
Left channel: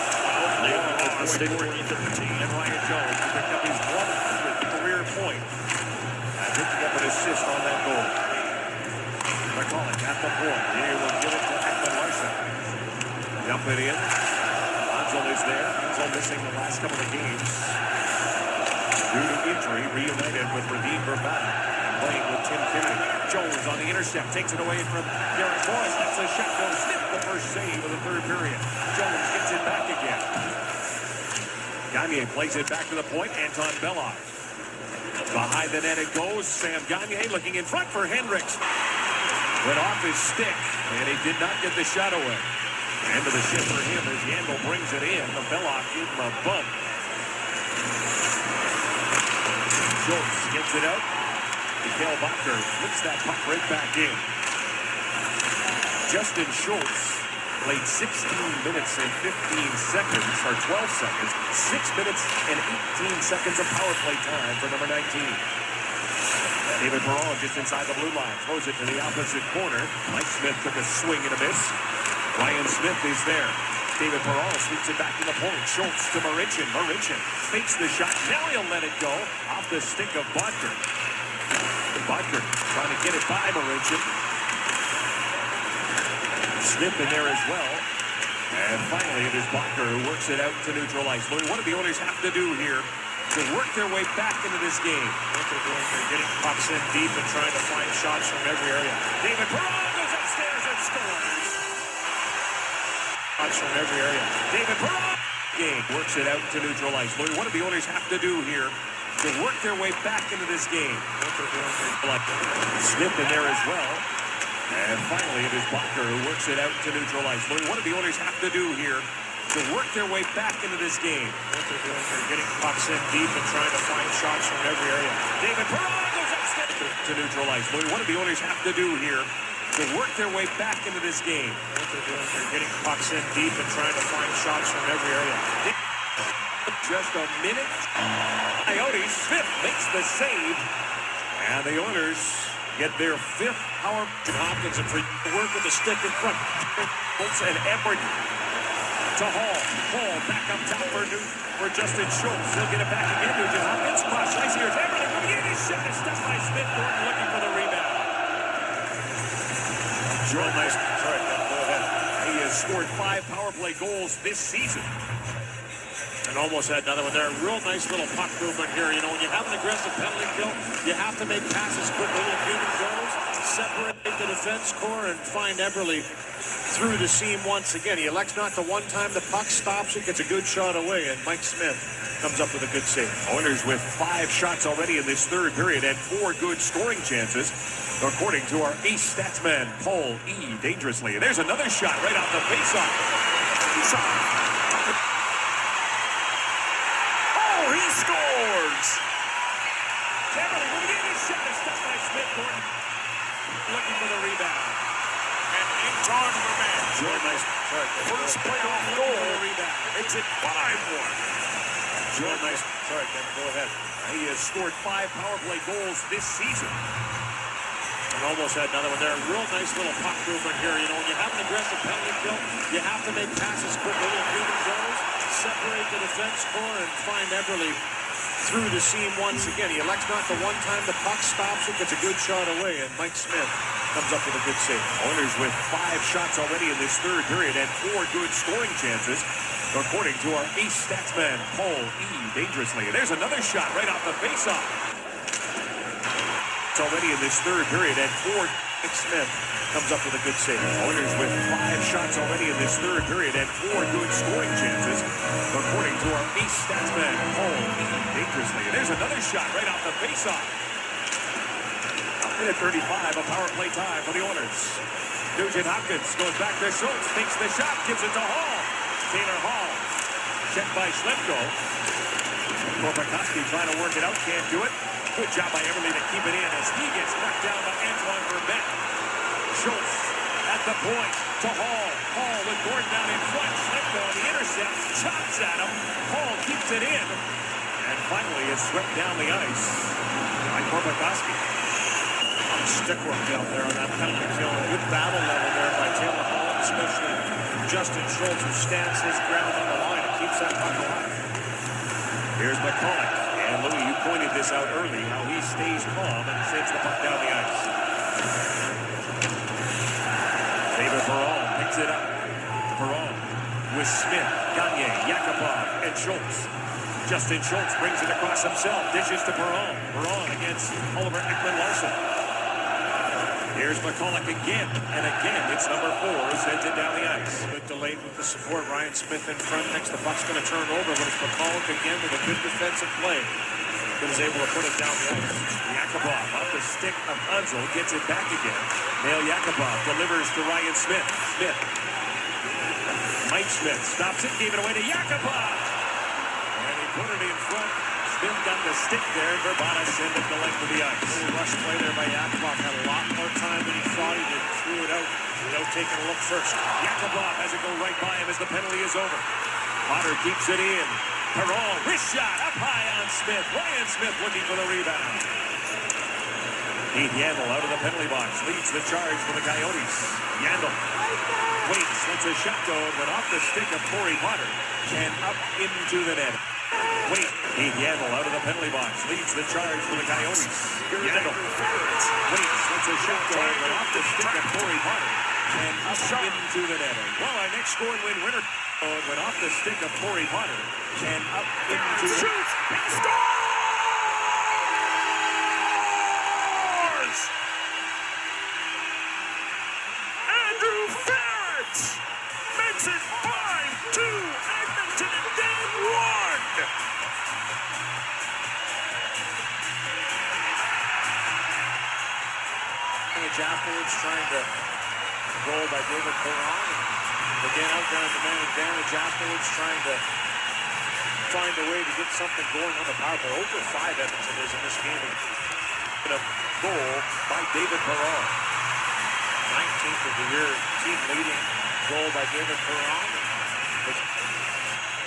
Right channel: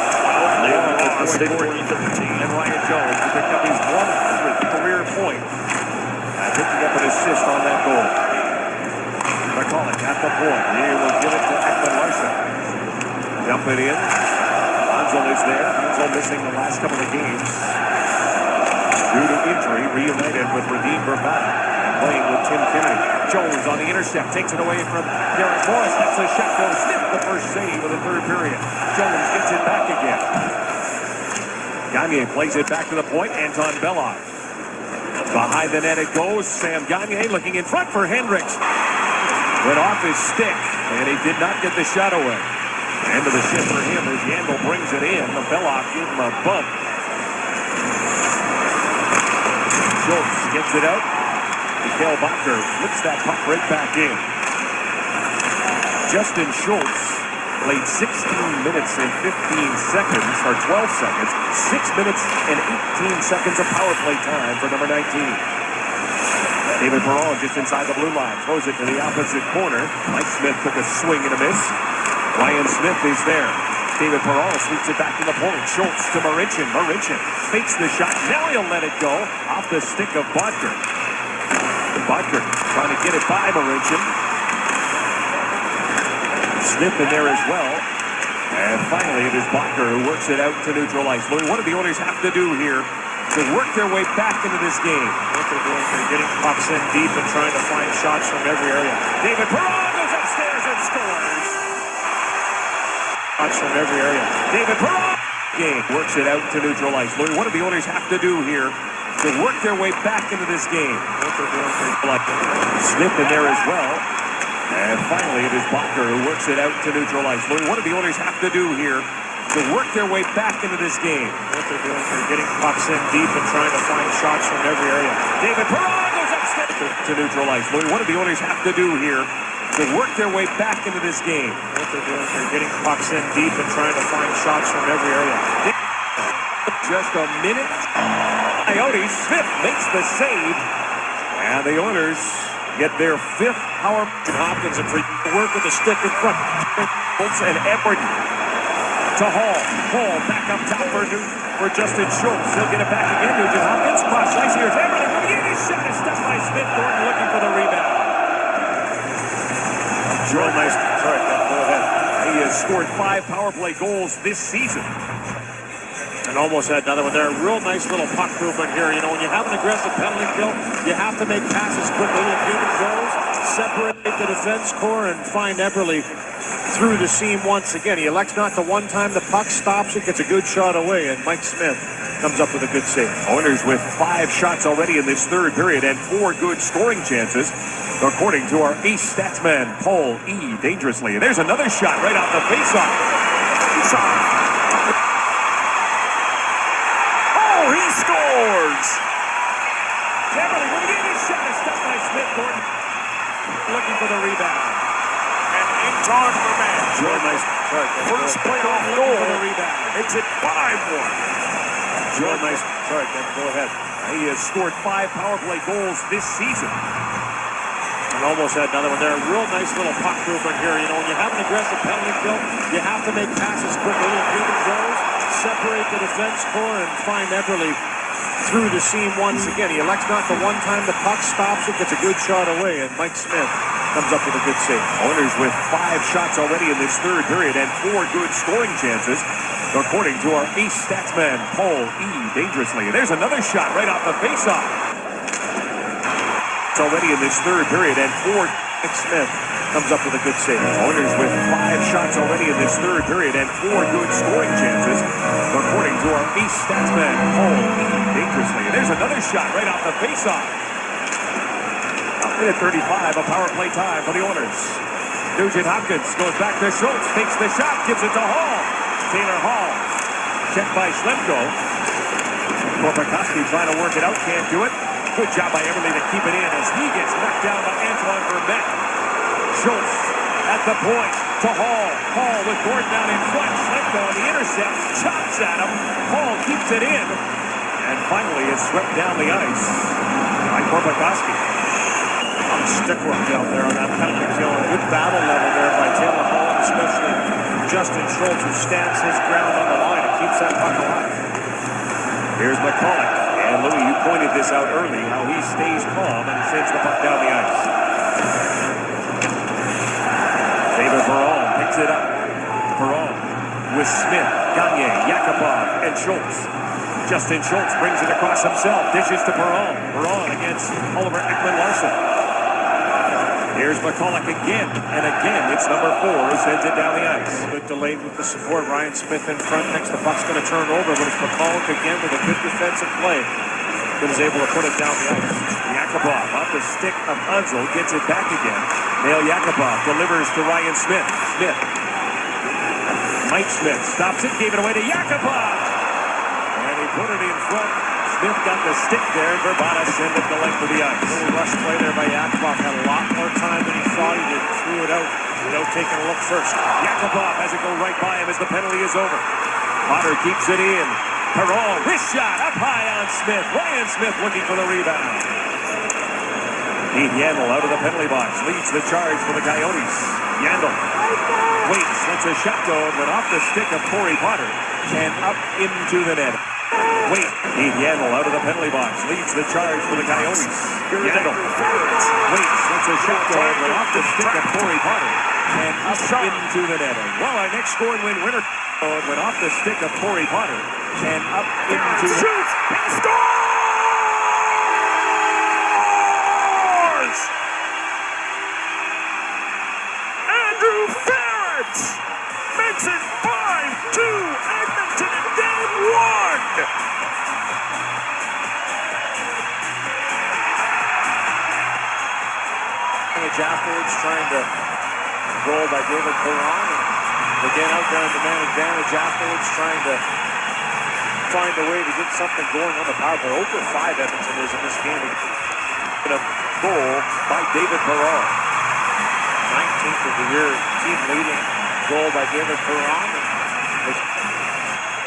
Lost in 2013. And Ryan Jones to pick up his 100th career point. Picking up an assist on that goal. McCulloch at the point. He will give it to Ekman Larson. Dump it in. Hanzel is there. Hanzel missing the last couple of games due to injury. Reunited with Radim Bravada. Playing with Tim Kennedy. Jones on the intercept. Takes it away from Derek Morris. That's a shot goes. Smith the first save of the third period. Jones gets it back again. Gagne plays it back to the point. Anton Belloff. Behind the net it goes. Sam Gagne looking in front for Hendricks. Went off his stick, and he did not get the shot away. End of the shift for him as Yandel brings it in. The Belloff gave him a bump. Schultz gets it out. Mikhail Bakker flips that puck right back in. Justin Schultz played 16 minutes and 15 seconds, or 12 seconds, 6 minutes and 18 seconds of power play time for number 19. David Perron just inside the blue line, throws it to the opposite corner. Mike Smith took a swing and a miss. Ryan Smith is there. David Perron sweeps it back to the point. Schultz to Marincin. Marincin fakes the shot. Now he'll let it go off the stick of Bodker. Bodker trying to get it by Marincin. Smith in there as well. And finally, it is Bodker who works it out to neutral ice. Louis, what do the Oilers have to do here to work their way back into this game. What they're doing, they're getting pucks in deep and trying to find shots from every area. David Perron goes upstairs and scores. Shots from every area. David Perron game works it out to neutral ice. What do the Oilers have to do here to work their way back into this game? What they're doing, they're Like Smith in there as well. And finally, it is Bacher who works it out to neutral ice. What do the Oilers have to do here to work their way back into this game? What they're doing, they're getting pucks in deep and trying to find shots from every area. David Perron goes upstairs to neutral ice. What do the Oilers have to do here to work their way back into this game? What they're doing, they're getting pucks in deep and trying to find shots from every area. Just a minute. Coyotes, Smith makes the save. And the Oilers get their 5th power. Hopkins and free work with the stick in front. Schultz and Edward to Hall. Hall back up top for Justin Schultz. He'll get it back again. Nugent Hopkins cross ice. Here's Edward. His shot is stopped by Smith. Thornton looking for the rebound. Joel Nice. Sorry, go ahead. He has scored 5 power play goals this season. And almost had another one there. Real nice little puck movement here. You know, when you have an aggressive penalty kill, you have to make passes quickly. If Newman goes, separate the defense core and find Eberle through the seam once again. He elects not to one time. The puck stops it, gets a good shot away, and Mike Smith comes up with a good save. Oilers with 5 shots already in this 3rd period and 4 good scoring chances, according to our ace statsman, Paul E. Dangerously. And there's another shot right off the faceoff. Oh, he scores! Eberle, when he gave his shot, is stopped by Smith. Thornton looking for the rebound. And Anton Vermette. Real nice. First plate off goal for the rebound. Makes it 5-1. Real nice. Sorry, Ken, go ahead. He has scored 5 power play goals this season. And almost had another one there. Real nice little puck movement here. You know, when you have an aggressive penalty kill, you have to make passes quickly. If Newman goes, separate the defense core and find Eberle through the seam once again. He elects not to one time. The puck stops it, gets a good shot away, and Mike Smith comes up with a good save. Oilers with 5 shots already in this 3rd period and 4 good scoring chances, according to our ace statsman, Paul E. Dangerously. And there's another shot right off the faceoff. It's already in this 3rd period and 4. Mike Smith comes up with a good save. Oilers with 5 shots already in this 3rd period and 4 good scoring chances, according to our ace statsman, Paul E. Dangerously. And there's another shot right off the faceoff. At 35, a power play time for the Oilers. Nugent Hopkins goes back to Schultz, takes the shot, gives it to Hall. Taylor Hall, checked by Schlemko. Korpikoski trying to work it out, can't do it. Good job by Eberle to keep it in as he gets knocked down by Antoine Vermette. Schultz at the point to Hall. Hall with Gordon down in front. Schlemko on the intercept, chops at him. Hall keeps it in. And finally is swept down the ice by Korpikoski. Stick work out there on that penalty kill. A good battle level there by Taylor Hall, and especially Justin Schultz, who stands his ground on the line and keeps that puck alive. Here's McCulloch. And Louis, you pointed this out early, how he stays calm and sends the puck down the ice. David Perron picks it up. Perron with Smith, Gagne, Yakupov, and Schultz. Justin Schultz brings it across himself, dishes to Perron. Perron against Oliver Ekman-Larsson. Here's McCulloch again, and again, it's number 4 who sends it down the ice. Good delayed with the support. Ryan Smith in front. Next, the puck's going to turn over, but it's McCulloch again with a good defensive play that is able to put it down the ice. Yakupov off the stick of Unsel, gets it back again. Nail Yakupov delivers to Ryan Smith. Smith. Mike Smith stops it, gave it away to Yakupov. And he put it in front. Smith got the stick there. Verbata sent it the length of the ice. A little rush play there by Yakupov. Had a lot more time than he thought he did. Threw it out without taking a look first. Yakupov has it go right by him as the penalty is over. Potter keeps it in. Perron, wrist shot up high on Smith. Ryan Smith looking for the rebound. Dean Yandel out of the penalty box. Leads the charge for the Coyotes. Yandel waits. Lets a shot go, but off the stick of Corey Potter and up into the net. Wait, Dave Yandel out of the penalty box. Leads the charge for the Coyotes. Yandel waits. It's a shot tag off the stick of Corey Potter. And up into the net. Well, our next score and win winner went off the stick of Corey Potter. And up into the net. He scores! Andrew Ferret makes it 5-2 Edmonton in game one. Afterwards, trying to goal by David Perron. Again, out there on the man advantage afterwards, trying to find a way to get something going on the power play. 0 for 5 Edmonton is in this game. And a goal by David Perron. 19th of the year, team leading goal by David Perron.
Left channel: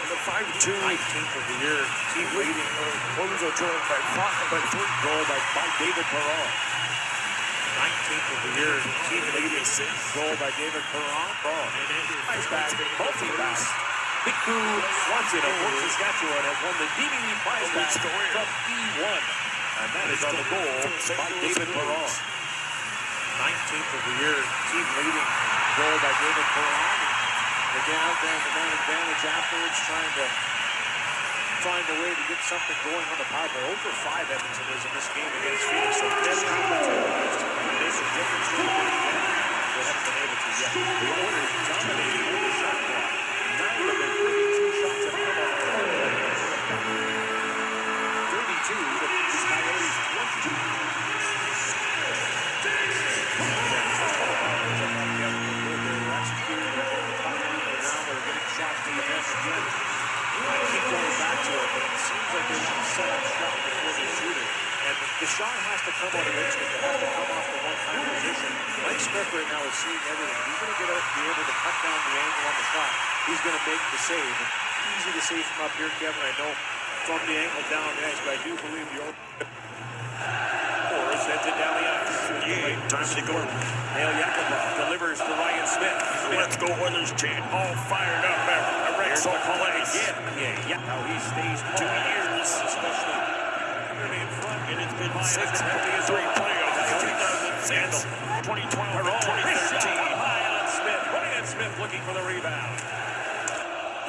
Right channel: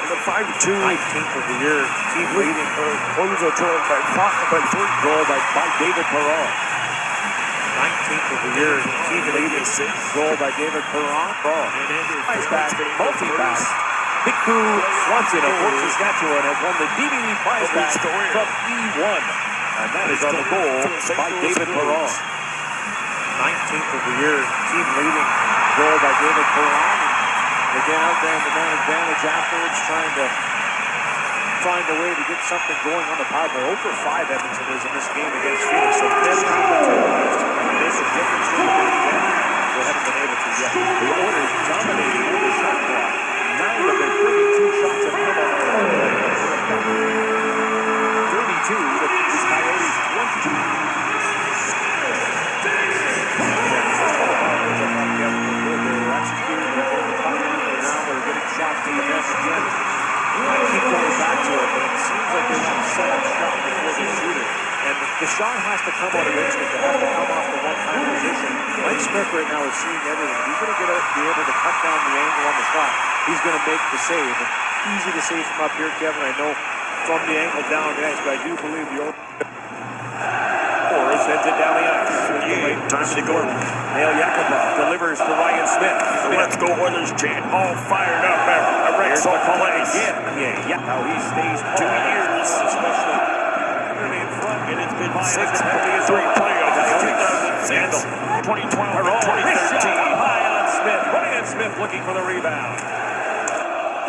The 5-2. 19th of the year, team leading Close a turn by 3 goal by David Perron. 19th of the year, team leading goal by David Perron. Nice back, multi-back. Phenix Coyotes of Fort Saskatchewan has won the DVD prize back from E1. And that is on the goal by David Perron. 19th of the year, team leading goal by David Perron. Again, out there in the man advantage afterwards, trying to find a way to get something going on the power play. 0 for 5 Edmonton is in this game against Phoenix. So many opportunities to make a difference in the game. They haven't been able to yet. The Oilers dominating with the shot clock. 9 of their 32 shots have come on the 32 to the Coyotes 20. Shots from the bench again. I keep going back to it, but it seems like there's some set-up shot before they shoot it. And the shot has to come out eventually. It has to come off the one-time position. Mike Smith right now is seeing everything. He's going to be able to cut down the angle on the shot. He's going to make the save. Easy to save from up here, Kevin. I know from the angle down the ice, but I do believe the Oilers sent it down the ice. Time to go. Neil Yakupov delivers to Ryan Smith. Let's go Oilers chant. All fired up. Here's McCullough again. Yeah, how he stays 2 years, especially early in front. And it's been 6-3 playoffs. 2012 and 2013. High on Smith. Ryan Smith looking for the rebound.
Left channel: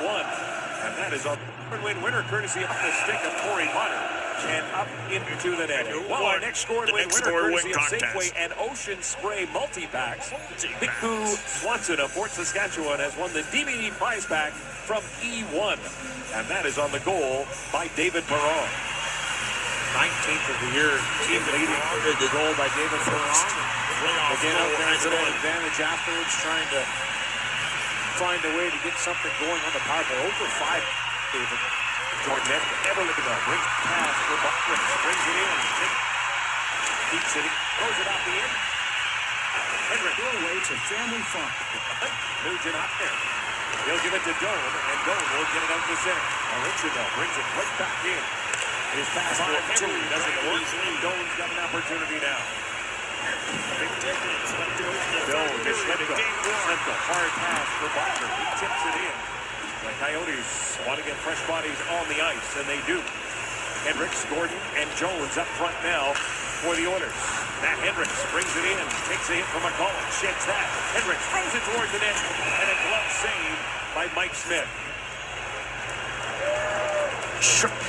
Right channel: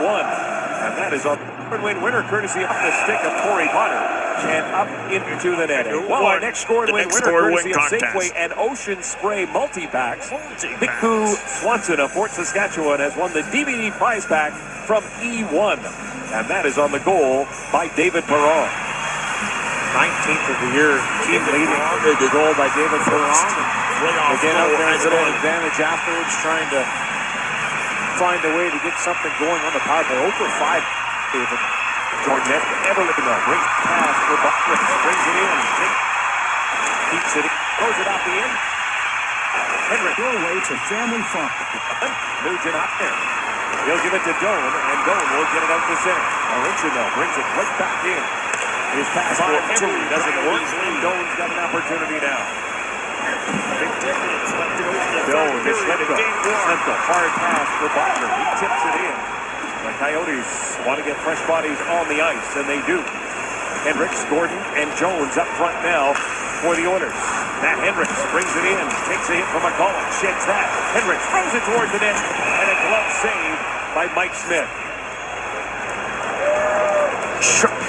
1. And that is a win winner courtesy of the stick of Corey Potter. And up into the net. Well, our next score and win winner courtesy of Safeway and Ocean Spray multi-packs. Phenix Swanson of Fort Saskatchewan has won the DVD prize pack from E1. And that is on the goal by David Perron. 19th of the year, team leading the goal by David Perron. Again, out there as an advantage afterwards, trying to find a way to get something going on the power play. 0 for 5, David. Jordan Everett, great pass for Buckner. Brings it in. Keeps it. Throws it out the end. Henrik. Your way to family fun. Nugent out there. He'll give it to Doan, and Doan will get it out to center. Original brings it right back in. His pass for Henry doesn't work. Doan's got an opportunity now. 15 minutes left to go. Doan to Schlemko. Hard pass for Buckner. He tips it in. The Coyotes want to get fresh bodies on the ice, and they do. Hendricks, Gordon, and Jones up front now for the Oilers. Matt Hendricks brings it in, takes a hit from McCullough, shakes that. Hendricks throws it towards the net, and a glove save by Mike Smith.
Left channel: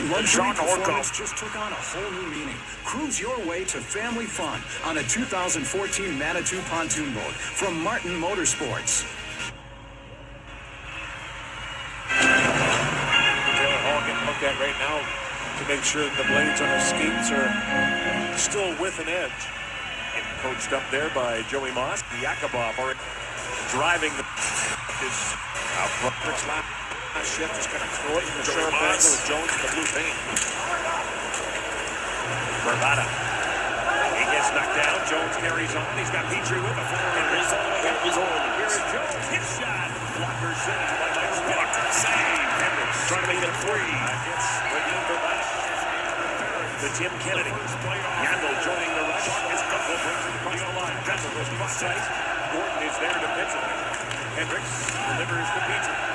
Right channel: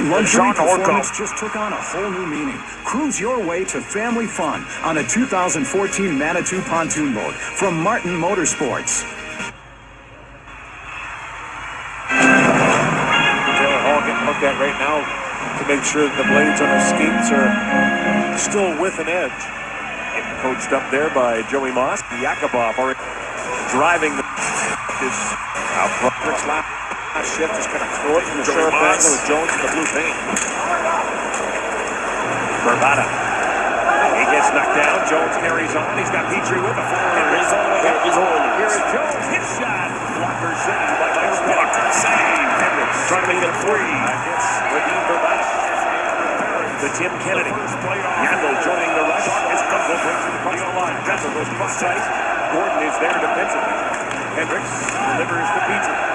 Luxury performance just took on a whole new meaning. Cruise your way to family fun on a 2014 Manitou pontoon boat from Martin Motorsports. Taylor Hall getting looked at right now to make sure that the blades on his skates are still with an edge. Getting coached up there by Joey Moss. Yakupov already driving this out front. Last shift is going to throw it through the sharp angle with Jones in the blue paint. Bravada. He gets knocked down. Jones carries on. He's got Petrie with him. Carries on. Here is Jones. Hit shot. Blocker save by Mike Smith. Blocker save. Hendricks trying to make it 3. Hits Raheem Bravada. To Tim Kennedy. Yandel joining the rush. His couple brings it across the line. Kessel goes cross ice. Gordon is there defensively. Hendricks delivers to Petrie.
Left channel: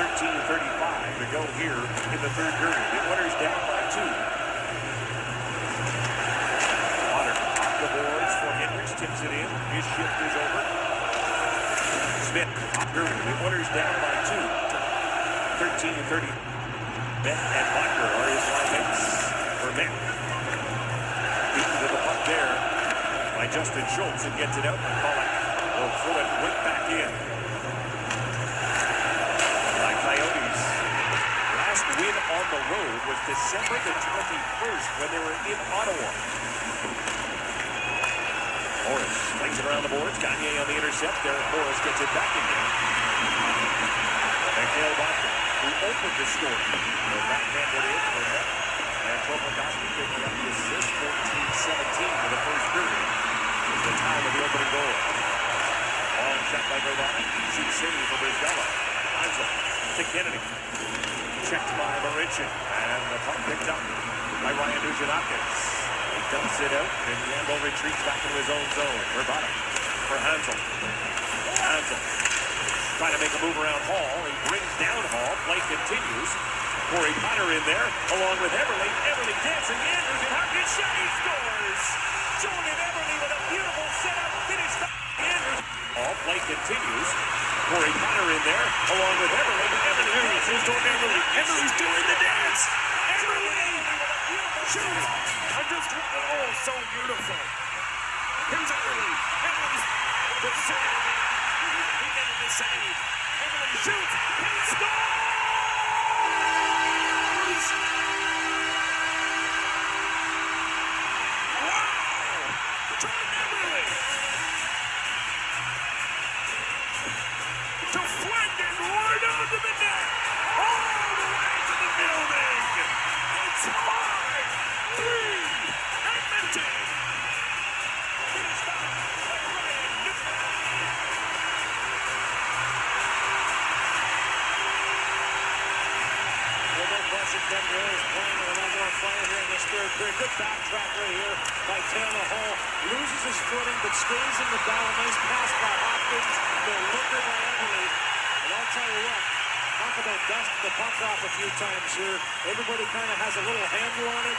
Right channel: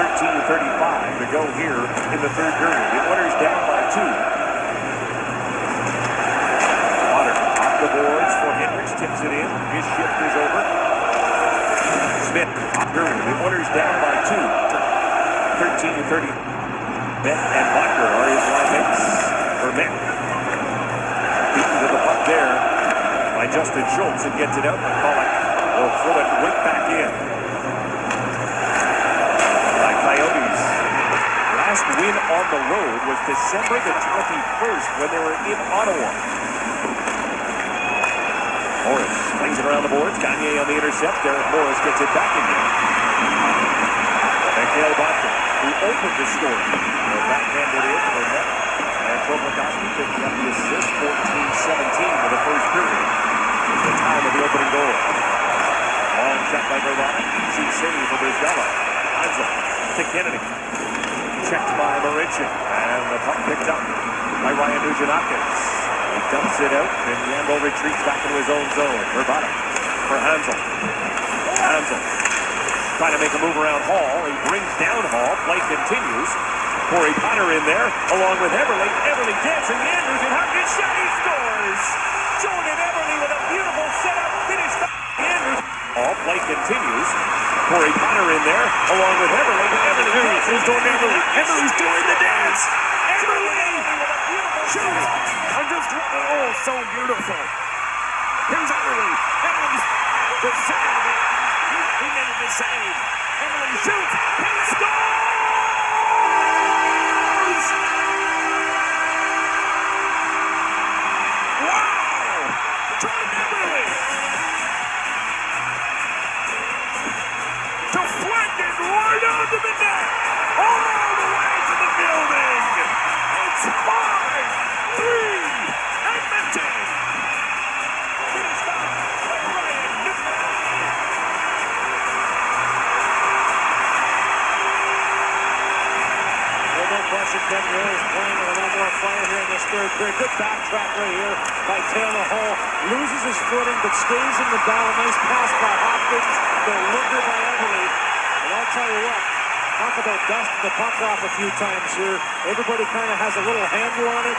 13:35 to go here in the third period. The Oilers down by 2. Otter off the boards for Hendricks, tips it in. His shift is over. Smith, period. The Oilers down by 2. 13:30. Beck and Bucker are his line mates. For Beck. Beaten to the puck there by Justin Schultz and gets it out. McCulloch will throw it right back in. The Coyotes. Last win on the road was December the 21st when they were in Ottawa. Morris flings it around the boards. Gagne on the intercept. Derek Morris gets it back again. Mikhail Botkin, who opened the score. Backhanded in for net. And Kovalkovsky picking up the assist. 14-17 for the first period. It's the time of the opening goal. Long shot by Gravano. Easy save for Brisbella. Hansel to Kennedy. Checked by Marincin. And the puck picked up by Ryan Nugent-Hopkins. He dumps it out, and Yandel retreats back into his own zone. Gravano for Hansel. Hansel trying to make a move around Hall. He brings down Hall. Play continues. Corey Potter in there, along with Everly. Everly dancing. Andrews and Hopkins shot. He scores. Jordan Everly with a beautiful setup. Finish. Andrews. All play continues. Corey Potter in there, along with Everly. Everly dancing. Jordan Everly. Everly's doing the dance. Everly with a beautiful shot. I'm just, oh, so beautiful. Here's Everly. Everly's the save. He made the save. Everly shoots. He scores. Deflected right onto the net, all the way to the building. It's 5-3 Edmonton. Finished up by Ryan Nugent. No question, Kevin Hill is playing with a little more fire here in this third period. Good backtrack right here by Taylor Hall. Loses his footing, but stays in the dial. Nice pass by Hopkins. Delivered by Everly. And I'll tell you what, talk about dusting the puck off a few times here. Everybody kind of has a little handle on it.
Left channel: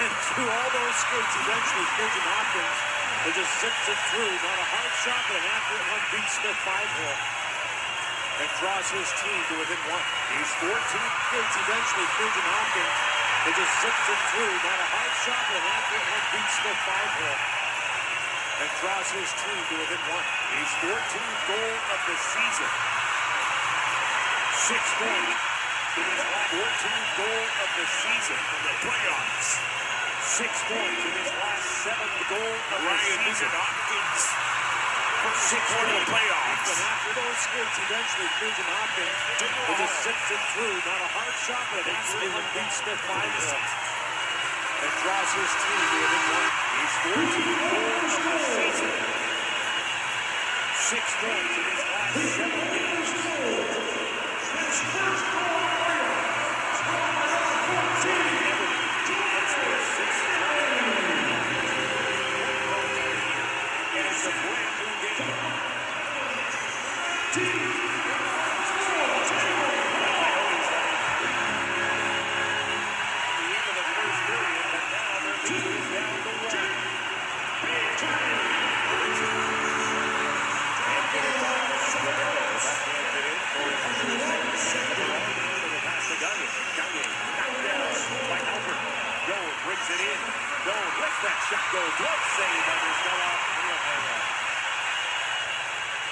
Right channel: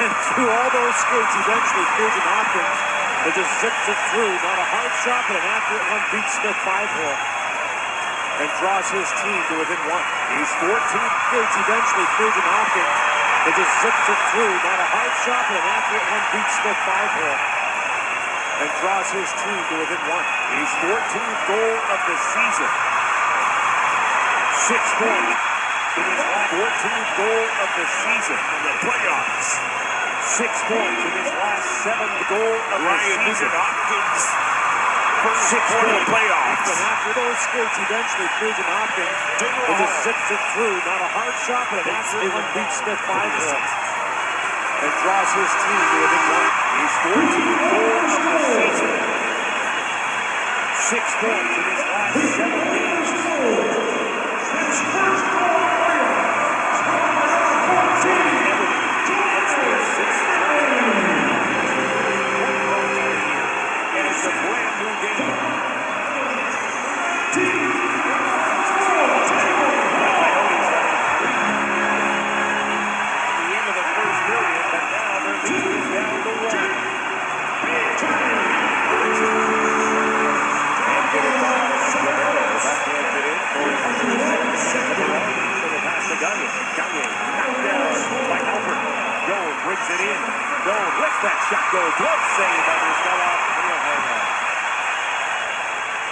And through all those skates, eventually, Nugent-Hopkins, they just zipped it through. Not a hard shot, but an accurate one. Beats Smith 5-hole. And draws his team to within 1. He's 14 skates eventually. Nugent-Hopkins, they just zipped it through. Not a hard shot, but an accurate one. Beats Smith 5-hole. And draws his team to within 1. His 14th goal of the season. 6 points. It is his 14th goal of the season in the playoffs. 6 points in his last 7th goal of the season. Hopkins. First 6 point playoffs. And after those skates, eventually Nugent-Hopkins will just zips it through. Not a hard shot, but an accurate one. Beats Smith 5-hole. And draws his team to within 1. His 14th goals of the season. 6 points in his last 7 games. And it's a brand new game.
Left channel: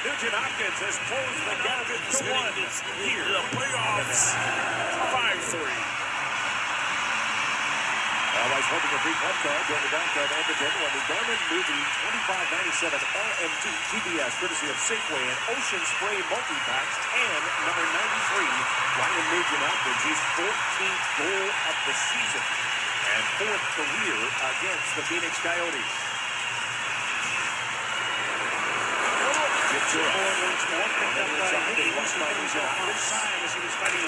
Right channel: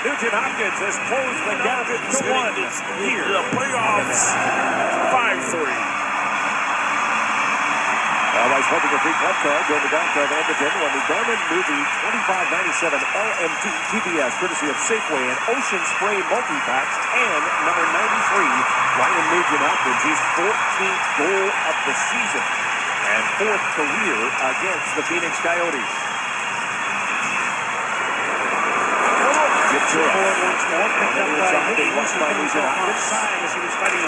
Nugent-Hopkins has closed the gap to 1 here. The playoffs, 5-3. Always hoping a free club card during the downtown Edmonton when the Garmin Movie 2597 LMT TBS, courtesy of Safeway and Ocean Spray Multi-Packs, and number 93, Ryan Nugent-Hopkins, his 14th goal of the season and 4th career against the Phenix Coyotes. Ventura once more picked up by Nugent-Hopkins.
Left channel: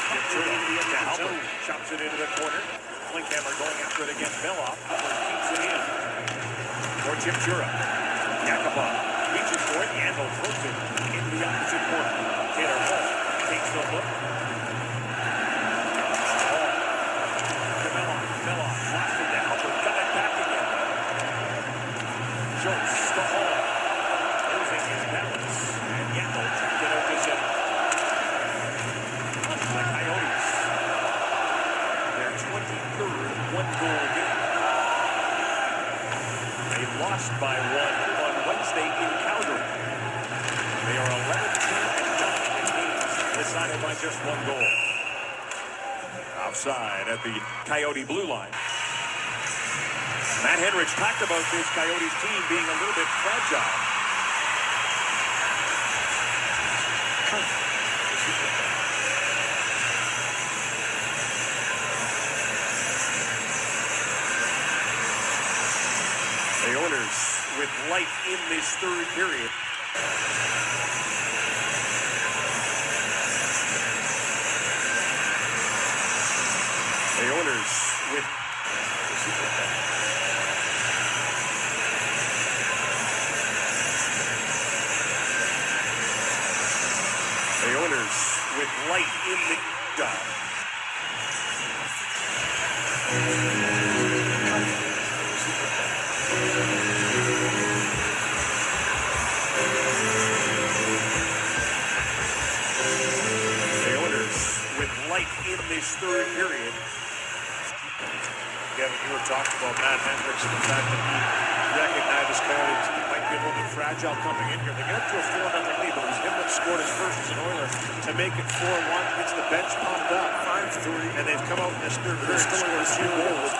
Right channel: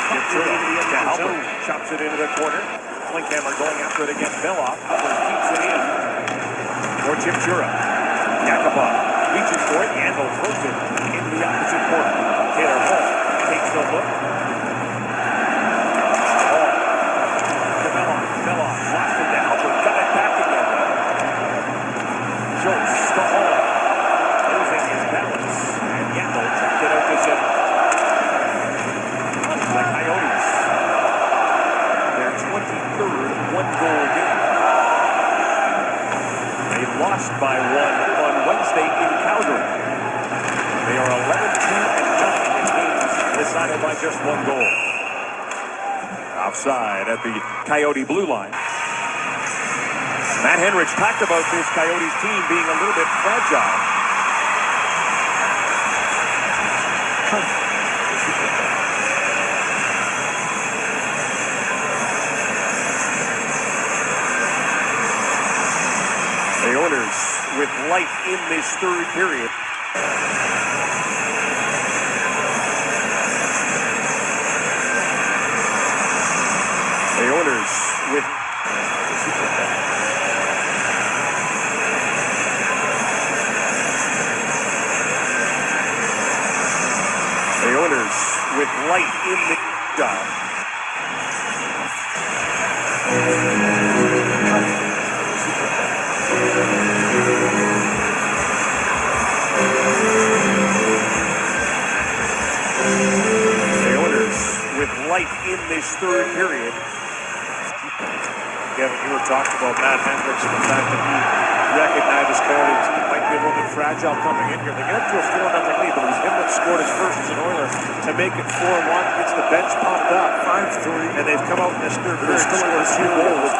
Ventura to help him, chops it into the corner. Klinkhammer going after it against Belloff. Keeps it in for Ventura. Yakupov reaches for it. Yandel throws it into the opposite corner. Taylor Hall takes the look. lost by 1 on Wednesday in Calgary. They are 11-2-9 in games decided by just 1 goal. Offside at the Coyote blue line. Matt Henrich talked about this Coyotes team being a little bit fragile. The Oilers with life in this third period. The Oilers with light in the job. The Oilers with light in this third period. Kevin, you were talking about Matt Hendricks and the fact that he recognized his Coyote team might be a little bit fragile coming in here. They get up to a 4-0 lead, but it was him that scored his first as an Oiler to make it 4-1. Gets the bench pumped up. 5-3. And they've come out in this third period and scored 2 goals.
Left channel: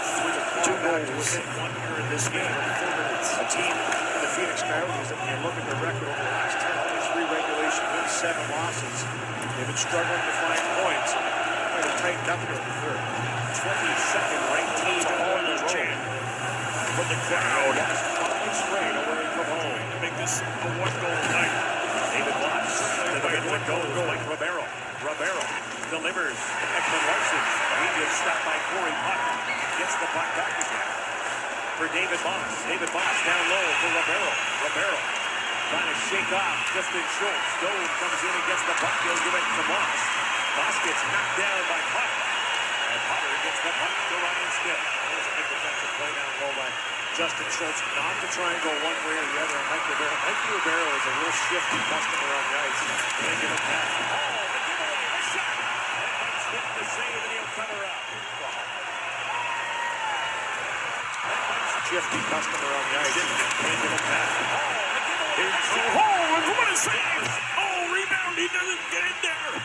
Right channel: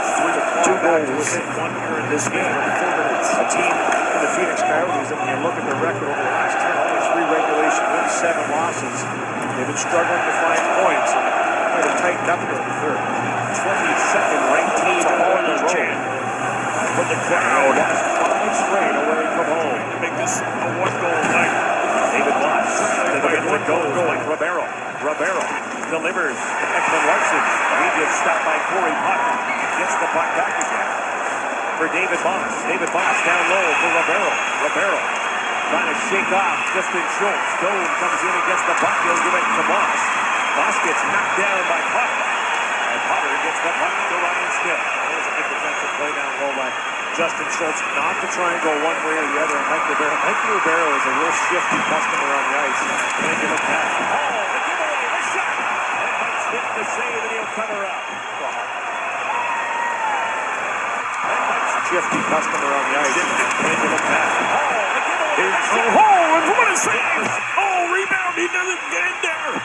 2 goals within 1 year in this game. A team in the Phenix Coyotes, and when you look at their record over the last 10, only 3 regulation wins, 7 losses. They've been struggling to find points, and they've tightened up here in the third. 22nd ranked team on the road. From the crowd, 5 straight away from home. Make this a 1-goal night. David Watts to the goal going. Rivero delivers to Ekman Larson. He gets stopped by Corey Puck. Gets the puck back again for David Moss. David Moss down low for Rivero trying to shake off Justin Schultz. Stone comes in and gets the puck. He'll give it to Moss. Moss gets knocked down by Puck. And Potter gets the puck to Ryan Smith. There's a big defensive play down low by Justin Schultz, not to try and go one way or the other. Mike Rivero is a real shifty customer on the ice. Going to give him pass. Oh, the giveaway, the shot. And Mike Smith the save, and he'll cover up. And Mike's a shifty customer on the ice. Going to give him pass. Oh, the giveaway. Oh, and what a save. Oh, rebound. He doesn't get in there.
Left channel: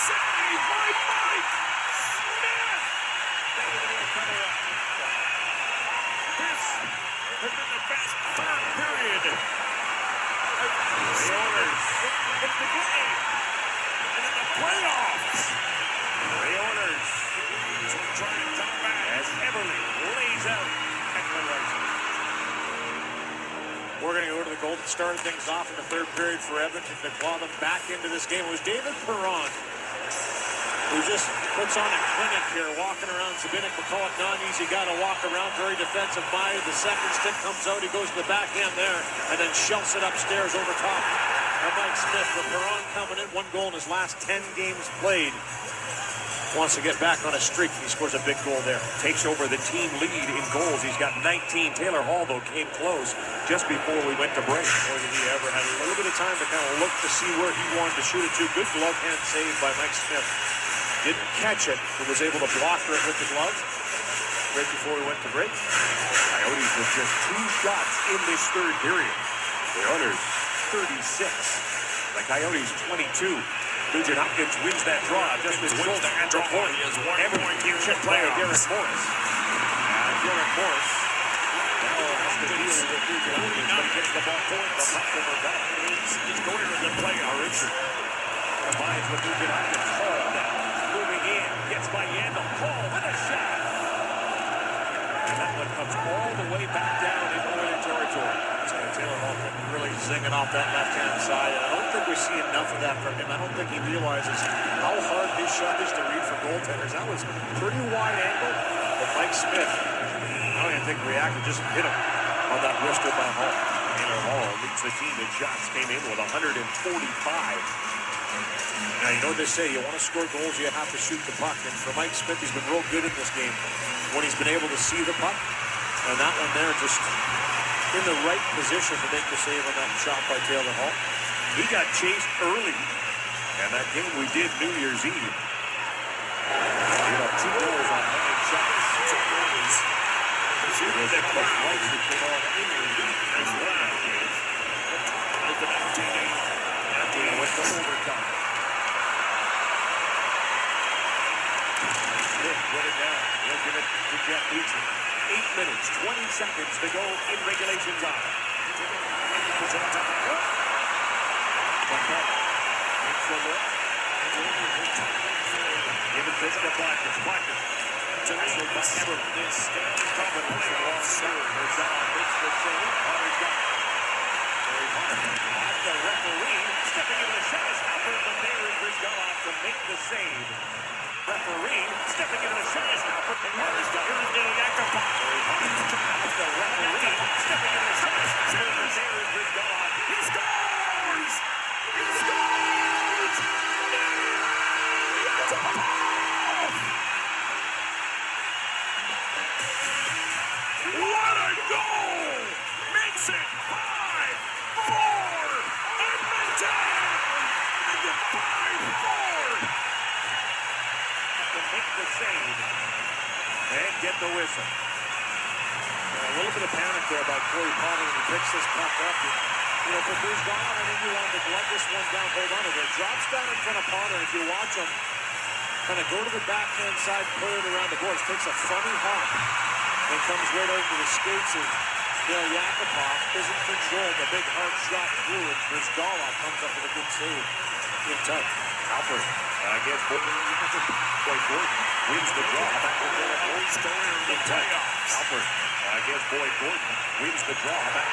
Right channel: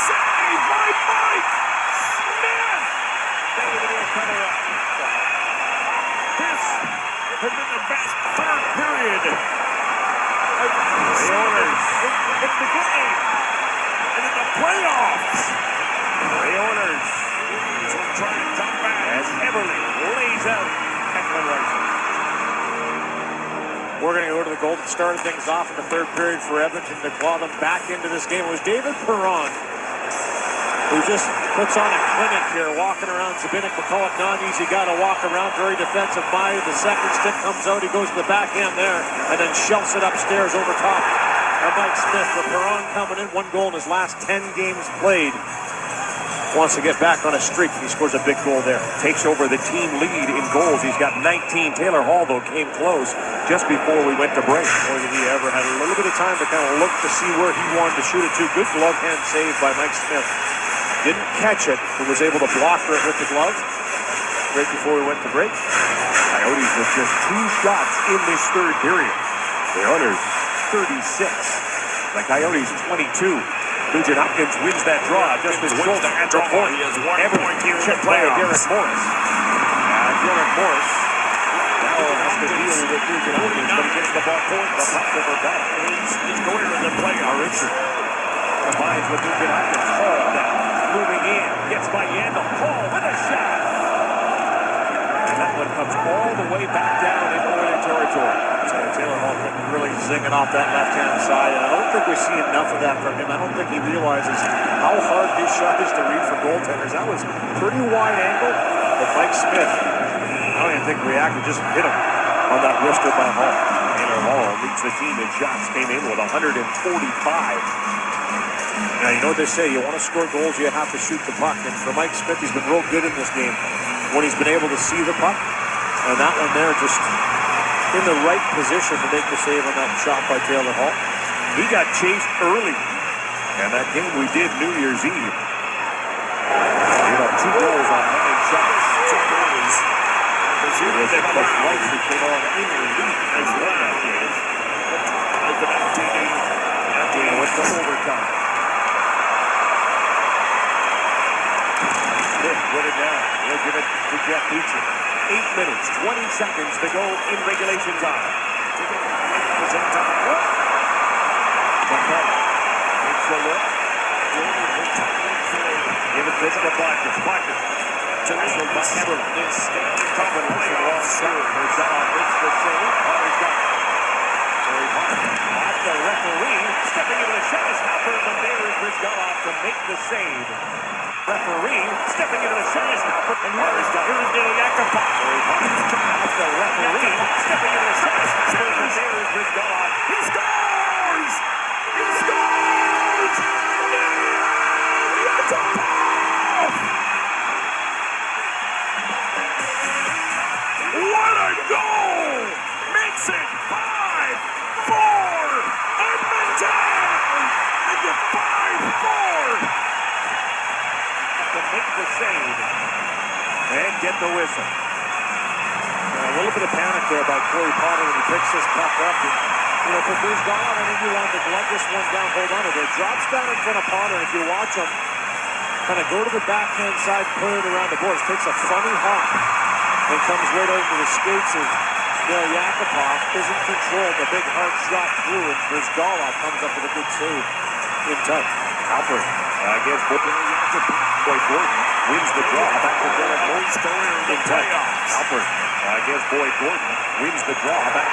Save by Mike Smith! This has been the best third period. The Oilers in the game and in the playoffs. The Oilers will try and come back as Everly lays out Ekman Larson. We're going to go to the Golden, started things off in the third period for Edmonton to claw them back into this game. It was David Perron who just puts on a clinic here, walking around Zbynek. We'll call it not easy guy to walk around, very defensive minded. The second stick comes out, he goes to the backhand there, and then shells it upstairs over top of Mike Smith. With Perron coming in, 1 goal in his last 10 games played. Wants to get back on a streak. He scores a big goal there. Takes over the team lead in goals. He's got 19. Taylor Hall, though, came close just before we went to break. Boy, did he ever had a little bit of time to kind of look to see where he wanted to shoot it to. Good glove hand save by Mike Smith. Didn't catch it, but was able to block it with the glove right before we went to break. Coyotes with just 2 shots in this third period. The Oilers, 36. The Coyotes, 22. Nugent Hopkins wins that draw just as Schultz at the point. Everyone checked by Derek Morris. Derek Morris now has to deal with Nugent Hopkins, but he gets the ball forward. The puck over back. He's going to the play. Richard combines with Nugent Hopkins. Hall now moving in. Gets by Yandel. Hall with a shot. And that one comes all the way back down in Oiler territory. Taylor Hall really zinging off that left-hand side, and I don't think we see enough of that from him. I don't think he realizes how hard his shot is to read for goaltenders. That was pretty wide angle, but Mike Smith, I don't even think reacted, just hit him on that wrister by Hall. Taylor Hall leads the team in shots, came in with 145. Now, you know what they say, you want to score goals, you have to shoot the puck, and for Mike Smith, he's been real good in this game when he's been able to see the puck, and that one there just in the right position to make the save on that shot by Taylor Hall. He got chased early, and that game we did New Year's Eve. He got 2 goals on 9 shots. time. Smith with it now. He'll give it to Jeff Beecher. 8 minutes, 20 seconds to go in regulation time. Takes the look. Give it to Barker. Barker. Tackled by Everett. Confidence in the wrong side. Herzog hits the save. Harder's got it. Very hard. Off the referee. Stepping into the shot is Halpern, but there is Herzog to make the save. Referee stepping into the shot is Halpern, and Harder's got it. Here's the Yakupov. Very hard. Off the referee. Stepping into the shot is Halpern, and there is Herzog. He scores! He scores! What a goal! Makes it 5-4! Edmonton! Make it 5-4! To make the save and get the whistle. A little bit of panic there by Corey Potter when he picks this puck up. And, if it goes down, I think you want to glove this one down, hold on to it. It drops down in front of Potter, and if you watch him, kind of go to the backhand side, pull it around the boards, takes a funny hop, and comes right over the skates of Yakupov. Isn't controlled, a big hard shot through, and Brizgalov comes up with a good save in touch. Alfred against Boyd Gordon, wins the draw, back to Derek Morris in touch. Alfred against Boyd Gordon, wins the draw, back.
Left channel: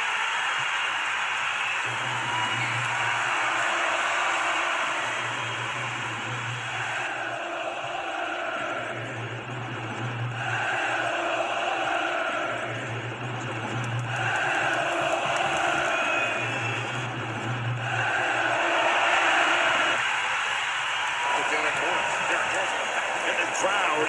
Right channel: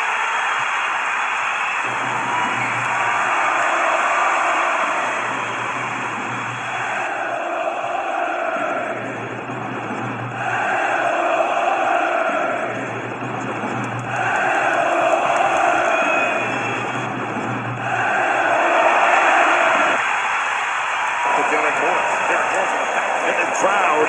Crowd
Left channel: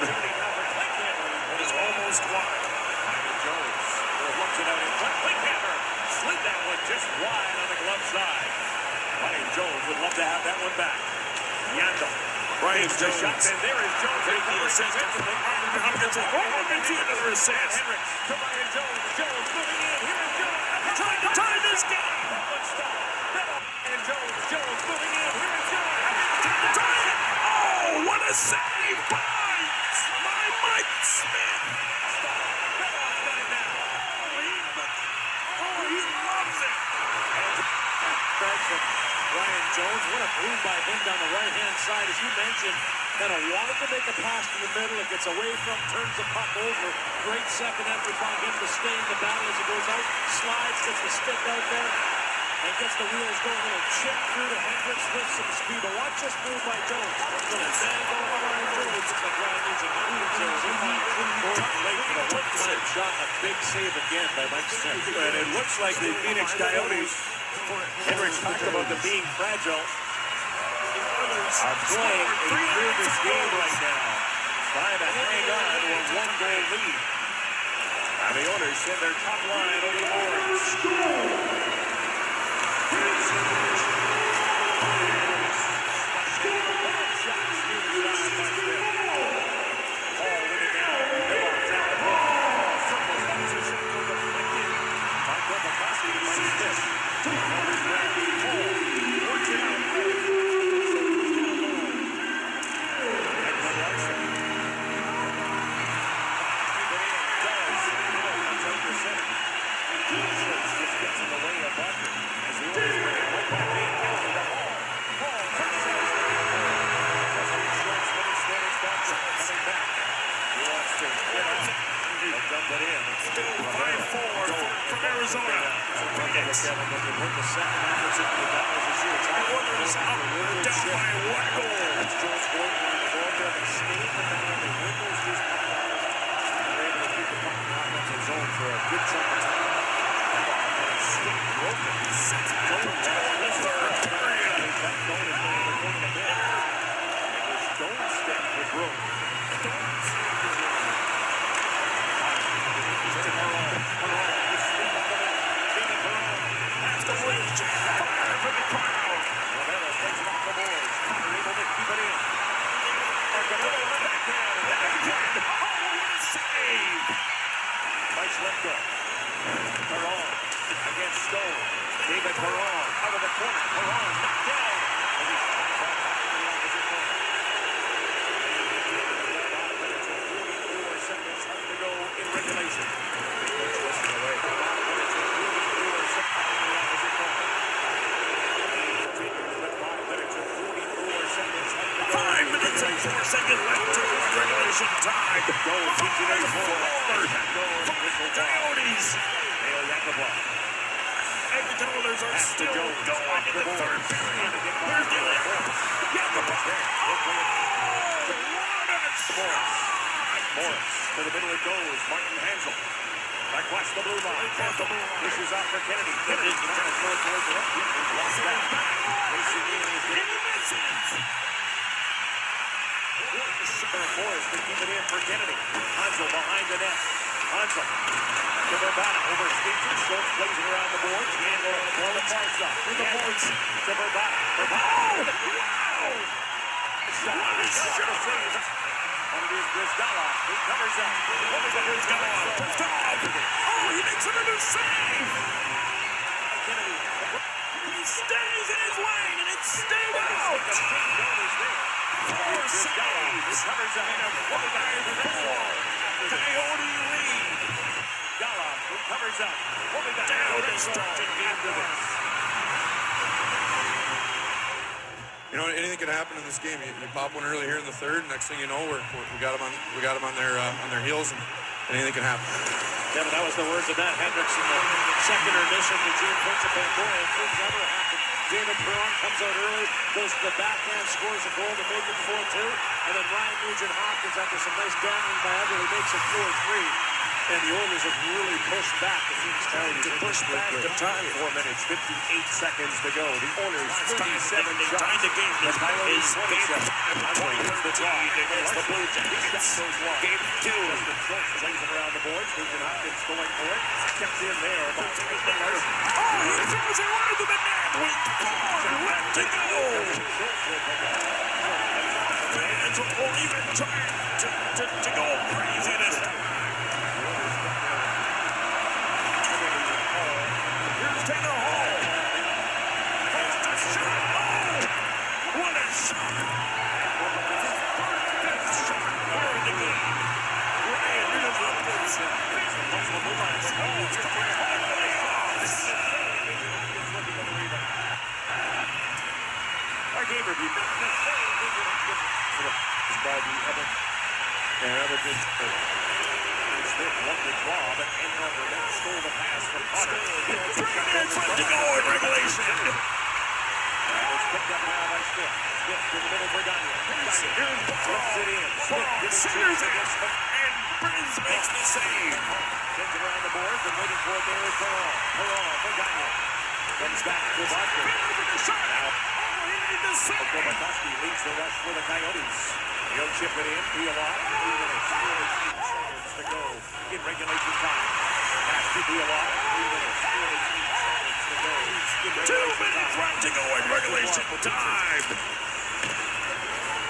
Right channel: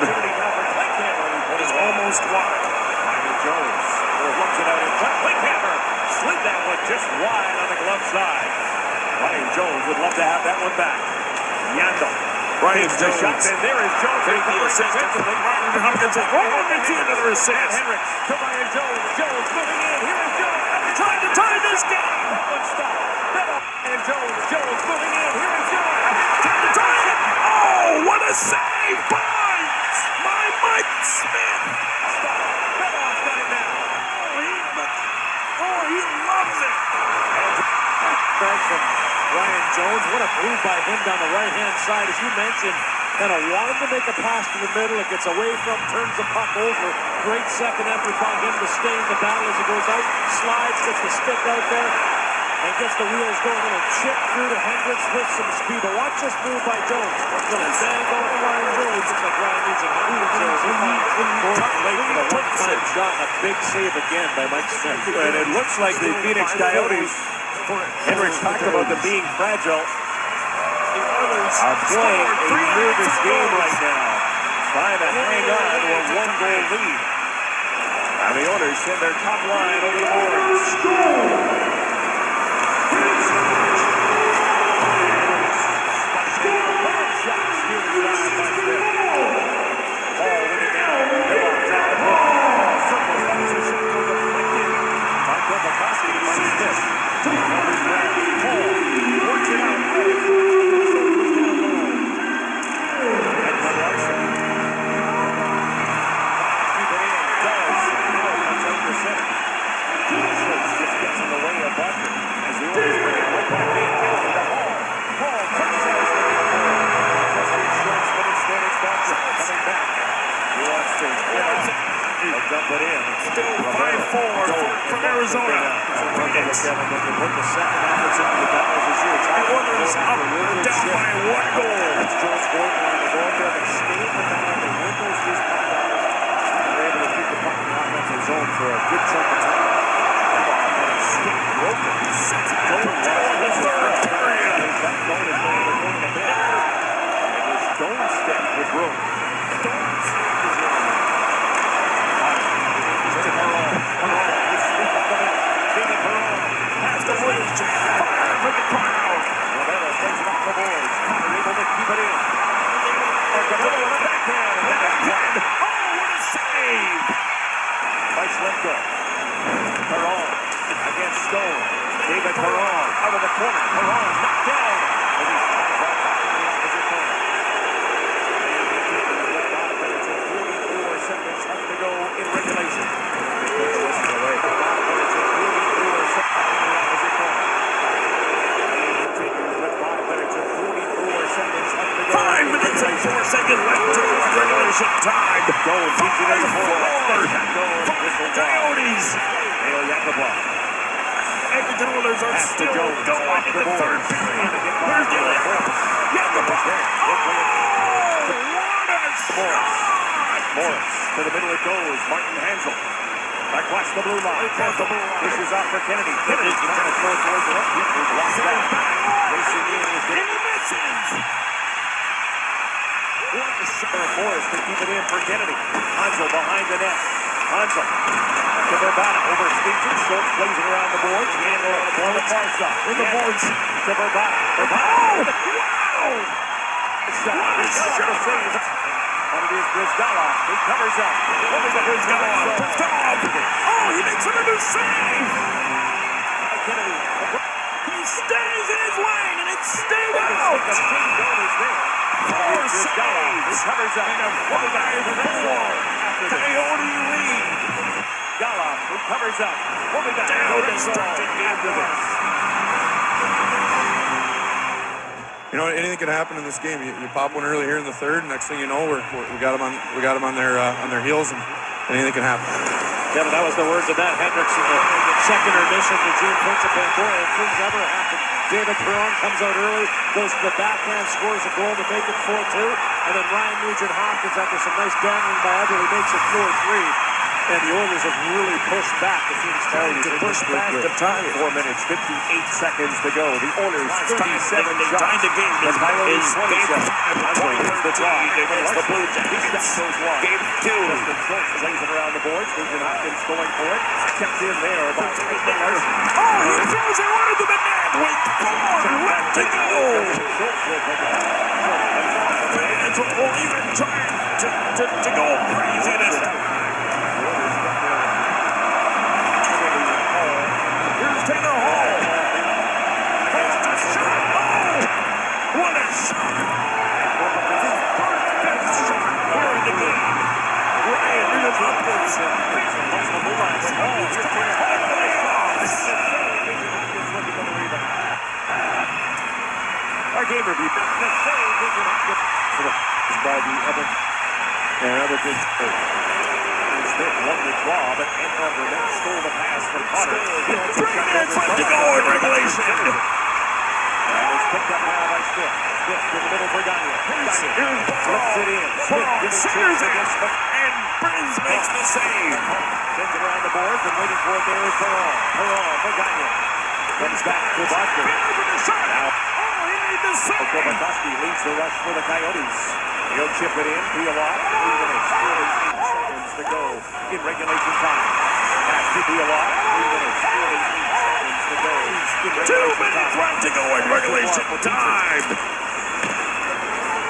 is almost wide. Miami Jones looks it out in front. Linkhammer slid that one just wide on the glove side. Ryan Jones would love to have that one back. Yandel Ryan Jones. Shot, and there is Jones. Taking the assist. Hopkins will roll into another assist. Henrik to Ryan Jones. Jones moving in. Here is Jones. Trying to tie this game. That one stopped. And Jones. Jones moving in. Here is Jones. Trying to tie it. Oh, what a save by Mike Smith. Bedoff got it now. Oh, he loves it. Back from Ryan Jones. What a move by him down the right-hand side. As you mentioned, kind of wanted to make a pass to the middle. It gets away from, turns the puck over. Great second effort by him to stay in the battle as he goes out. Slides, gets the stick out there, and gets the wheels going. A little chip through to Hendricks with some speed. But watch this move by Jones. Little bang over Ryan Jones. Looks like Ryan needs a move. A one-time shot and a big save again by Mike Smith. And it looks like the Phenix Coyotes, Hendricks talked about them being fragile, are playing a nervous game right now, trying to hang on to a one-goal lead. And the Oilers send their top line over the boards. Still 5-4 from Arizona. Phoenix. The Oilers up, down by 1 goal. Jones going on the board there, but staying the battle. They win those two puck battles. They're able to keep the puck in the offensive zone for a good chunk of time. Stick broken. Sets it up in the third period. That goal is going to go to bed. And his stone step with room. Stone step with room. Has the lead. Fire for the crowd. Romero takes it off the boards. Connor able to keep it in. Romero on the backhand. Oh, what a save by Schlemko. regulation time. Goal, Coyotes. Neil Yakubov. Edmonton Oilers are still going in the third period. Here's the Yakubov. Oh, what a shot! Morris to the middle it goes. Martin Hansel. Across the blue line. Pushes out for Kennedy. Kennedy trying to throw towards the left. He's lost back. Racing in. He misses. Morris can keep it in for Kennedy. Hansel behind the net. Hansel to Verbata over Stevens. Schultz plays it around the boards. Handle on the far side. In the boards to Verbata. Wow! Shot. And it is Brizgala. He covers up. What is that? Brizgala. Oh, he makes another save. Kennedy. He stays in his lane, and it stayed out. 4 saves. Covers up. And a 5-4 Coyote lead. Gala, who covers up. We'll be back. Down and starting after this. You know, anything can happen in this game. You pop one early here in the third, and next thing you know, we got them on their heels, and anything can happen. Kevin, that was the words of Matt Hendrickson. Second remission to Gene Principe. Boy, it could never happen. David Perron comes out early, goes to the backhand, scores a goal to make it 4-2, and then Ryan Nugent-Hopkins, after some nice gambling by Edmonton, makes it 4-3. And the Oilers have really pushed back the Phenix Coyotes. To push back the time. 4 minutes, 58 seconds to go. The Oilers 37 shots. Time to game The Coyotes is game 5. 20 It's the tie against the Blue Jackets. Game 2. Justin Schultz plays it around the boards. Nugent Hopkins going for it. Kept in there by Mars. Oh, he throws it right into the net. With 4 left to go. Fans won't even try to go crazy this time. Here's Taylor Hall. First a shot. Oh, what a shot. His fifth shot here in the game. Ryan Nugent-Hopkins. Our game review. By the Edmonton. And another big goal. Smith won the draw, but Edmonton Burnett stole the pass from Potter. 3 minutes left to go in regulation. And it's picked up now by Smith. Smith to the middle for Gagne. Flips it in. Smith Centers it. And Burns makes the save. Sends it around the boards and waiting for it there is Perron. Perron for Gagne. Comes back to Boston. Now, Kovakovsky leads the rush for the Coyotes. He'll chip it in. Pialot. 3 minutes. 48 seconds to go in regulation time. Pass to Pialot. 3 minutes. 48 seconds to go. 2 minutes left to go in regulation time.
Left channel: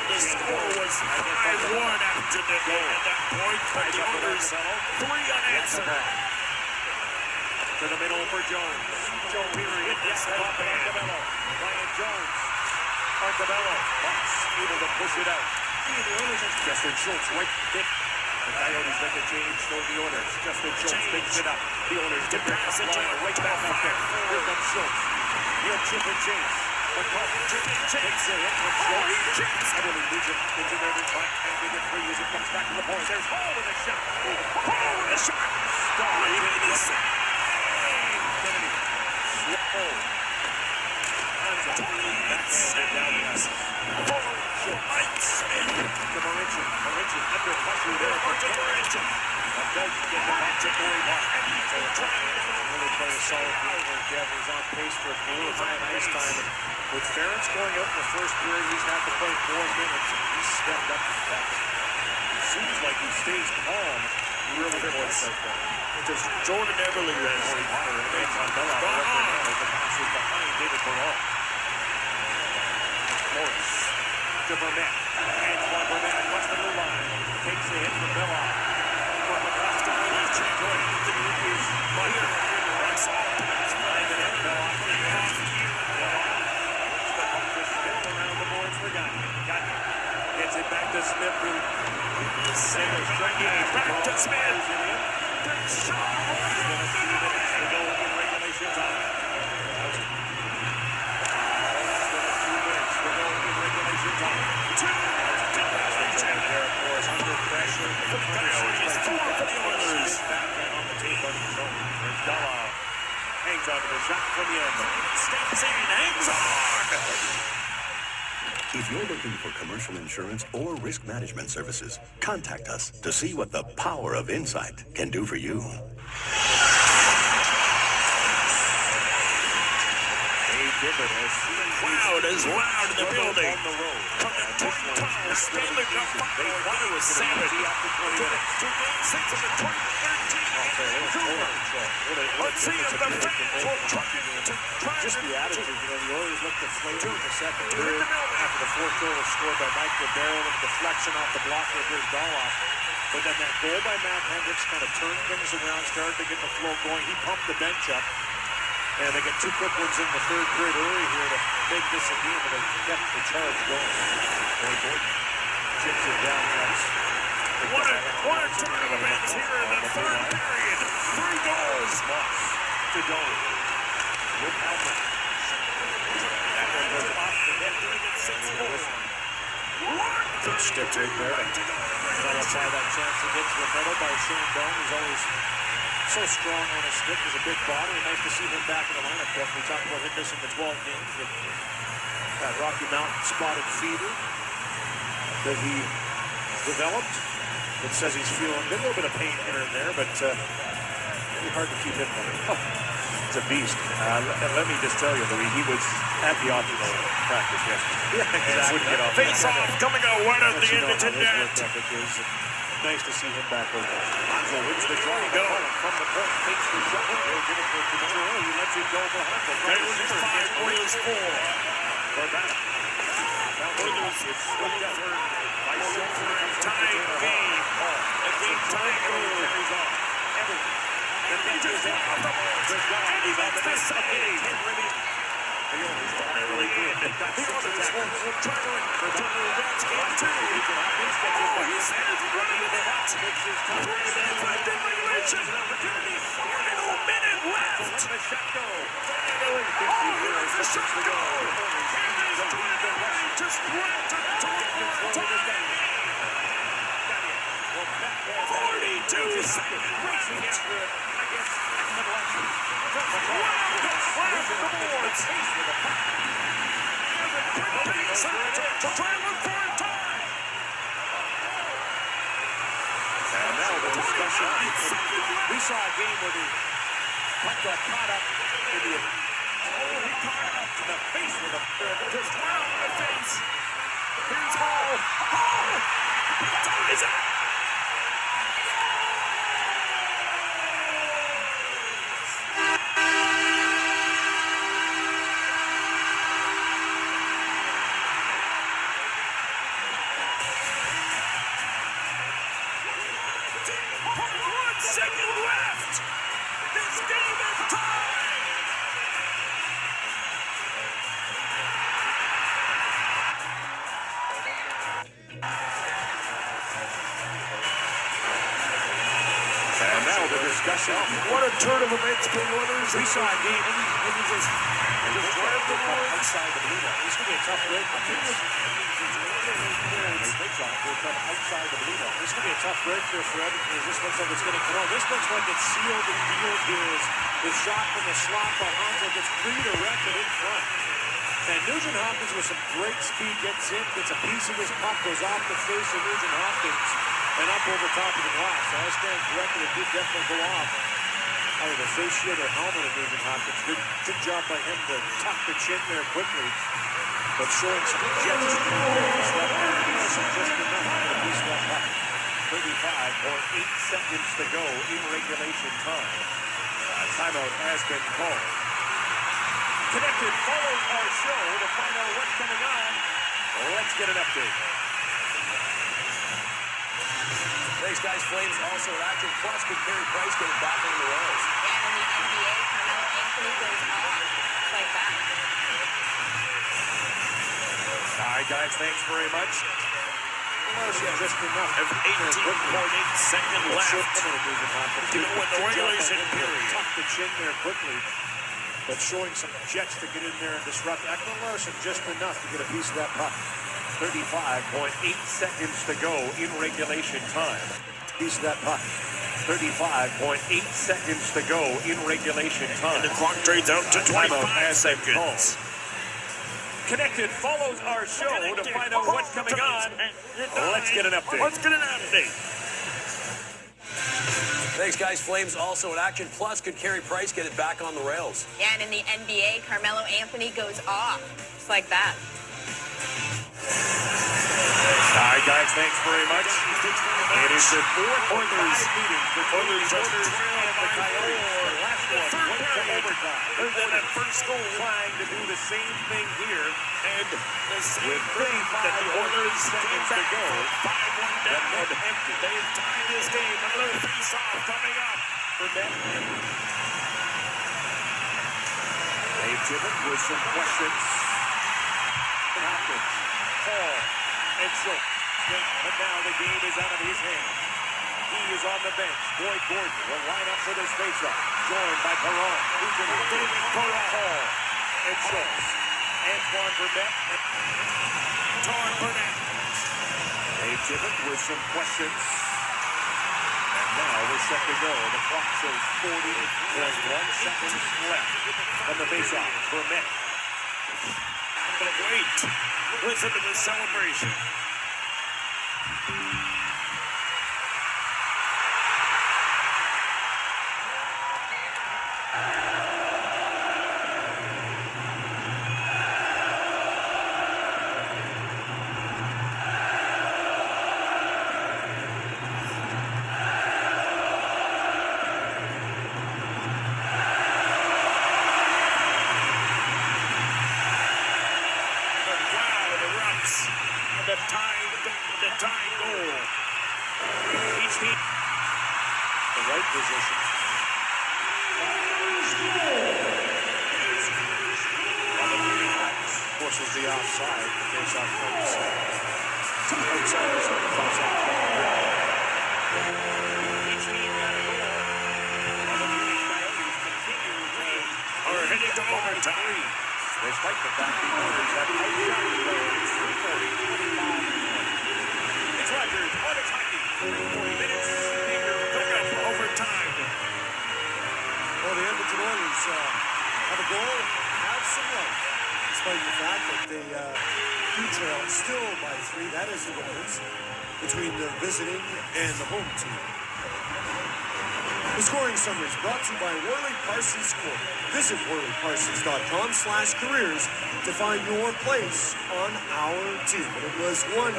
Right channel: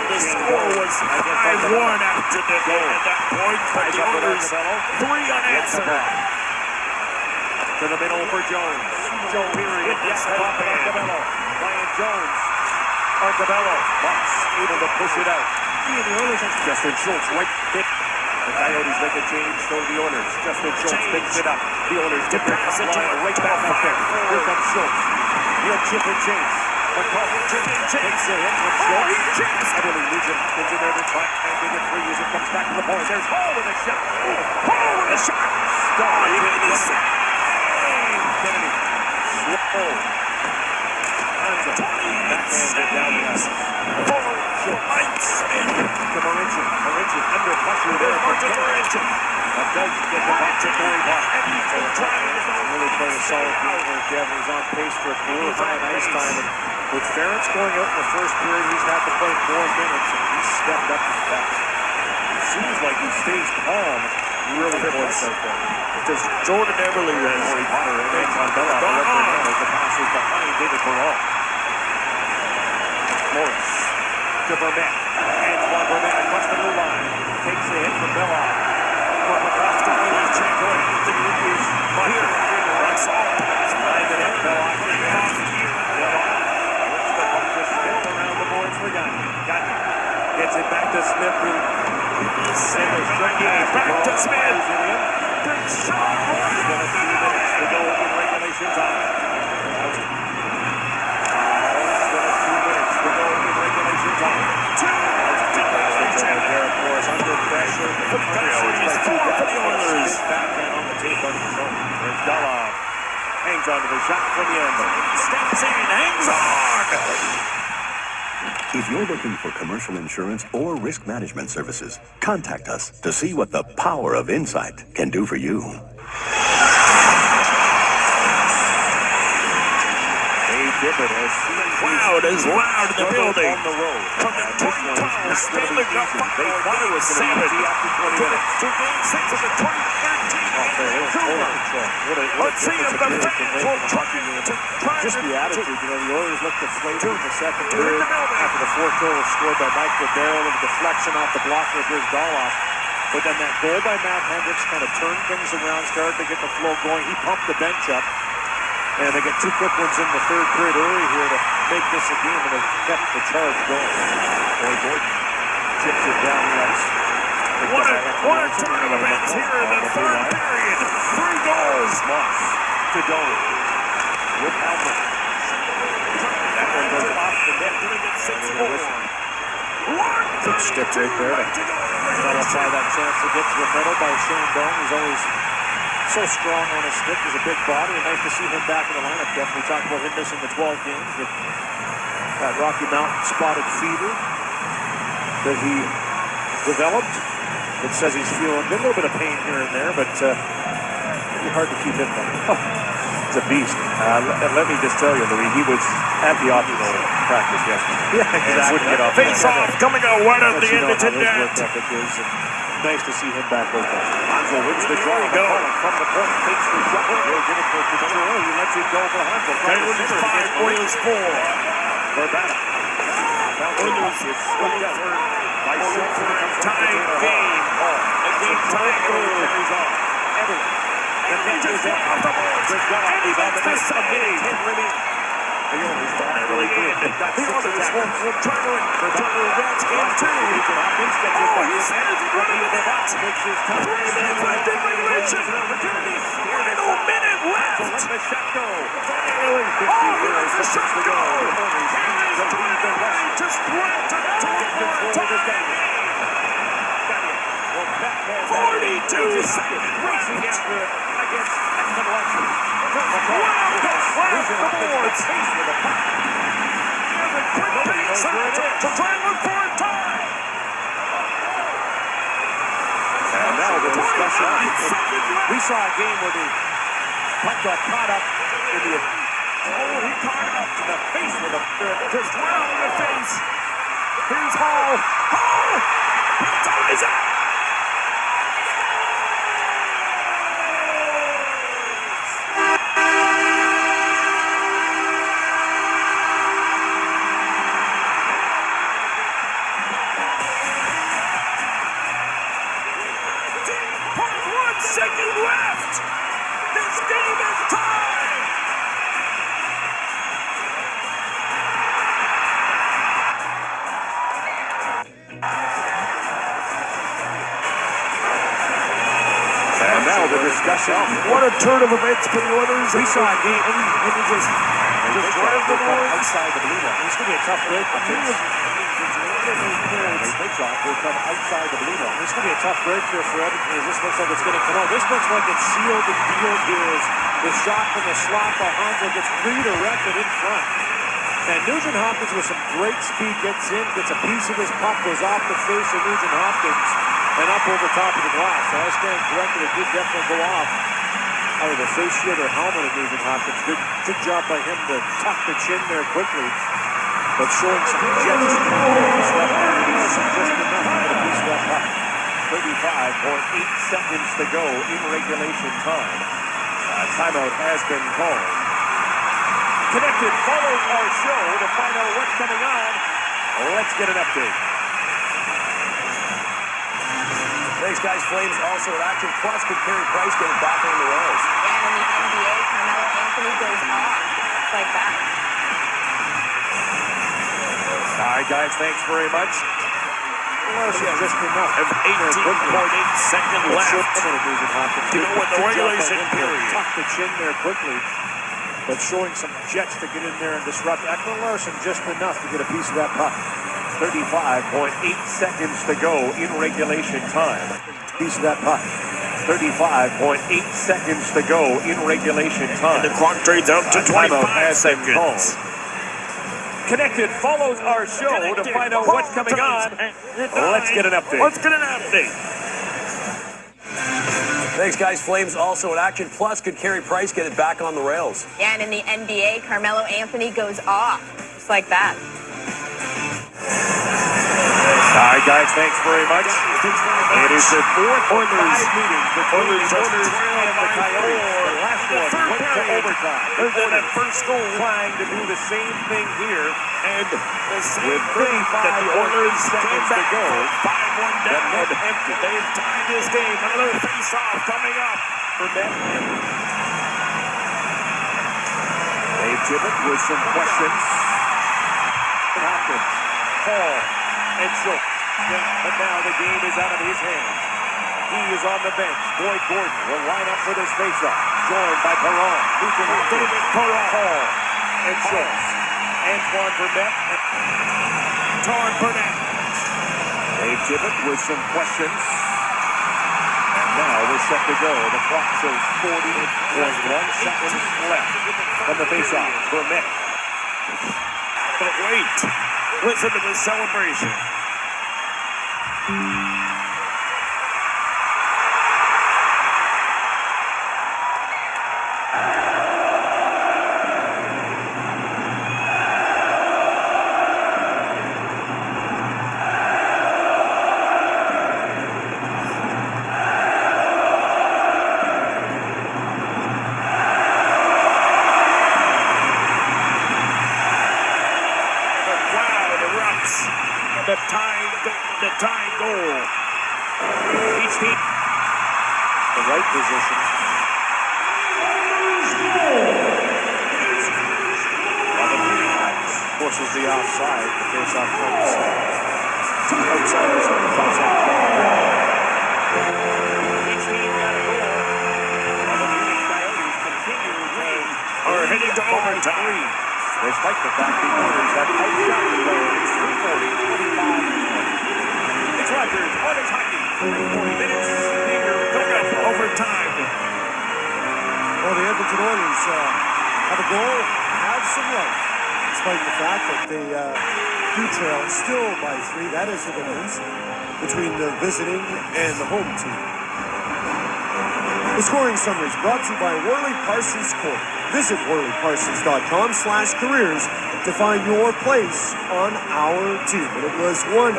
The score was 5-1 after the game at that point, but the Oilers 3 unanswered. To the middle for Jones. Joe period. Yes, Arcabello. Ryan Jones. Arcabello. Bucks able to push it out. Justin Schultz, right hit. The Coyotes make a change to the Oilers. Justin Schultz picks it up. The Oilers get the pass again. Right back up there. Here comes Schultz. He'll chip and chase. Takes a hit from Schultz. Heavily Nugent gets in there to try and make it free as it comes back to the point. There's Hall with a shot. Hall with a shot. Oh, he made the save. Kennedy. Slow. Hansa. Backhand down the ice. To Marincin. Marincin under pressure there for Marincin. That does get the back to Corey Buck. Really played a solid game where Kevin is on pace for a career high ice time. And with Ferentz going out in the first period, he's had to play 4 minutes, and he's stepped up to that. It seems like he stays calm. Really close out there. Because Jordan Everly has Potter and Mandela as the pass is behind David Perron. Morris to Burnett. Antoine Burnett across the blue line. Takes the hit from Bella. Kovakovsky will check on Anthony Hughes. Here, that's all. Behind the net, Bella. Bella. Lifts the puck to Smith around the boards for Gagne. Gagne gets it back to Smith. back to Smith. Big shot. He's got a few minutes to go in regulation time. Under pressure. tape on his own. There's Dolov. Hangs on to the shot from Yandel. Steps in, hangs on. If you're looking for commercial insurance or risk management services, contact us to see what the power of insight can do for you. Crowd is loud in the building. From the Twin Towers Stanley Cup final, 7 to Game 6 of the 2013 Vancouver. Let's see if the fans will try Just the attitude, the Oilers looked deflated in the second period after the fourth goal was scored by Mike Ribeiro with a deflection off the block of Grizz Dolov. But then that goal by Matt Hendricks kind of turned things around, started to get the flow going. He pumped the bench up. And they get two quick ones in the third period early here to make this a game, and they've kept the charge going. Boy, Gordon chips it down the ice. What a turn of events here in the third period. 3 goals. Moss to Dolan. With Alvin. That one goes off the net. 6-4. Good stick right there. Try that chance to get to the middle by Shane Doan. He's always so strong on his stick. He's a big body, and nice to see him back in the lineup. Jeff, we talked about him missing the 12 games with that Rocky Mountain spotted fever that he developed. It says he's feeling a little bit of pain here and there, but it'd be hard to keep him back. It's a beast. And let me just tell you, Louis, he was at the optimal practice yesterday. Yeah, exactly. Face off coming out wide of the Edmonton net. Nice to see him back open. Hanzo wins the draw. There you go. From the point, takes the shot. He'll give it for Pizarro. He lets it go for Hanzo. Penalties 5, Oilers 4. Verbata. Oilers is swept up by Silver. Tying game. A game tying goal. And Rangers get off the board. And he makes the save. The Oilers finally in. The Oilers will turn to advance game 2. Oh, he stands in running in the box. 3 minutes left in regulation. Final minute left. Oh, here's the shot go. And it's 29 to sprint to the top for time. 42 seconds left. To try and look for a tie. And now the discussion. We saw a game where the puck got caught up in the... Oh, he caught it up to the face with a... Just well in the face. Here's Hall. Hall! He ties it. Second left. This game is tied. And now the discussion. What a turn of events for the Oilers. We saw a game and he just drive the ball outside the blue line. It's going to be a tough break. Will come outside the blue line. It's going to be a tough break here for Edmonton. This looks like it's going to come out. This looks like it's sealed. The deal is the shot from the slot by Hanzo gets redirected in front. And Nugent Hopkins with some great speed gets in, gets a piece of his puck, goes off the face of Nugent Hopkins and up over top of the glass. So I stand corrected. It did definitely go off. Either the face shield or helmet of Nugent Hopkins. Good job by him to tuck the chin there quickly. But showing some jets just enough to get a piece of that puck. 35.8 seconds to go in regulation time. Timeout has been called. Connected, follow our show to find out what's coming on. Let's get an update. Thanks, guys. Flames also at Action Plus could carry Price getting back on the Royals. And in the NBA, Carmelo Anthony goes off like that. All right, guys, thanks very much. Just enough. 18.8 seconds left. You know what, the regulation period. Tuck the chin there quickly. But showing some jets to get in there and disrupt Ekman Larsson just enough to get a piece of that puck. 35.8 seconds to go in regulation time. Piece of that puck. 35.8 seconds to go in regulation time. And the clock trades out to 25 seconds. Connected follows our show to find out what's coming on. Let's get an update. Let's get an update. Thanks, guys. Flames also in action. Plus, could Carey Price get it back on the rails? Yeah, and in the NBA, Carmelo Anthony goes off. Just like that. All right, guys, thanks very much. It is the fourth Oilers meeting between the Oilers and the Coyotes. The last one went to overtime. There's that first goal. Trying to do the same thing here. And the same With thing that the Oilers came back to go. 5-1 down. And they've tied this game. Another face-off coming up for them. Dave Tippett with some questions. Hopkins, Paul, and Schultz. But now the game is out of his hands. He is on the bench. Boyd Gordon will line up for this faceoff. Joined by Perron. David Perron. Paul and Schultz. Antoine Burnett. Antoine Burnett. Dave Tippett with some questions. And now we're set to go. The clock shows 40.1 seconds left from the faceoff. Burnett. But wait. Listen to the celebration. The tying goal. Each team. The right position. Forces the offside. The face-off comes outside the zone. Each team got a goal. And the Phenix Coyotes continue to win. Are heading to overtime. Despite the fact the Oilers have outshot the Coyotes 340-25. It's Rogers, Oilers hockey. 40 minutes. Here we go. Overtime. Well, the Edmonton Oilers have a goal, have some life, despite the fact that they do trail still by 3. That is the difference between the visiting and the home team. The scoring summary is brought to you by Worley Parsons Court. Visit WorleyParsons.com/careers to find your place on our team. And it was one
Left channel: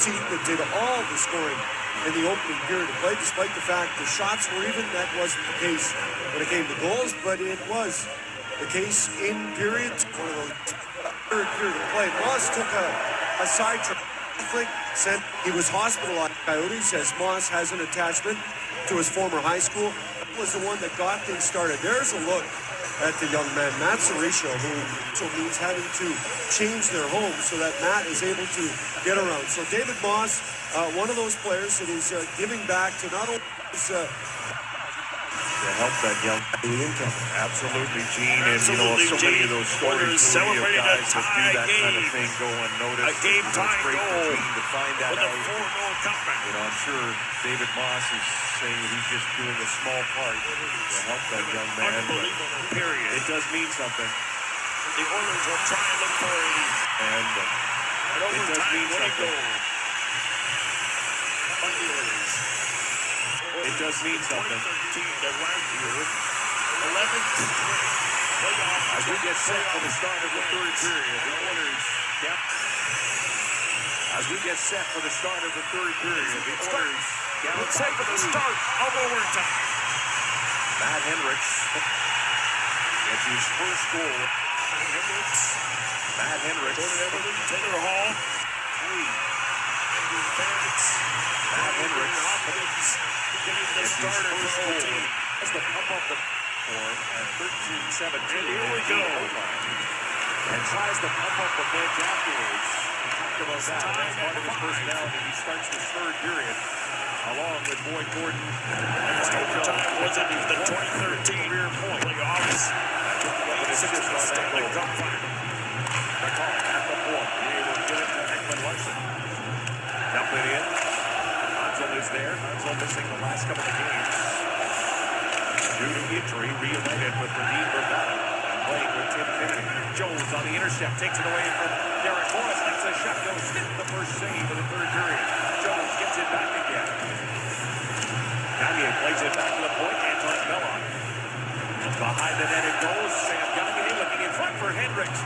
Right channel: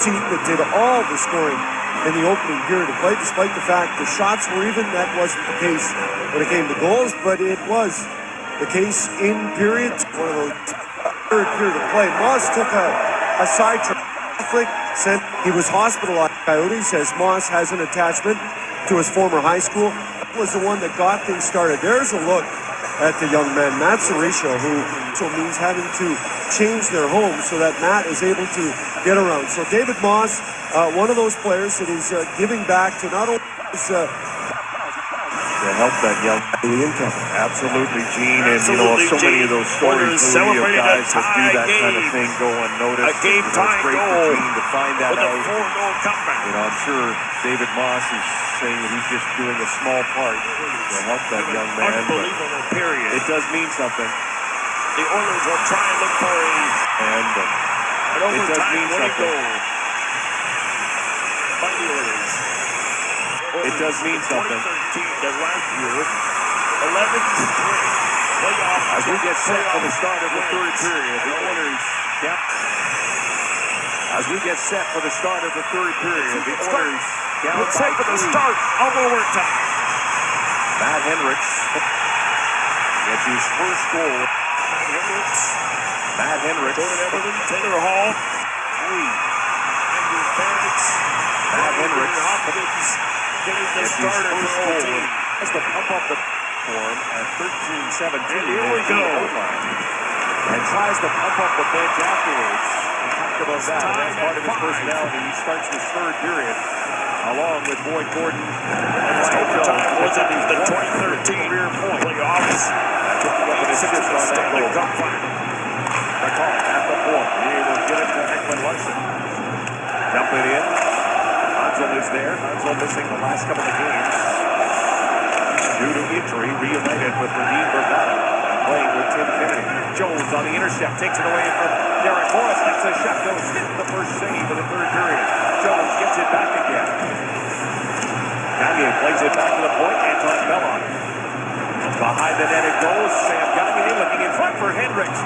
team that did all the scoring in the opening period of play, despite the fact the shots were even. That wasn't the case when it came to goals, but it was the case in period. One of those third period of play. Moss took a sidetrack. Said he was hospitalized. Coyotes, as Moss has an attachment to his former high school. That was the one that got things started. There's a look at the young man, Matt Cerisho, who also means having to change their home so that Matt is able to get around. So David Moss, one of those players that is giving back to not only his to help that young absolutely, Gene, and Absolutely, you know, so many Gene. of those stories Oilers of celebrated guys a that do tie that kind of game. thing go unnoticed. A game It's tie great for goal Gene to find that with a out. 4-goal comeback. You know, I'm sure David Moss is saying that he's just doing a small part to help that young man. Unbelievable period. It does mean something. The Oilers will try and look for And an it does mean overtime winning something. goal. By the Oilers. It does mean something. 2013 to last year, 11-3. Playoff. As we get set for the start of the third period, the Oilers, as we get set for the start of the third period, the Oilers down Let's set for the start of overtime. Matt Hendricks gets his first goal. Matt Hendricks. Taylor Hall. Matt Hendricks Getting the gets his starter first for the goal. team. Has to pump up the form at 13-17. And here we go. And tries to pump up the bench afterwards. We talked about that. That's part of his personality. He starts the third period along with Boyd Gordon. And Overtime was in the 2013 career point. playoffs. Assist on that Stanley goal. Cup final. McCall at the point. He will get it to Ekman Larson. Dump it in. Onto his there. Hansel missing the last couple of games due to injury, reunited with Radim Bravada, playing with Tim Kennedy. Jones on the intercept, takes it away from Derek Morris. That's a shot, goes in the first save of the third period. Jones gets it back again. Gagne plays it back to the point. Anton Bellon. Behind the net it goes. Sam Gagne looking in front for Hendricks.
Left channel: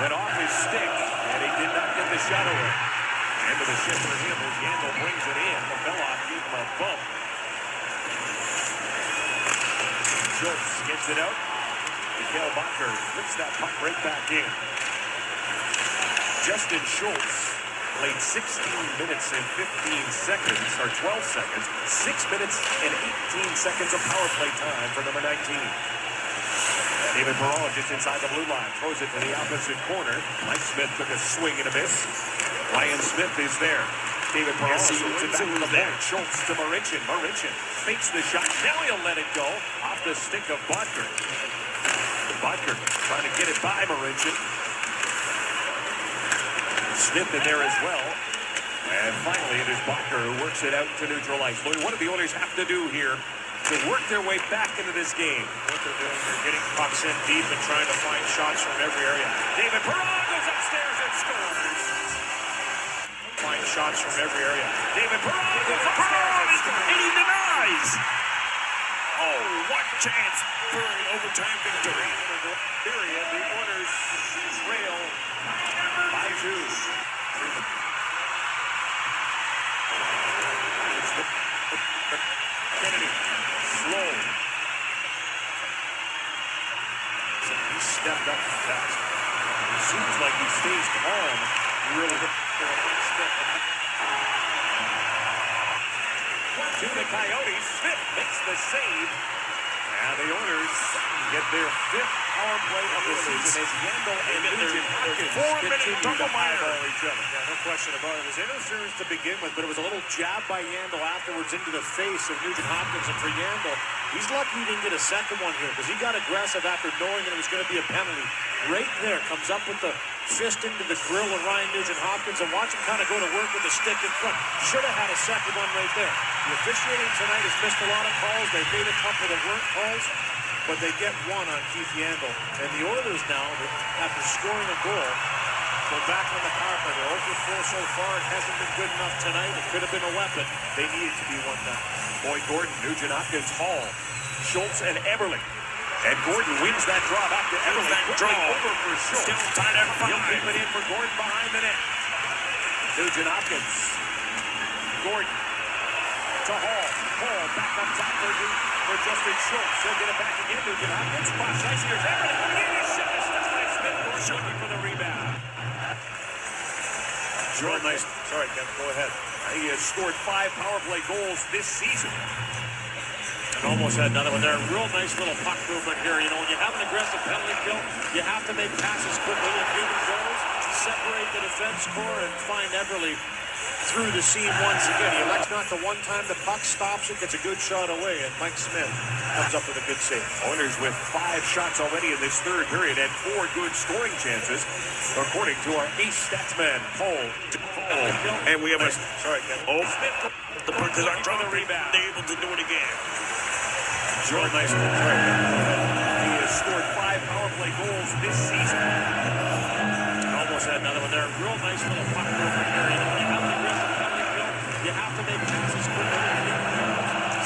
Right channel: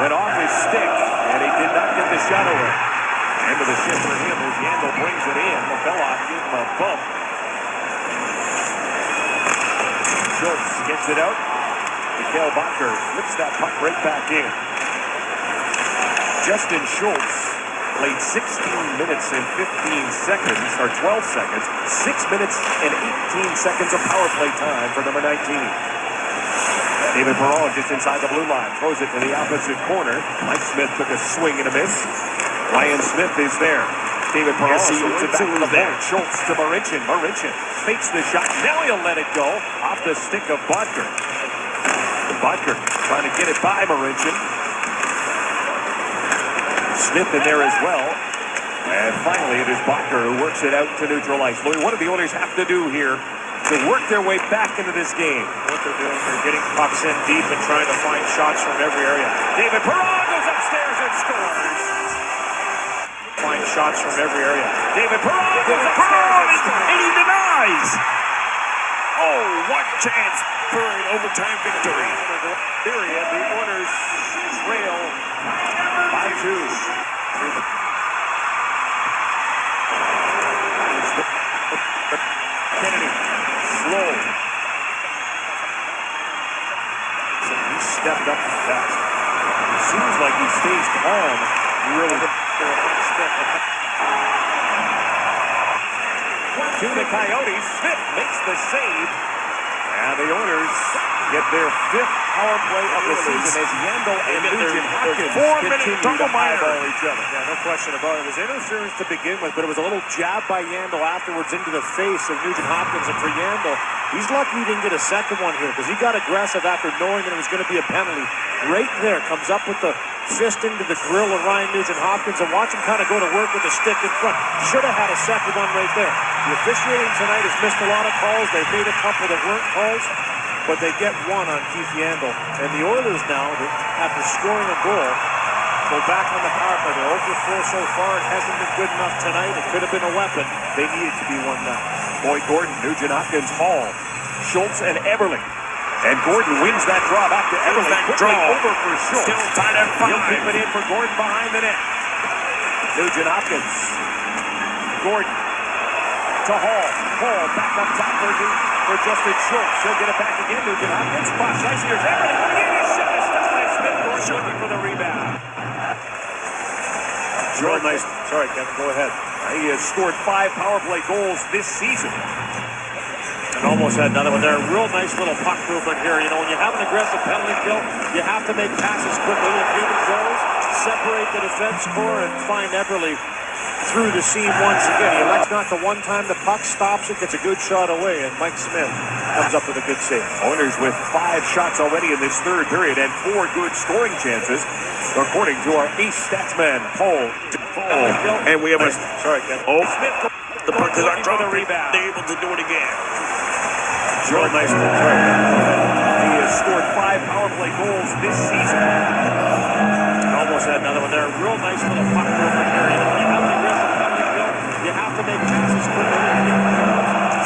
Went off his stick, and he did not get the shot away. End of the shift for him as Yandel brings it in. Bellon gives him a bump. Schultz gets it out. Mikhail Bakker flips that puck right back in. Justin Schultz played 16 minutes and 15 seconds, or 12 seconds, 6 minutes and 18 seconds of power play time for number 19. David Perron just inside the blue line, throws it to the opposite corner. Mike Smith took a swing and a miss. Ryan Smith is there. David Perron swings it back to the point. Schultz to Marincin. Marincin fakes the shot. Now he'll let it go off the stick of Bodker. Bodker trying to get it by Marincin. Smith in there as well. And finally, it is Bodker who works it out to neutral ice. Louis, what do the Oilers have to do here to work their way back into this game? What they're doing, they're getting pucks in deep and trying to find shots from every area. David Perron goes upstairs and scores. Find shots from every area. David Perron goes upstairs and scores. And he denies. Oh, what chance for an overtime victory. Period. The Oilers trail by 2. Kennedy, slow. So he stepped up fast. Seems like he stays calm. Really. To the Coyotes. Smith makes the save. And the Oilers get their 5th power play of the season as Yandel and Nugent Hopkins 4-minute double eyeball each other. Yeah, no question about it. It was interference to begin with, but it was a little jab by Yandel afterwards into the face of Nugent Hopkins. And for Yandel, he's lucky he didn't get a second one here because he got aggressive after knowing that it was going to be a penalty. Right there, comes up with the fist into the grill of Ryan Nugent Hopkins and watch him kind of go to work with the stick in front. Should have had a second one right there. The officiating tonight has missed a lot of calls. They've made a couple that weren't calls, but they get one on Keith Yandel. And the Oilers now, after scoring a goal, go back on the power play. They're 0-4 so far. It hasn't been good enough tonight. It could have been a weapon. They needed to be 1-0. Boyd Gordon, Nugent Hopkins, Hall, Schultz, and Eberle. And Gordon wins that draw back to Eberle. Quickly over for Schultz. Still tied at 5. He'll keep it in for Gordon behind the net. Nugent Hopkins. Gordon to Hall. Hall back up top for Justin Schultz. He'll get it back again. Nugent Hopkins. Cross ice. Here's Eberle. His shot is stopped by Smith. Gordon looking for the rebound. Real nice. Sorry, Kevin, go ahead. He has scored 5 power play goals this season. And almost had another one there. Real nice little puck movement here. You know, when you have an aggressive penalty kill, you have to make passes quickly. And here it goes. Separate the defense core and find Eberle through the seam once again. He elects not to one time. The puck stops it, gets a good shot away, and Mike Smith comes up with a good save. Oilers with 5 shots already in this third period and 4 good scoring chances, according to our ace statsman, Paul. And we have a... Sorry, Kevin. Oh, Smith. the puck is on for the top. rebound. They're able to do it again. Real nice. He has scored 5 power play goals this season. And almost had another one there. Real nice little puck movement here. You know, when you have an aggressive penalty kill, you have to make passes quickly.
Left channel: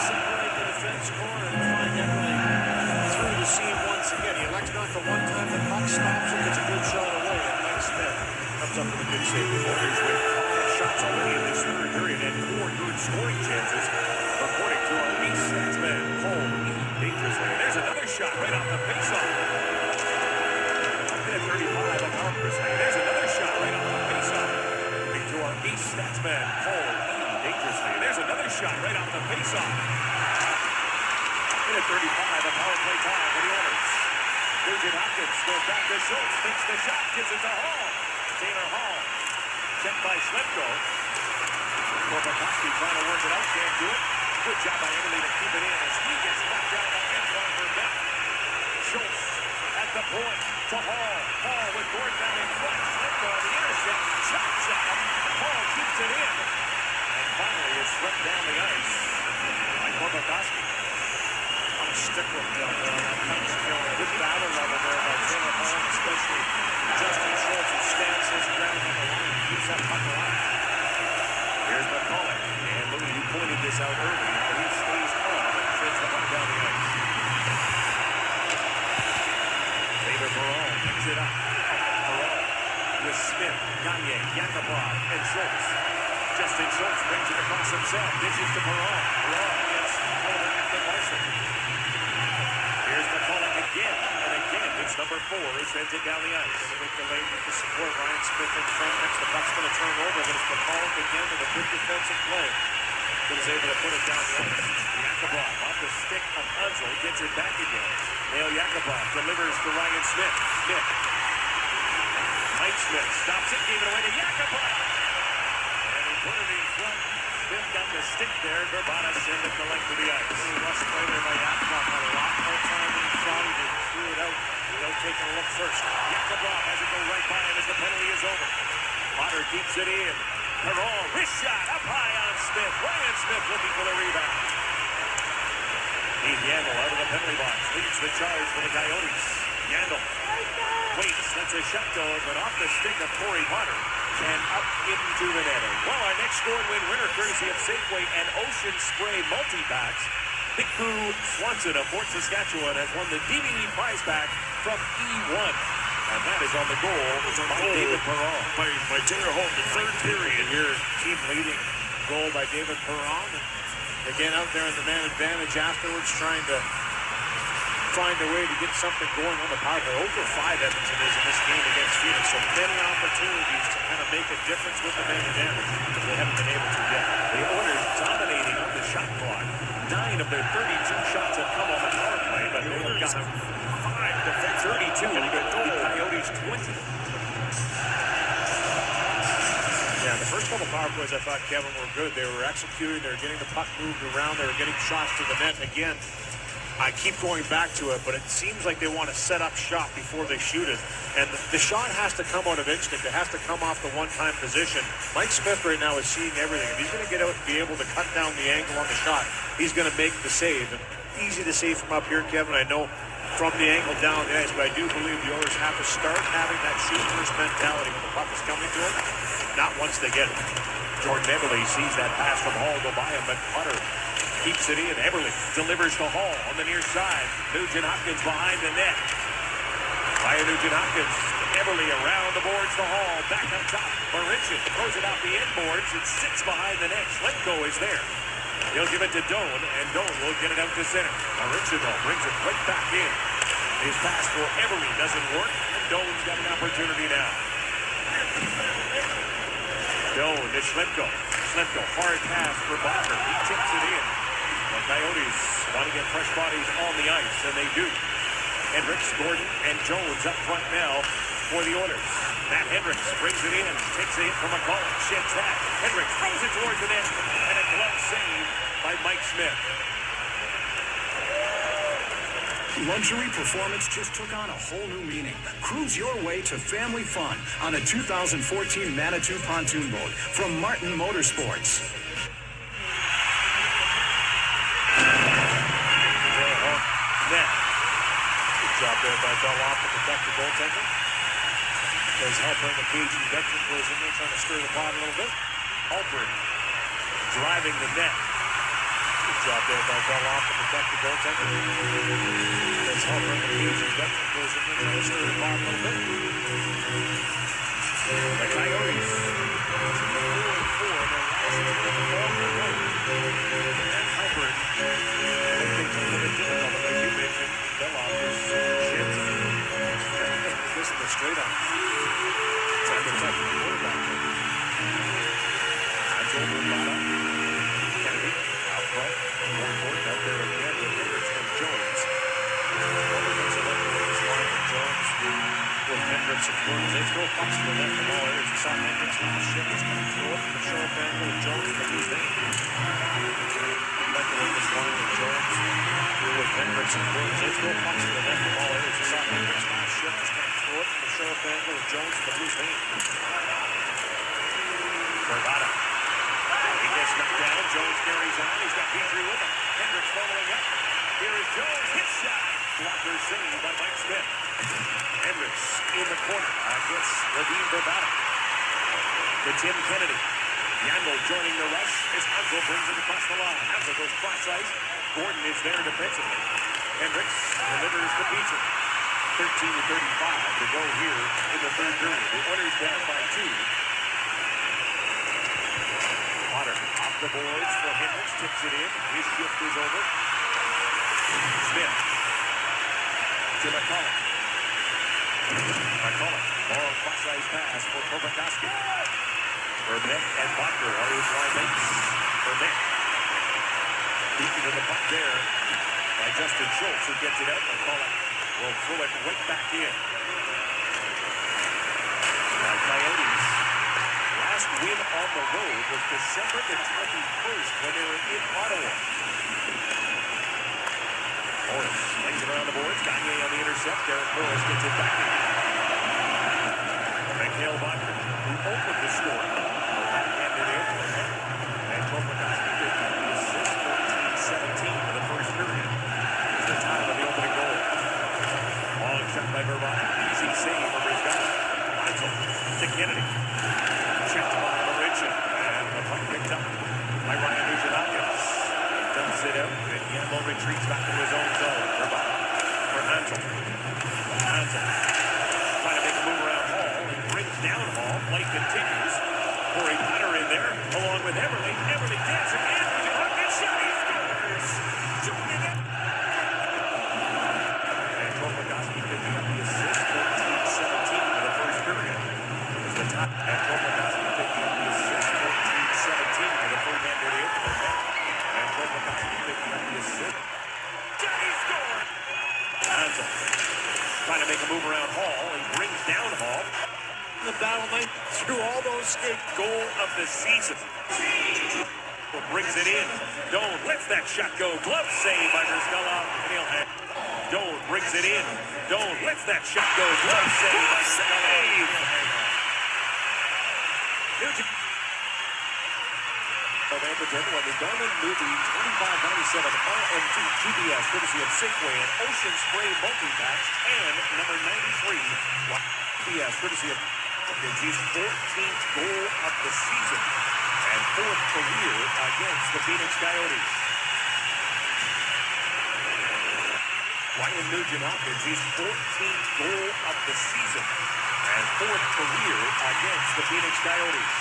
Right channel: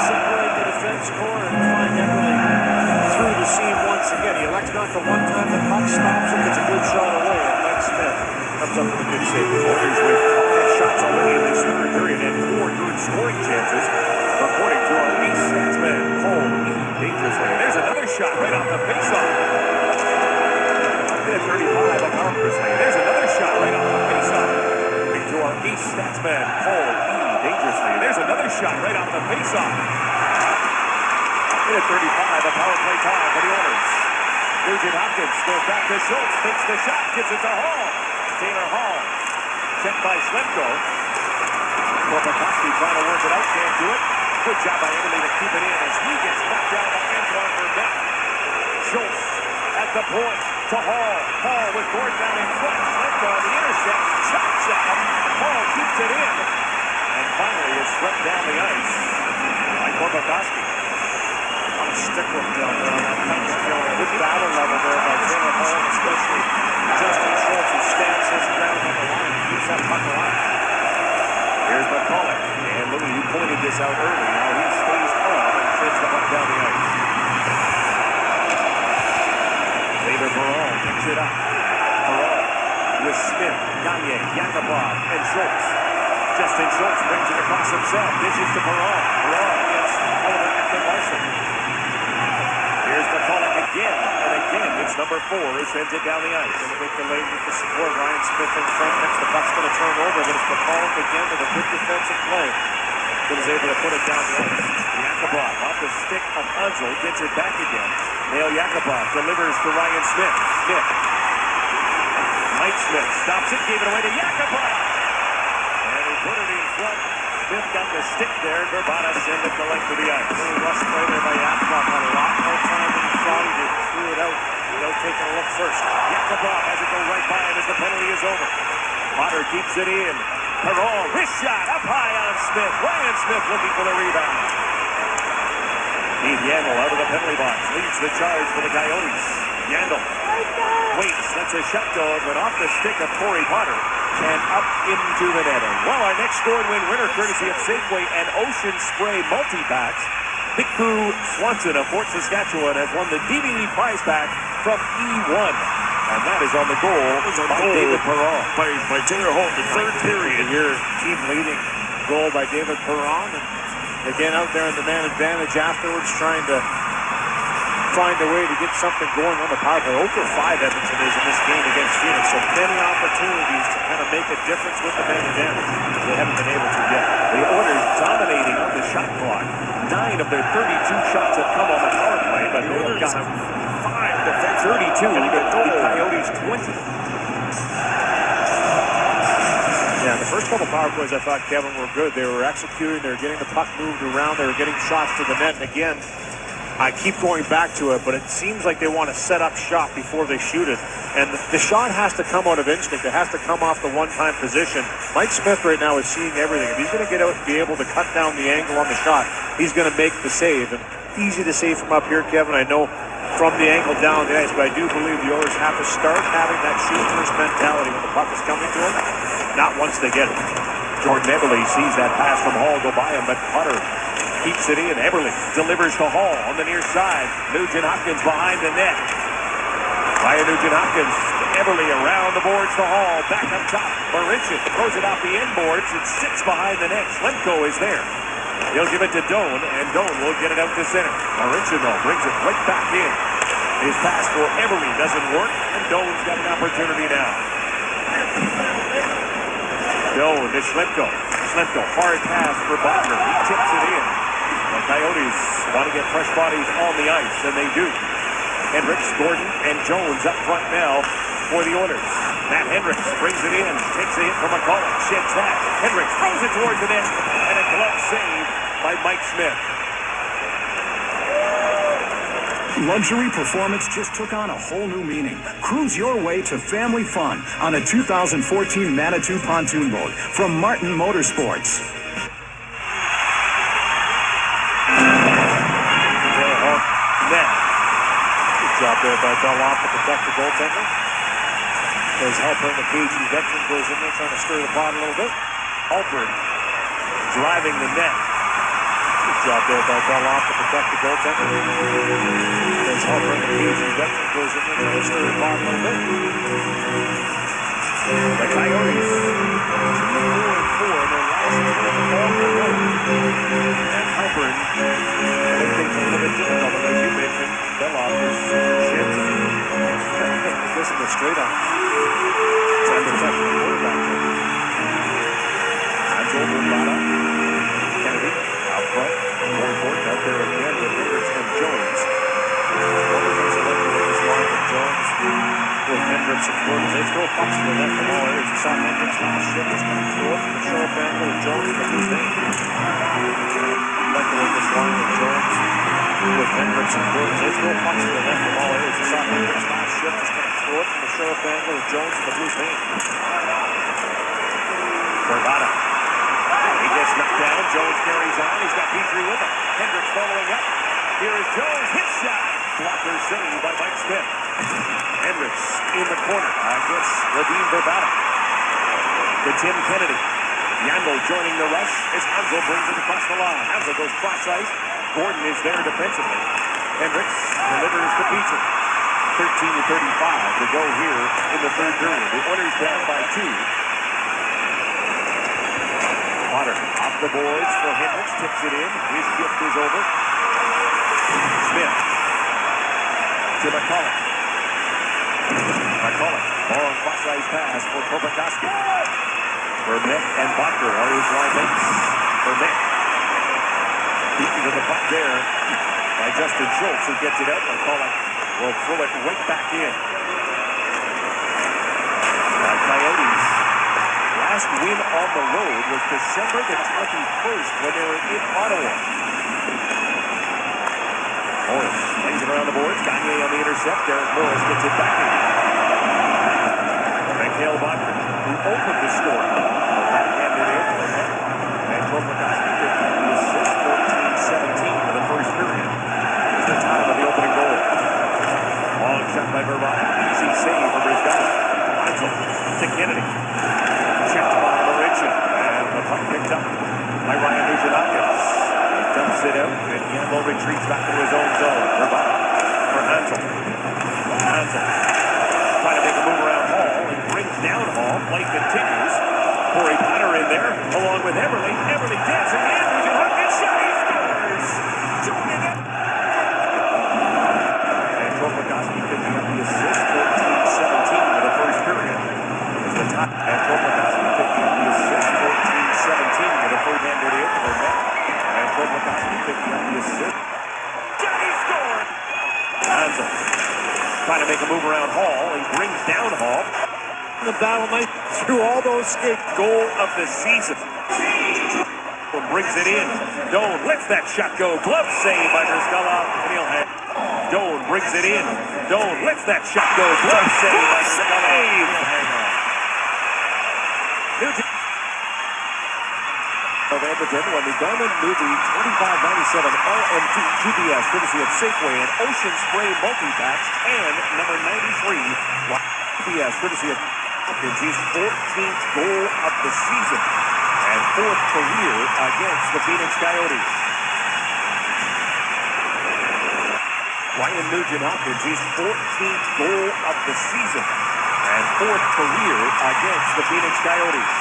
Separate the defense core and find Eberle through the seam once again. He elects not to one time. The puck stops it, gets a good shot away, and Mike Smith comes up with a good save. Oilers with 5 shots already in this third period and 4 good scoring chances, according to our ace statsman, Paul. Dangerously. There's another shot right off the faceoff. Hit 35 of Dangerously. There's another shot right off the faceoff. According to our ace statsman, Paul. Dangerously. There's another shot right off the faceoff. Hit 35 of power play time for the Oilers. Nugent Hopkins goes back to Schultz. Takes the shot. Gives it to Hall. Taylor Hall. Checked by Slemko. Korpikoski trying to work it out. Can't do it. Good job by Eberle to keep it in as he gets knocked down by Antoine Burnett. Schultz at the point to Hall. Hall with Gordon down in front. Slemko on the intercept. Chops out. Hall keeps it in. And finally is swept down the ice by Korpikoski. Stick work down there on that punch. Good battle level there by Taylor Hall, especially Justin Schultz, who stands his ground on the line and keeps that puck alive. Here's McCulloch. And Louis, you pointed this out early. Now he stays on and sends the puck down the ice. David Perron picks it up. Perron with Smith, Gagne, Yakupov, and Schultz. Justin Schultz brings it across himself. Dishes to Perron. Perron against Oliver Ekman-Larsson. Here's McCulloch again, and again, it's number 4 who sends it down the ice. Going to make the lane with the support. Ryan Smith in front. Next, the puck's going to turn over, but it's McCulloch again with a good defensive play. But is able to put it down the ice. Yakupov off the stick of Onslow, gets it back again. Nail Yakupov delivers to Ryan Smith. Smith. Mike Smith stops it, gave it away to Yakupov. And he put it in front. Smith got the stick there. Verbata sent it the length of the ice. Really rush play there by Yakupov on a lot more time than he thought. He threw it out without taking a look first. Yakupov has it go right by him as the penalty is over. Potter keeps it in. Perron, wrist shot up high on Smith. Ryan Smith looking for the rebound. Steve Yandel out of the penalty box. Leads the charge for the Coyotes. Yandel waits, lets a shot go, but off the stick of Corey Potter and up into the netting. Well, our next score and win winner, courtesy of Safeway and Ocean Spray multi-packs. Piku Swanson of Fort Saskatchewan has won the DVD prize pack from E1. And that is on the goal by David Perron. By Taylor Hall in the third period. Your team leading goal by David Perron. And again, out there in the man advantage afterwards, trying to find a way to get something going on the power play. 0 for 5 Edmonton is in this game against Phoenix. So many opportunities to kind of make a difference with the man advantage. They haven't been able to yet. The Oilers dominating on the shot clock. 9 of their 32 shots have come on the power play, but they have got 5 defense 32 to the Coyotes 20. Yeah, the first couple power plays I thought, Kevin, were good. They were executing, they were getting the puck moved around, they were getting shots to the net. And again, I keep going back to it, but it seems like they want to set up shot before they shoot it. And the shot has to come out of instinct. It has to come off the one-time position. Mike Smith right now is seeing everything. If he's going to get out and be able to cut down the angle on the shot, he's going to make the save. And easy to save from up here, Kevin. I know from the angle down the ice, but I do believe the Oilers have to start having that shoot-first mentality when the puck is coming to them, not once they get it. Jordan Eberle sees that pass from Hall go by him, but Potter keeps it in. Eberle delivers to Hall on the near side. Nugent-Hopkins behind the net. Ryan Nugent-Hopkins, Eberle around the boards to Hall. Back up top. Marincin throws it off the end boards. It sits behind the net. Slemko is there. He'll give it to Doan, and Doan will get it out to center. Marincin, though, brings it right back in. His pass for Eberle doesn't work, and Doan's got an opportunity now. Doan to Slemko. Slemko, hard pass for Butler. He tips it in. The Coyotes want to get fresh bodies on the ice, and they do. Hendricks, Gordon, and Jones up front now for the Oilers. Matt Hendricks brings it in, takes a hit from McCulloch, sheds that. Hendricks throws it towards the net, and a glove save by Mike Smith. Luxury performance just took on a whole new meaning. Cruise your way to family fun on a 2014 Manitou pontoon boat from Martin Motorsports. Net. Good job there by Belloff to protect the goaltender. There's Halpern, the KG veteran, goes in there trying to stir the pot a little bit. Halpern driving the net. Good job there by Belloff to protect the goaltender. There's Halpern, the KG veteran, goes in there trying to stir the pot a little bit. The Coyotes 2-4 in their last game on the road. And Halpern, I think it's a little bit difficult, but as you mentioned, Belloff is shifts. This is the straight up. Time to protect the quarterback. That's over Lana. Kennedy out front. More important out there again with Hendricks and Jones. Jones with Hendricks and Gordon. They throw pucks to the net from all areas. You saw Hendricks last shift was going to throw it from the short angle with Jones from his name. Like the way this line with Jones with Hendricks and Gordon. They throw pucks to the net from all areas. You saw Hendricks last shift was going to throw it from the short angle with Jones from his name. Verbata. He gets Snuck down. Jones carries on. He's got Petrie with him. Hendricks following up. Here is Jones. Hit shot. Blocker save by Mike Smith. Hendricks in the corner against Radim Verbata. To Tim Kennedy. Yandel joining the rush as Hansel brings it across the line. Hansel goes cross ice. Gordon is there defensively. Hendricks delivers to Petrie. 13:35 to go here in the third period. The Oilers down by 2. Potter off the boards for Hendricks. Tips it in. His shift is over. Smith to McCullough. McCullough. Long cross ice pass for Kopakoski. Burnett and Bacher are his line mates. Burnett beaten to the puck there by Justin Schultz, who gets it out. McCullough will throw it right back in. The Coyotes' last win on the road was December the 21st when they were in Ottawa. Morris lays it around the boards. Gagne on the intercept. Derek Morris gets it back in. Mikhail Bacher, who opened the score. Backhanded in. And Kopakoski picked up the assist. 14-17 for the first period. It's the time of the opening goal. Long shot by Verbata. Easy save from Briscoe. To Kennedy. Checked by Laurentian. And the puck picked up by Ryan Nugent-Hopkins. He dumps it out, and Yandel retreats back to his own zone. Verbata for Hansel. Hansel trying to make a move around Hall. He brings down Hall. Play continues. Corey Potter in there, along with Everly. Everly dancing in. Nugent-Hopkins shot. He scores. Joining it. And Kopakoski picking up the assist. 14-17 for the first period. Is the top. And Kopakoski picking up the assist. 14-17 for the first handed in for net. And Kopakoski picking up the assist. He scored. Hansel trying to make a move around Hall. He brings down Hall. The battle night through all those skates. Goal of the season. Brings it in. Doan lets that shot go. Glove save by Briscoe. Doan brings it in. Doan lets that shot go. Glove save by Briscoe. Of Edmonton when the Garmin new the 2597 LM2 GPS courtesy of Safeway and Ocean Spray multi-packs and number 93 GPS courtesy of Hopkins, his 14th goal of the season and 4th career against the Phenix Coyotes. Ryan Nugent-Hopkins, his 14th goal of the season and 4th career against the Phenix Coyotes.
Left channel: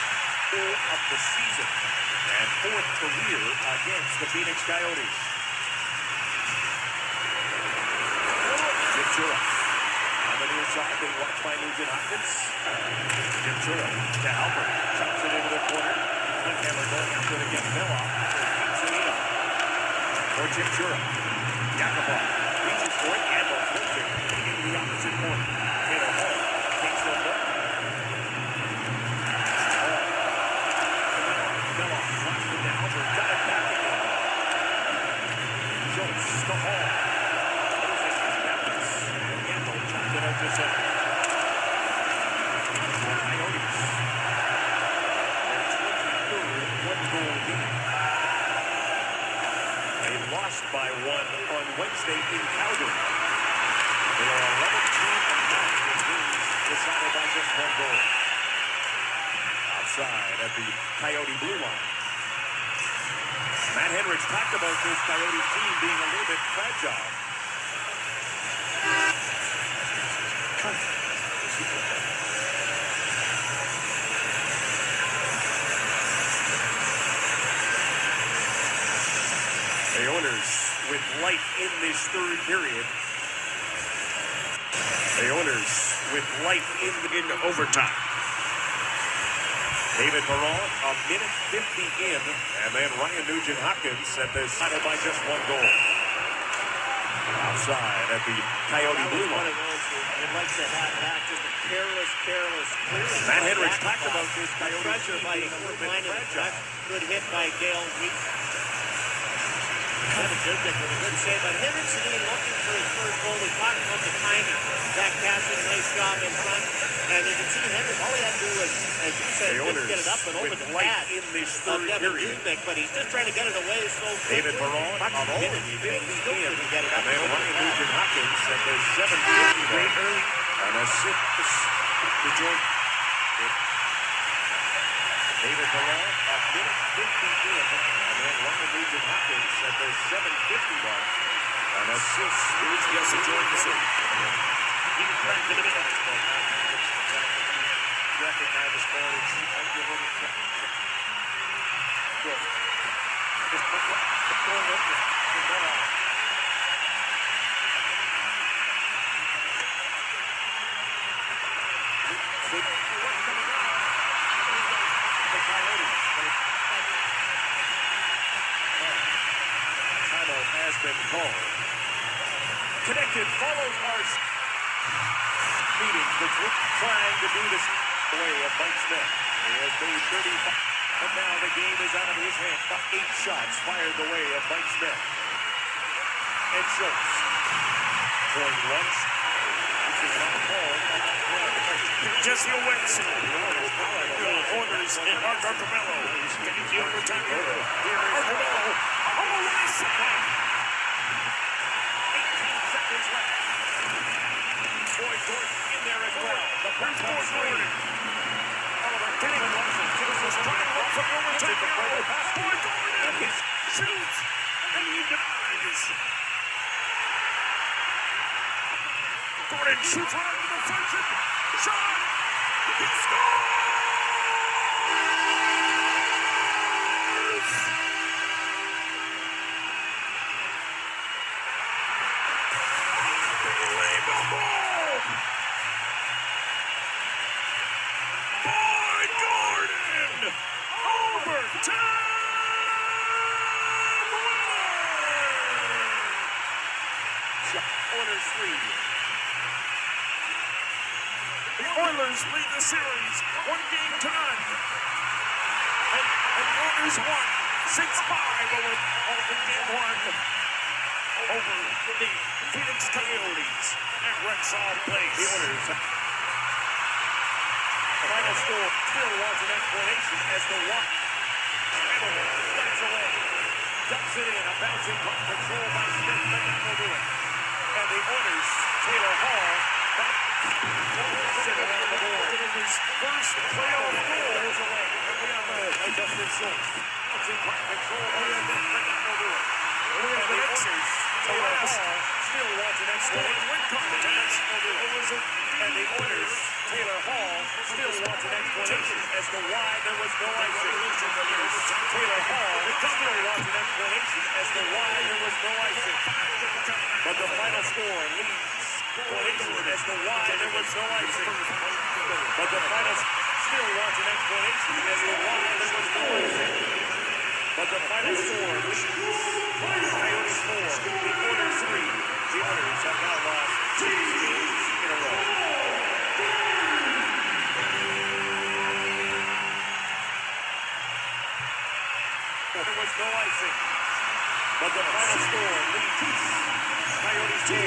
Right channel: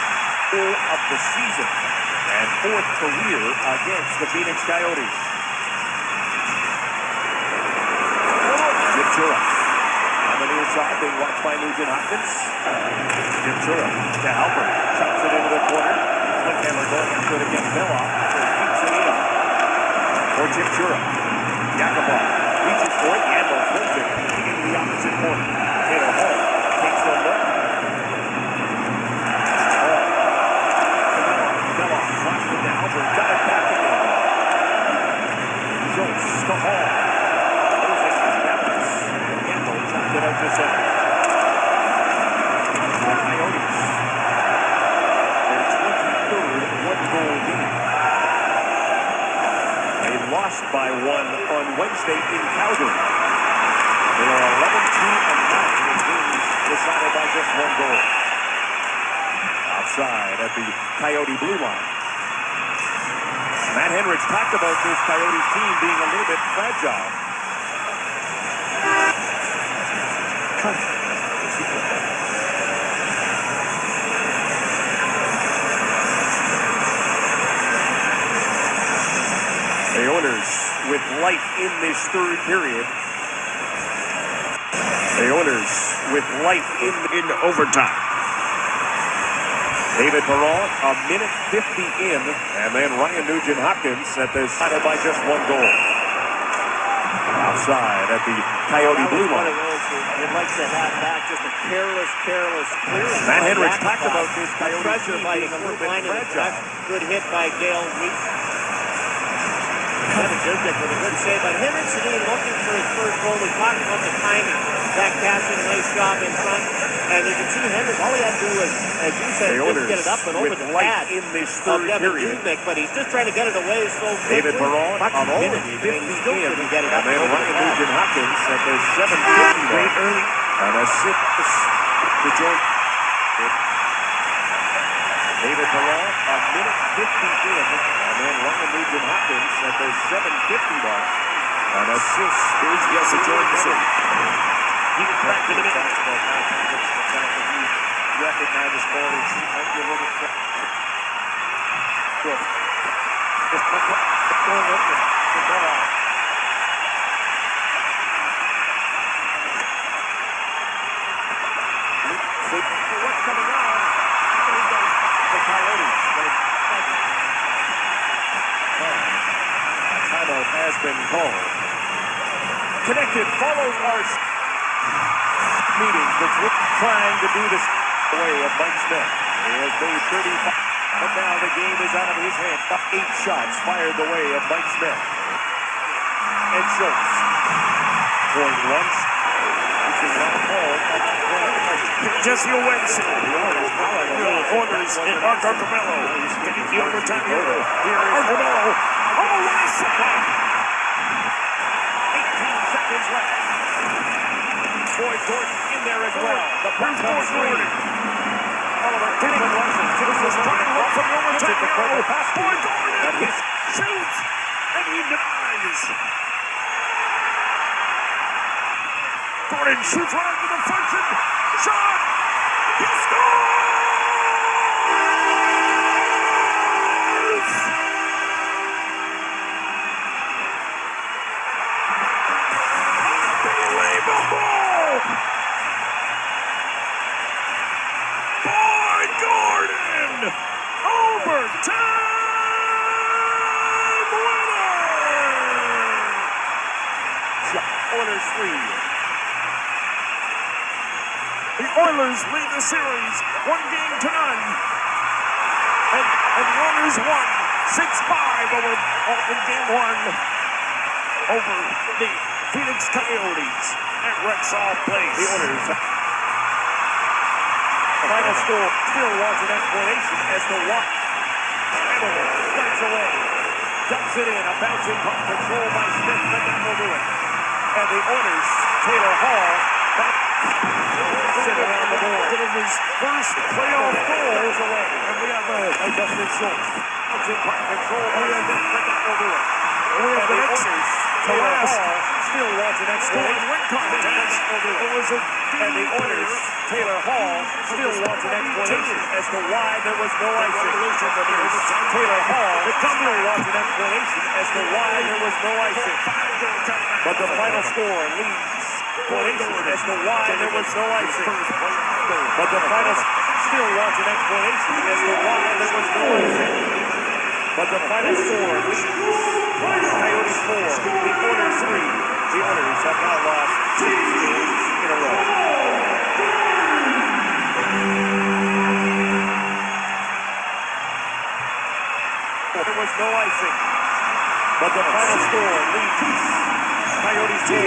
Goal of the season and 4th career against the Phoenix Coyotes. Jim Chura on the near side, being watched by Nugent-Hopkins. Jim Chura to Halper, chops it into the corner. Clickhammer going after it against Belloff. Keeps it in for Jim Chura. Yakupov reaches for it. Yandel throws it into the opposite corner. Taylor Hall takes the look. By one on Wednesday in Calgary. They are 11-2-9 in games decided by just one goal. Outside at the Coyote blue line. Matt Henrich talked about this Coyotes team being a little bit fragile. The Oilers with life in this third period. The Oilers with life in overtime. David Perron, a minute 50 in, and then Ryan Nugent-Hopkins at the side by just one goal. Outside at the Coyote blue line. One of those you'd like to have back, just a careless clearance. Matt Henrich talked about this Coyote pressure by a little bit fragile. Good hit by Gale Wheat. Dubnik with a good save, but Henrich today looking for his first goal. We talked about the timing. Back passing, nice job in front. And you can see Henry, all he had to do was, as you said, just get it up and over with the light pad in this of third Devin period. Dubnyk, but he's just trying to get it away so David quickly. Perron Much on minute, only he may still 50 can get it and up then and over Ryan the pad. Nugent-Hopkins at the 7:50 mark. An assist to Jordan. David Perron, a minute 50 in, and then Ryan Nugent-Hopkins at the 7:50 mark. An assist. Here's Jesse Jorgensen. He was back in a minute. Recognize his corners. Might be a little bit good. Just going up the ball. What's coming on? The Coyotes. A timeout has been called. Connected follows our meeting between trying to do this away of Mike Smith. He has made 35, but now the game is out of his hands. 8 shots fired the way of Mike Smith. And Schultz going once. Jesse Owens. Corners in Arthur Carmelo. Getting the overtime here. Here is Carmelo. Oh, nice second. 18 seconds left. Boy Gordon in there as well. The press goes Gordon. Oliver getting Larson. This is trying low from the overtime arrow. Boy Gordon. And he shoots. And he denies. Gordon shoots right into the function. Shot. He scores. Unbelievable. Boy Gordon. Overtime winner. Oilers 3. The Oilers lead the series 1-0. And the Oilers won 6-5 over game 1 over the Phenix Coyotes at Rexall Place. The Oilers. Final score still wants an explanation as to why. Hamilton flies away. Dumps it in. A bouncing puck controlled by Smith, but that will do it. And the Oilers, Taylor Hall, sit around the board. It is his first playoff goal away. And we have Justin Schultz. Bouncing puck controlled by Smith, but that will do it. We have the Oilers, Taylor Hall, still wants an explanation. It was a and the Oilers, Taylor Hall, still wants an explanation as to why there was no icing. Taylor Hall still wants an explanation as to why there was no icing. But the final score leads explanation as to why there was no icing. But the final still wants an explanation as to why there was no icing. But the final score leads Coyotes 4, the Oilers 3. The Oilers have now lost 2 games in a row. There was no icing, but the final score leads Coyotes 4,